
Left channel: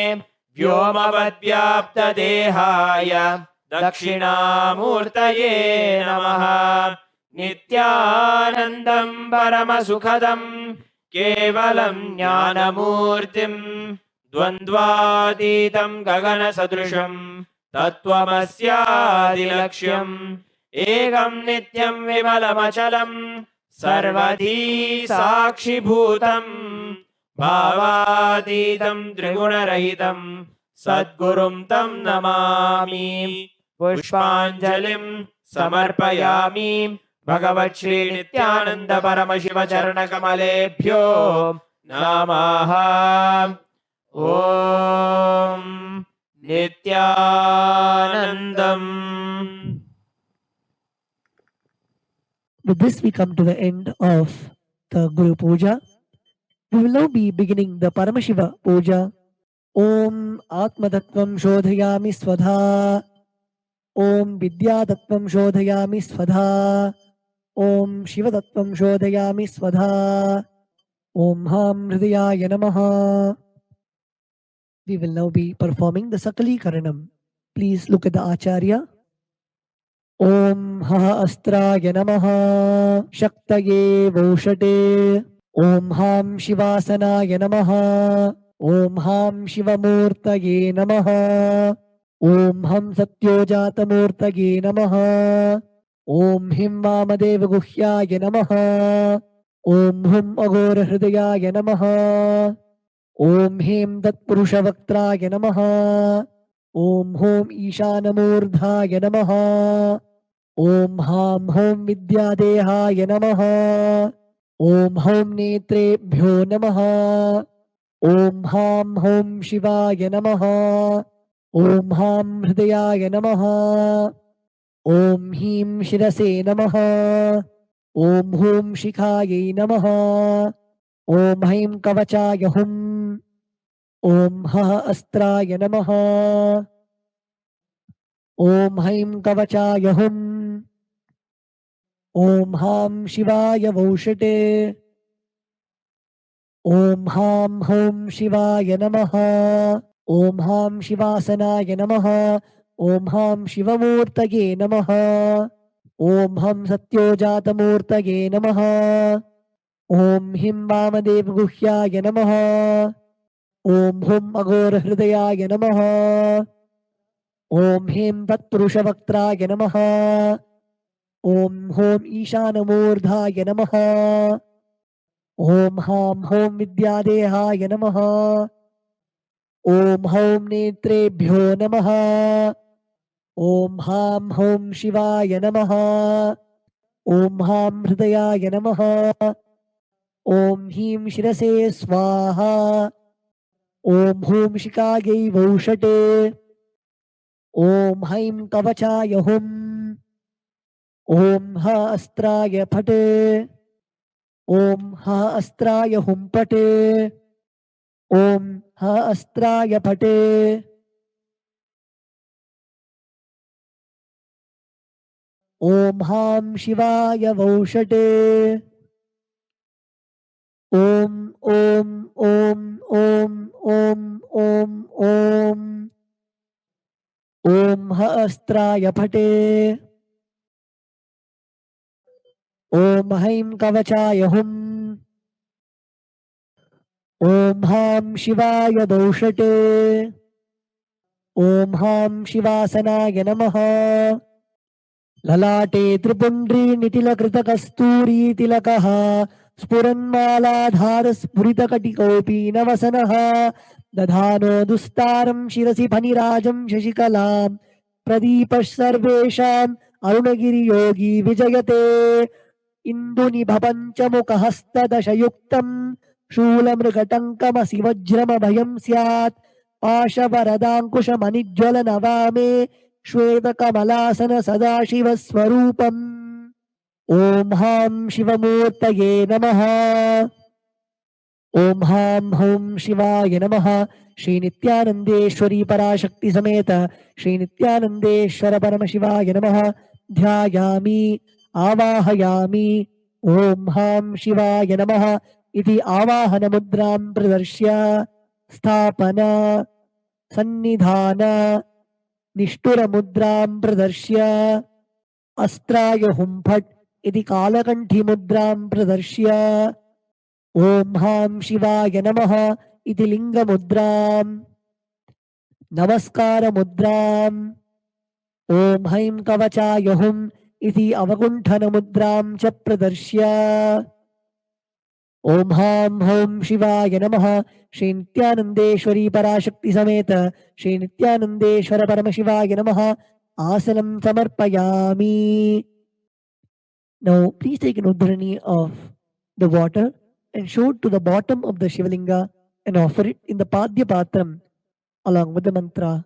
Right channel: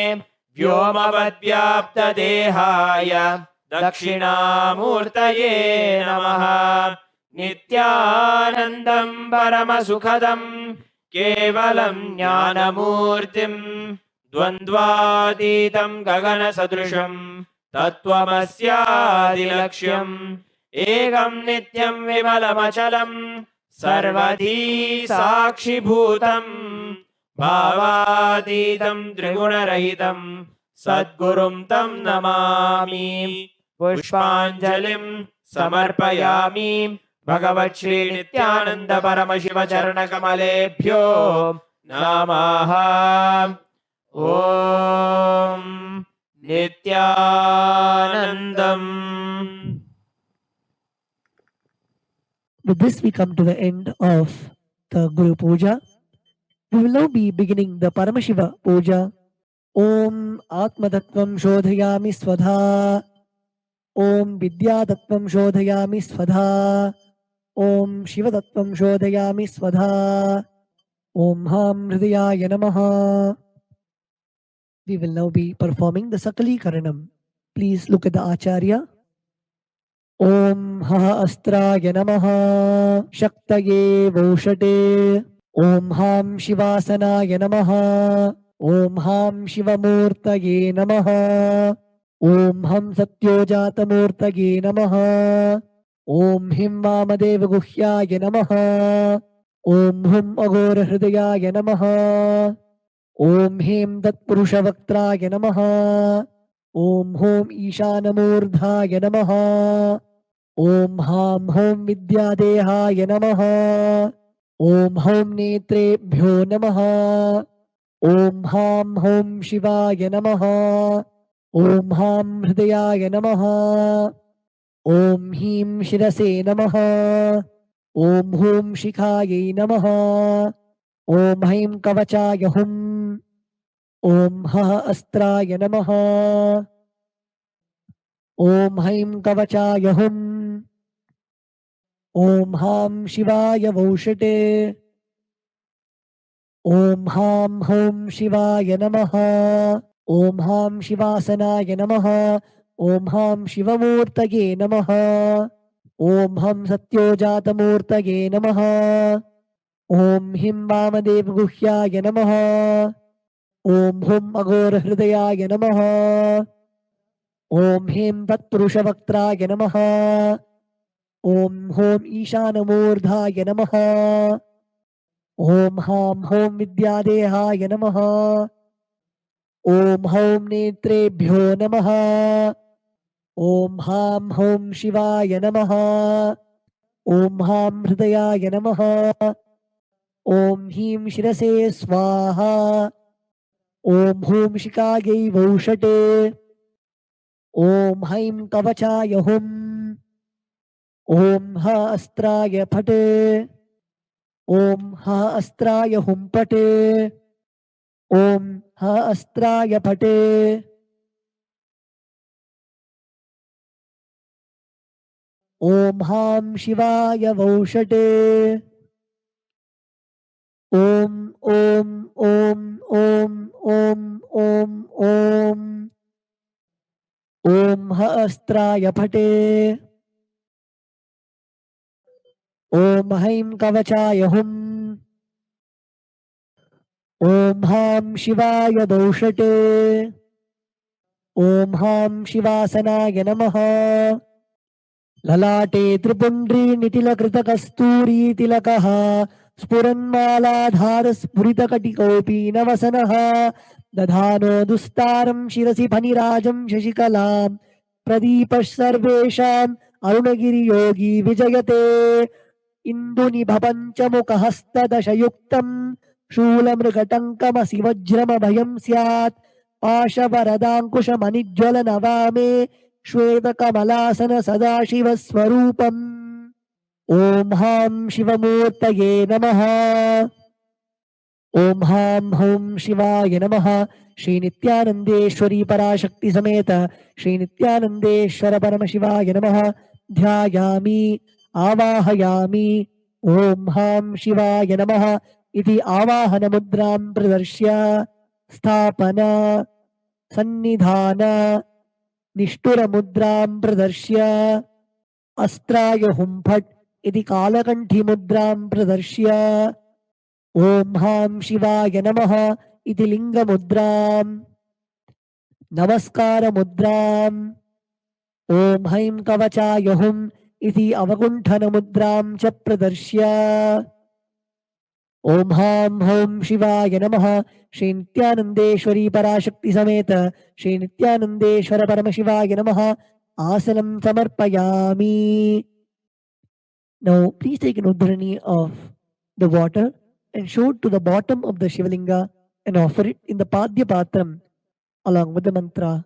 व्योमवद्व्याप्तदेहाय दक्षिणामूर्तये नमः नित्यानन्दं परमसुखदं केवलं ज्ञानमूर्तिं द्वन्द्वातीतं गगनसदृशं तत्त्वमस्यादिलक्ष्यम् एकं नित्यं विमलमचलं सर्वधी साक्षिभूतं भावातीतं त्रिगुणरहितं सद्गुरुं तं नमामि पुष्पाञ्जलिं समर्पयामि भगवत् श्री नित्यानंद परमशिव चरणकमलेभ्यो नमः। ॐ नित्यानन्दम्। With this, we come to the end of the Guru Puja. We will now be beginning the Paramashiva Puja. Om Atmatattvam Shodhayami Svadha. Om Vidyatattvam Shodhayami Svadha. Om Shivatattvam Shodhayami Svadha. Om Ham Hridayaya Namaha. We will now be performing the Sakali Karanam. Please look at the Acharya. Om Ha Astraya Namaha Shaktaye Voshate. Om Ham Shivasanaya Namaha. Om Ham Shivamurtaye Namaha. Om Ham Satyojatamurtaye Namaha. Om Him Vamadeva Guhyaya Namaha. Om Hum Agora Hridayaya Namaha. Om Him Tatpurushavaktraya Namaha. Om Hum Ishanamurdhaya Namaha. Om Ham Hum Vidyadehaya Namaha. Om Hum Netrebhyo Namaha. Om Ham Hum Shivaya Namaha. Om Ham Hridayaya Namaha. Om Him Shirase Namaha. Om Hum Shikhaye Namaha. Om Him Kavachaya Hum. Om Ha Astraya Namaha. Om Him Kavachaya Hum. Om Ham Shivaya Voshate. Om Ham Hum Shivaya Namaha. Om Ham Shivasanaya Namaha. Om Ham Shivamurtaye Namaha. Om Ham Satyojatamurtaye Namaha. Om Him Vamadeva Guhyaya Namaha. Om Hum Agora Hridayaya Namaha. Om Him Tatpurushavaktraya Namaha. Om Hum Ishanamurdhaya Namaha. Om Ham Hum Vidyadehaya Namaha. Om Hum Netrebhyo Namaha. Om Ham Hum Shivaya Namaha. Om Ham Hridayaya Namaha. Om Him Shirase Swaha. Om Hum Shikage Voshate. Om Haim Kavachaya Hum. Om Ha Astraya Phate. Om Ha Astraya Hum Pate. Om Ha Astraya Phate. Om Ham Shivaya Voshate. Om Om Om Om Om Om Om. Om Ha Astraya Phate. Om Haim Kavachaya Hum. Om Ham Shivaya Voshate. Om Ham Shivasanaya Namaha. Lalate Tripundri Nitila Krita Kasturi Tilakaha. Spuranmaladhara Spuritakattikopi Navasanaha. Dadhano Dustaram Shirasi Panirajam Shashikalam. Pradipash Sarvesham Arunagiri Yogi Vijayate. Induni Bhapanchamuka Hasta Dashayuktam. Shulamrgatankama Sivajrama Bhayam Syat. Pashavaradankusha Manijwala Navame. Shweta Kamalasana Sadashiva Swarupam. Om Ham Shivamurtaye Namaha. Om Ham Hum Shivaya Namaha. Shri Nithyanandeshwari Parashakti Sameta Shri Nithyanandeshwara Paramashivaya Namaha. Dhyayami Avahayami. Om Ham Shivaya Namaha. Iti Avahana Mudram Pradarshya. Sthapana Sannidhana Nishtura Mudram Pradarshya. Astraya Humphat Iti Kalakanthi Mudram Pradarshya. Om Ham Shivaya Namaha. इति लिङ्गमुद्राम् नमस्कारमुद्राम् ॐ हैं कवचाय हुम् इति अवगुण्ठनमुद्रां च प्रदर्श्य ॐ हां हौं शिवाय नमः श्री नित्यानन्देश्वरी पराशक्ति समेत श्री नित्यानन्देश्वर परमशिवाय नमः आसनं समर्पयामि. Now please take an udharani of the water and show it to the bottom of the Shivalinga and offer it in the Padya Patram along with the mantra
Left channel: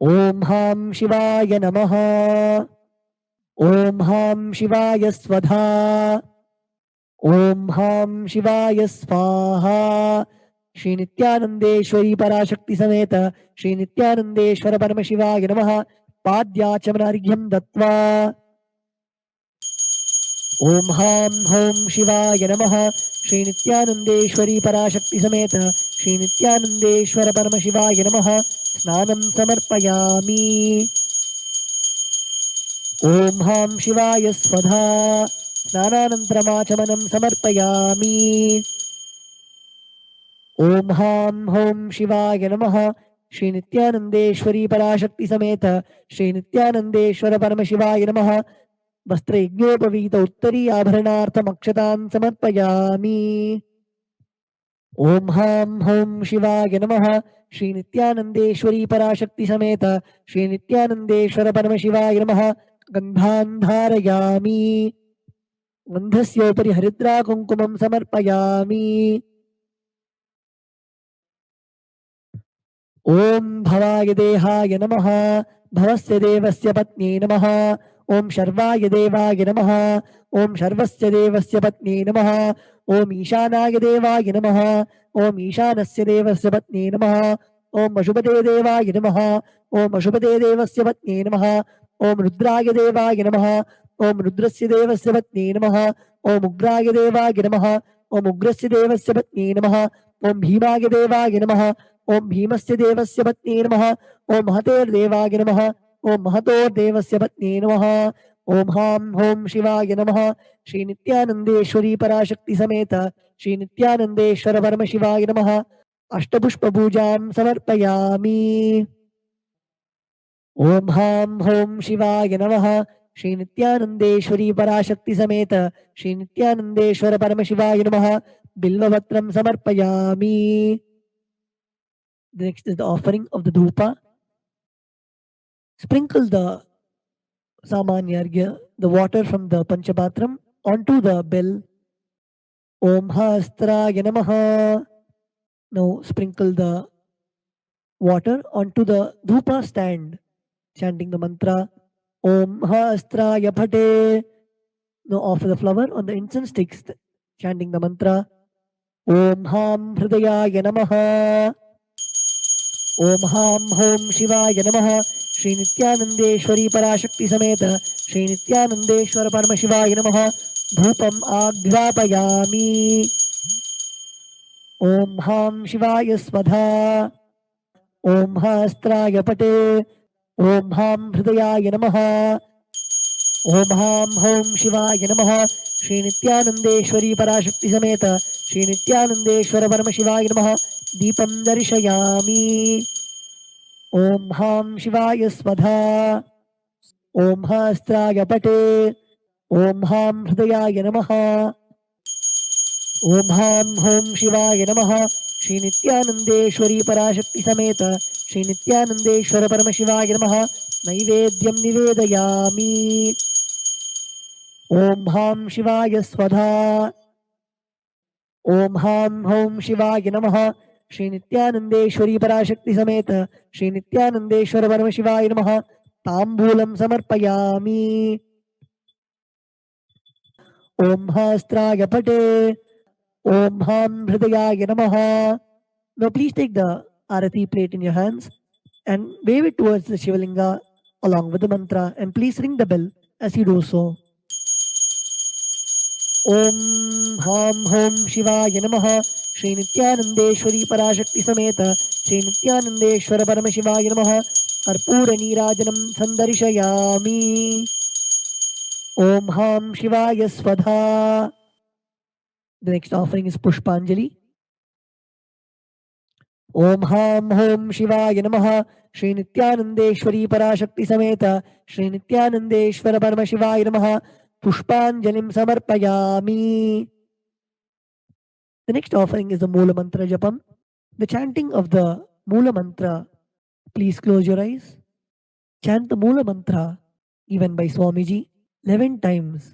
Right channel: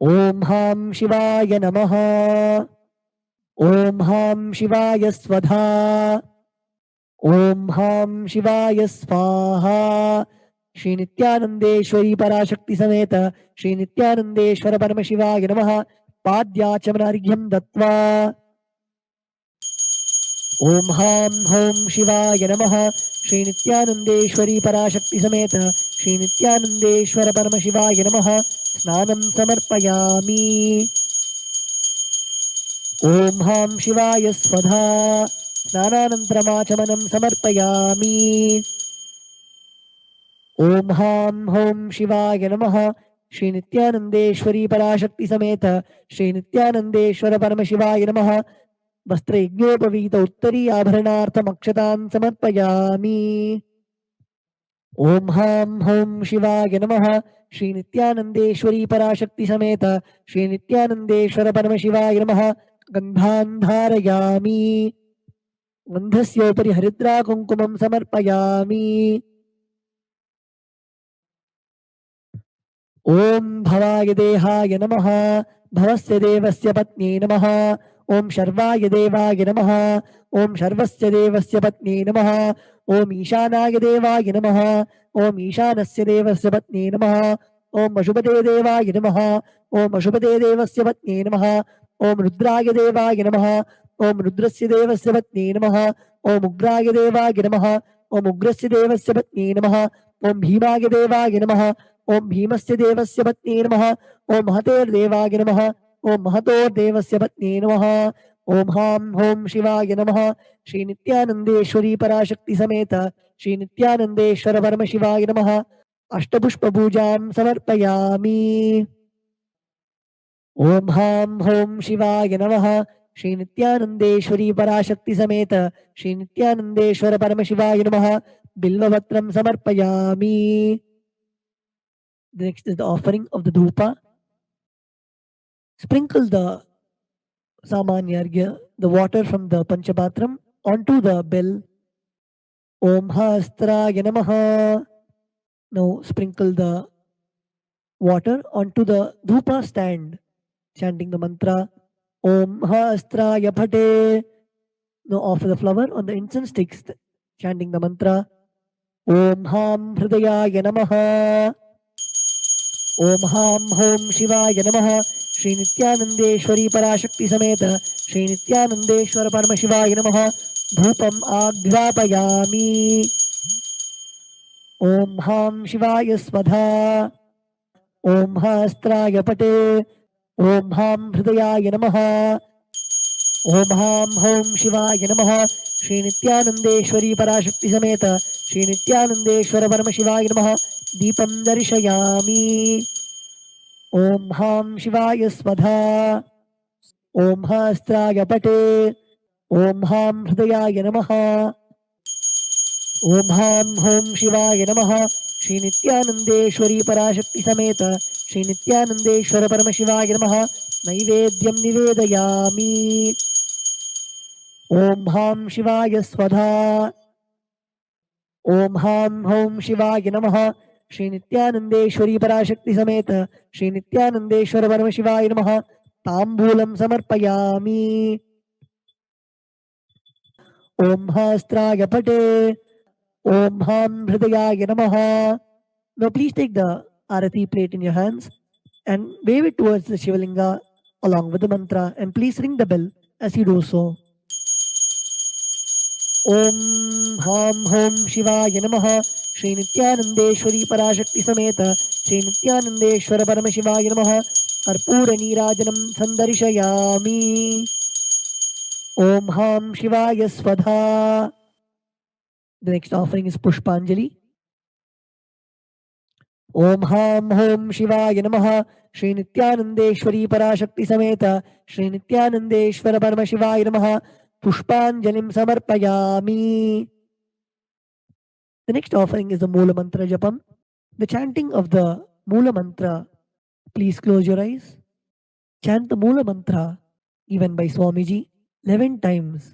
Om Ham Shivaya Namaha Om Ham Shivaya Svadha Om Ham Shivaya Svaha. Shri Nithyanandeshwari Parashakti Sameta Shri Nithyanandeshwara Paramashivaya Namaha Padyachamanaryam Dattva Om Ham Hom Shivaya Namaha Shri Nithyanandeshwari Parashakti Sameta Shri Nithyanandeshwara Paramashivaya Namaha Snanam Samarpayami. Om Ham Shivaya Svadha Snananantramachamanan Samarpayami. Om Ham Hom Shivaya Namaha Shri Nithyanandeshwari Parashakti Sameta Shri Nithyanandeshwara Paramashivaya Namaha वस्त्रयज्ञोपवीत उत्तरी आभरणार्थमक्षतान् समर्पयामि. ओम हां हौं शिवाय नमः श्री नित्यानन्देश्वरी पराशक्ति समेत श्री नित्यानन्देश्वर परमशिवाय नमः गन्धान् धारयामि. गन्धस्योपरि हरिद्रा कुङ्कुमं समर्पयामि. ओम भवाय देहाय नमः भवस्य देवस्य पत्न्यै नमः. ओम शर्वाय देवाय नमः ओम शर्वस्य देवस्य पत्न्यै नमः. ओम ईशानाय देवाय नमः ओम ईशानस्य देवस्य पत्न्यै नमः. ओम अशुभदे देवाय नमः ओम अशुभदे देवस्य पत्न्यै नमः. ओम रुद्राय देवाय नमः ओम रुद्रस्य देवस्य पत्न्यै नमः. ओम उग्राय देवाय नमः ओम उग्रस्य देवस्य पत्न्यै नमः. ओम भीमाय देवाय नमः ओम भीमस्य देवस्य पत्न्यै नमः. ओम महतेर्देवाय नमः ओम महतोर्देवस्य पत्न्यै नमः. ओम हां हौं शिवाय नमः श्री नित्यानन्देश्वरी पराशक्ति समेत श्री नित्यानन्देश्वर परमशिवाय नमः अष्टपुष्पपूजां समर्पयामि. ओम हां हौं शिवाय नमः श्री नित्यानन्देश्वरी पराशक्ति समेत श्री नित्यानन्देश्वर परमशिवाय नमः बिल्वपत्रं समर्पयामि. Next is the offering of the dhupa. Sprinkle the samanyargya, the water from the panchapatram, onto the bell. Om Hastraya Namaha. Now sprinkle the water onto the dhupa stand, chanting the mantra Om Hastraya Phate. Now offer the flower on the incense sticks, chanting the mantra Om Ham Hridayaya Namaha. Om Ham Hom Shivaya Namaha Shri Nithyanandeshwari Parashakti Sameta Shri Nithyanandeshwara Paramashivaya Namaha Dhupam Aghrapayami. Om Ham Shivaya Svadha Om Hastraya Pate Om Ham Hridayaya Namaha. Om Ham Hom Shivaya Namaha Shri Nithyanandeshwari Parashakti Sameta Shri Nithyanandeshwara Paramashivaya Namaha Deepam Darshayami. Om Ham Shivaya Svadha Om Hastraya Pate Om Ham Hridayaya Namaha. Om Ham Hom Shivaya Namaha Shri Nithyanandeshwari Parashakti Sameta Shri Nithyanandeshwara Paramashivaya Namaha Naivedyam Nivedayami. Om Ham Shivaya Svadha Om Ham Hom Shivaya Namaha Shri Nithyanandeshwari Parashakti Sameta Shri Nithyanandeshwara Paramashivaya Namaha Tambulam Samarpayami. Om Hastraya Pate Om Ham Hridayaya Namaha. Now please take the Arati plate in your hands and wave it towards the Shivalinga along with the mantra, and please ring the bell as you do so. Om Ham Hom Shivaya Namaha Shri Nithyanandeshwari Parashakti Sameta Shri Nithyanandeshwara Paramashivaya Namaha Karpura Neerajanam Sandarishayami. Om Ham Shivaya Svadha. The next offering is Pushpanjali. ओम हां home शिवाय नमः। श्री नित्यानंदेश्वरी पराशक्ति समेत श्री नित्यानंदेश्वर परमशिवाय नमः। पुष्पांजलिं समर्पयामि. The next offering is the Mula Mantra Japam. The chanting of the Mula Mantra. Please close your eyes. Chant the Mula Mantra, even by Swamiji, 11 times.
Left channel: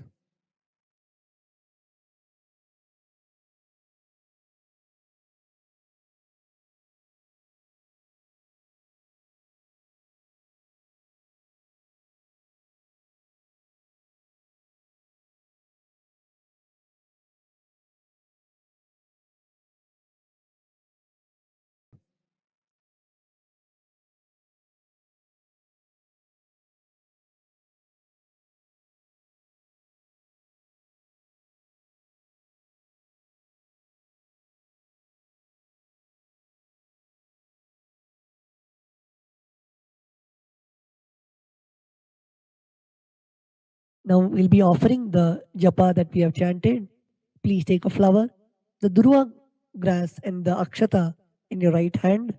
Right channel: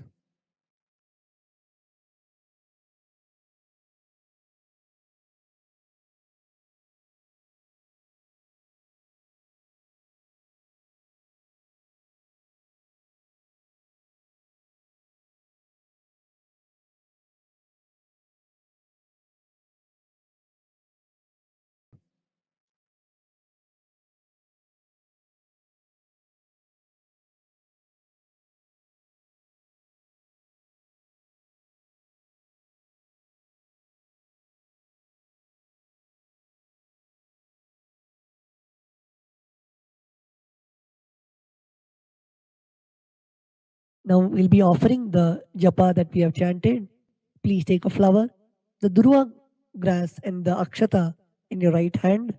Now we'll be offering the japa that we have chanted. Please take a flower, the durva grass and the akshata in your right hand.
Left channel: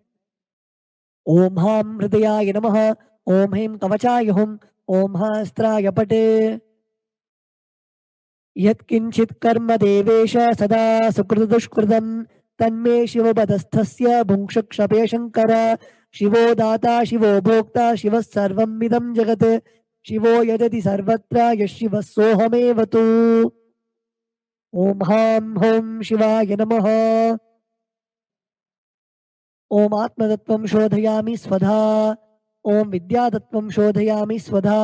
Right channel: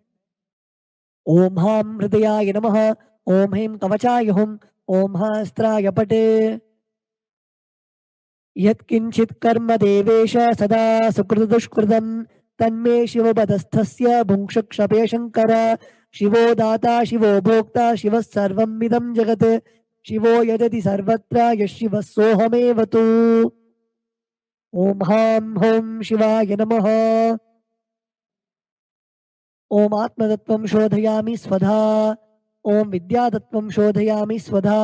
Om Ham Hridayaya Namaha. Om Hem Kavachaya Hum. Om Hastraya Pate. Yatkinchit karma devesha sada sukritudushkritam tanme shivabadasthasya bhunkshakshape shankara shivo data shivo bhokta shivas sarvam midam jagat शिवो यजति सर्वत्र यशिवः सोऽहमेव तु. ओम हां home शिवाय नमः. ओम आत्मतत्त्वं शोधयामि स्वधा. ओम विद्यातत्त्वं शोधयामि स्वधा.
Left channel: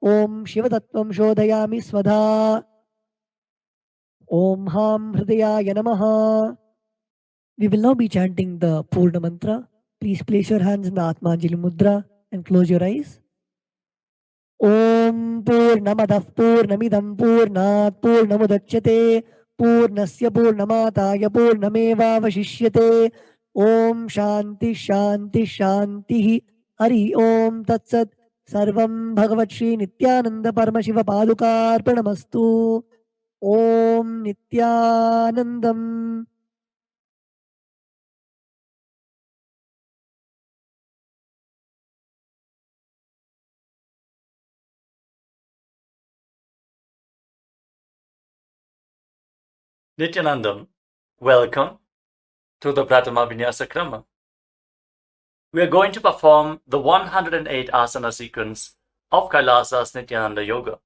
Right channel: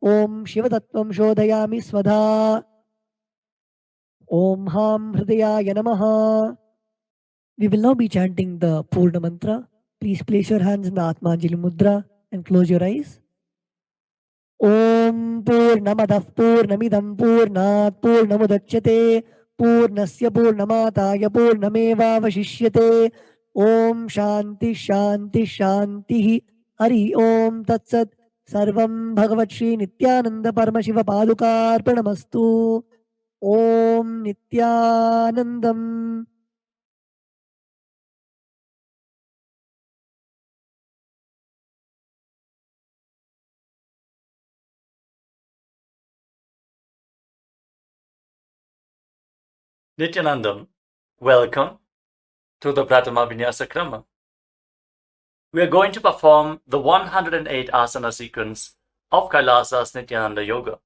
ओम शिवतत्त्वं शोधयामि स्वधा. ओम हां हृदयाय नमः. We will now be chanting the Purna Mantra. Please place your hands in the Atmanjali Mudra and close your eyes. Om Purnamadah Purnamidam Purnat Purnamudachyate Purnasya Purnamataya Purnamevavashishyate. Om Shanti Shanti Shanti. Hari Om Tat Sat. Sarvam Bhagavat Shri Nithyananda Paramashiva Padukarpanamastu. Om Nithyanandam. Nithyanandam, welcome to the Prathama Vinyasa Krama. We are going to perform the 108 asana sequence of KAILASA's Nithyananda Yoga.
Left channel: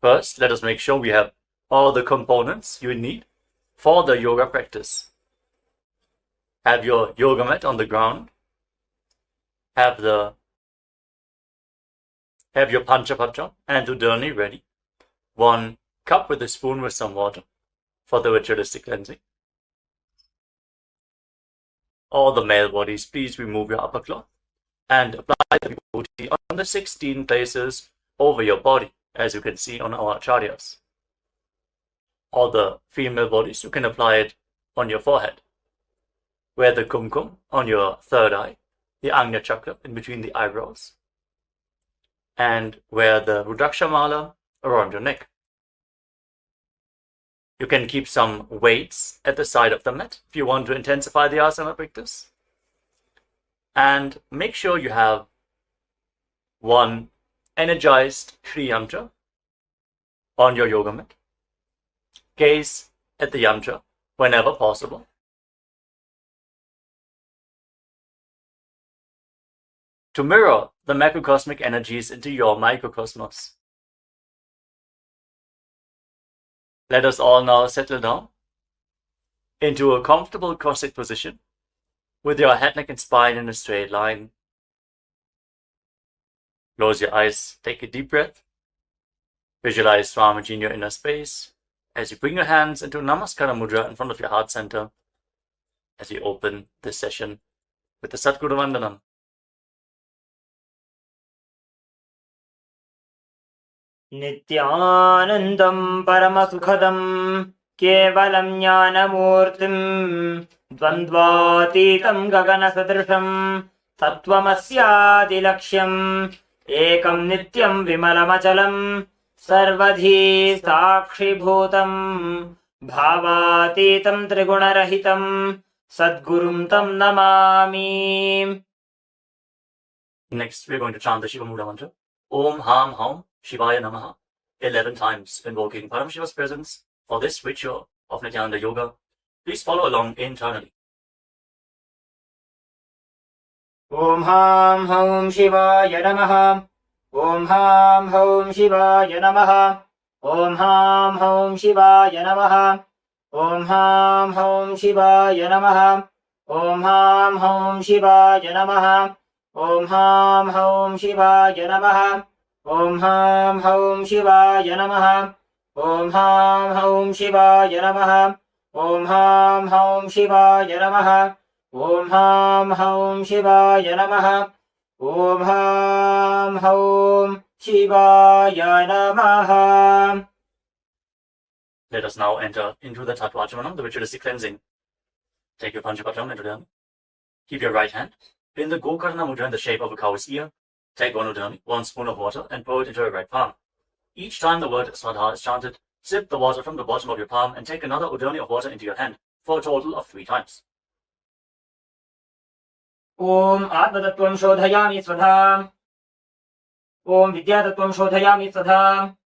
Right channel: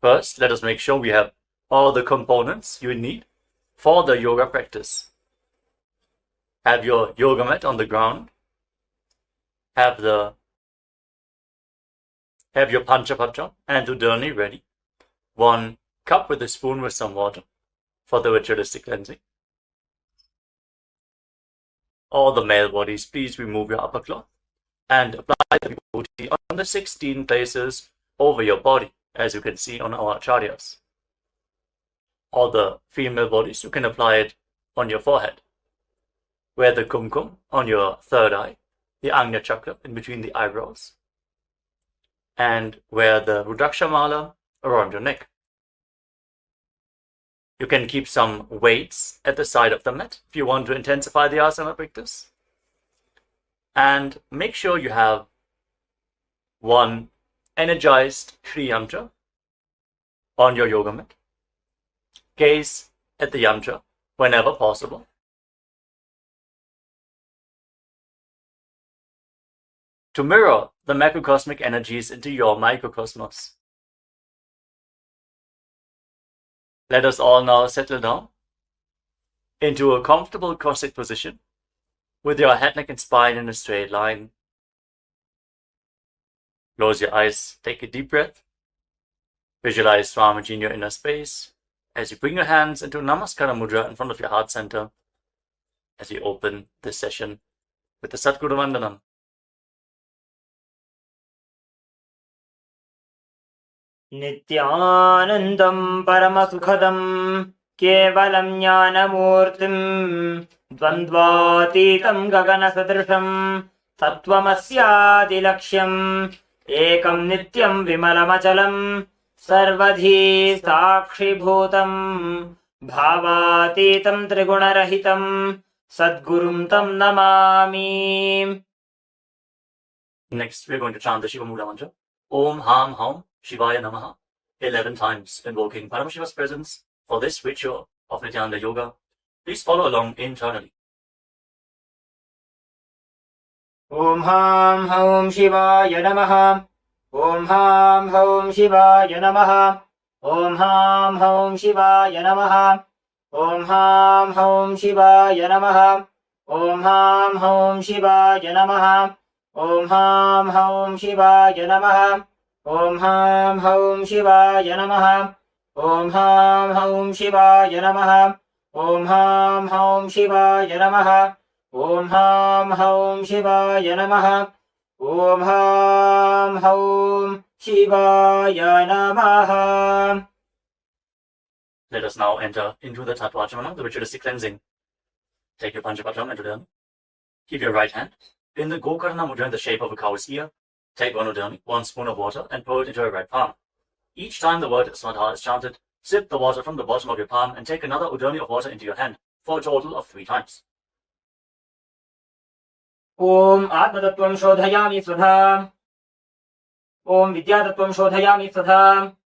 First, let us make sure we have all the components you need for the yoga practice. Have your yoga mat on the ground. Have your Panchapatra and Udani ready. 1 cup with a spoon with some water for the ritualistic cleansing. All the male bodies, please remove your upper cloth and apply the vibhuti on the 16 places over your body, as you can see on our acharyas. All the female bodies, you can apply it on your forehead. Wear the kumkum on your third eye, the Agnya chakra in between the eyebrows, and wear the Rudraksha mala around your neck. You can keep some weights at the side of the mat if you want to intensify the asana practice. And make sure you have 1 energized Shri Yantra on your yoga mat. Gaze at the yantra whenever possible. To mirror the macrocosmic energies into your microcosmos. Let us all now settle down into a comfortable cross-legged position with your head, neck and spine in a straight line. Close your eyes, take a deep breath. Visualize Swamiji in your inner space as you bring your hands into Namaskara Mudra in front of your heart center as we open this session with the Satguru Vandanam. नित्यानन्दं परमसुखदं केवलं ज्ञानमूर्तिं द्वन्द्वातीतं गगनसदृशं तत्त्वमस्यादिलक्ष्यम् एकं नित्यं विमलमचलं सर्वधी साक्षिभूतं भावातीतं त्रिगुणरहितं Sadgurum tam namami. Next, we're going to chant the Shiva Mula mantra. Om Ham Haum Shivaya Namaha 11 times, invoking Paramashiva's presence for this ritual of Nithyananda Yoga. Please follow along internally. Om Ham Haum Shivaya Namaha. Om Ham Haum Shivaya Namaha. Om Ham Haum Shivaya Namaha. Om Ham Haum Shivaya Namaha. Om Ham Haum Shivaya Namaha. Om Ham Haum Shivaya Namaha. Om Ham Haum Shivaya Namaha. Om Ham Haum Shivaya Namaha. Om Ham Haum Shivaya Namaha. Om Ham Haum Shivaya Namaha. Om Ham Haum Shivaya Namaha. Let us now enter into the Tattva-Achamanam, the ritualistic cleansing. Take your Panchapatam and Udami. Keep your right hand in the Gokarna Mudra in the shape of a cow's ear. Take one Udami, 1 spoon of water, and pour it into your right palm. Each time the word Swadha is chanted, sip the water from the bottom of your palm and take another Udami of water into your hand, for a total of 3 times. Om Atmatattvam Shodhayami Swadha. Om Vidyatattvam Shodhayami Swadha.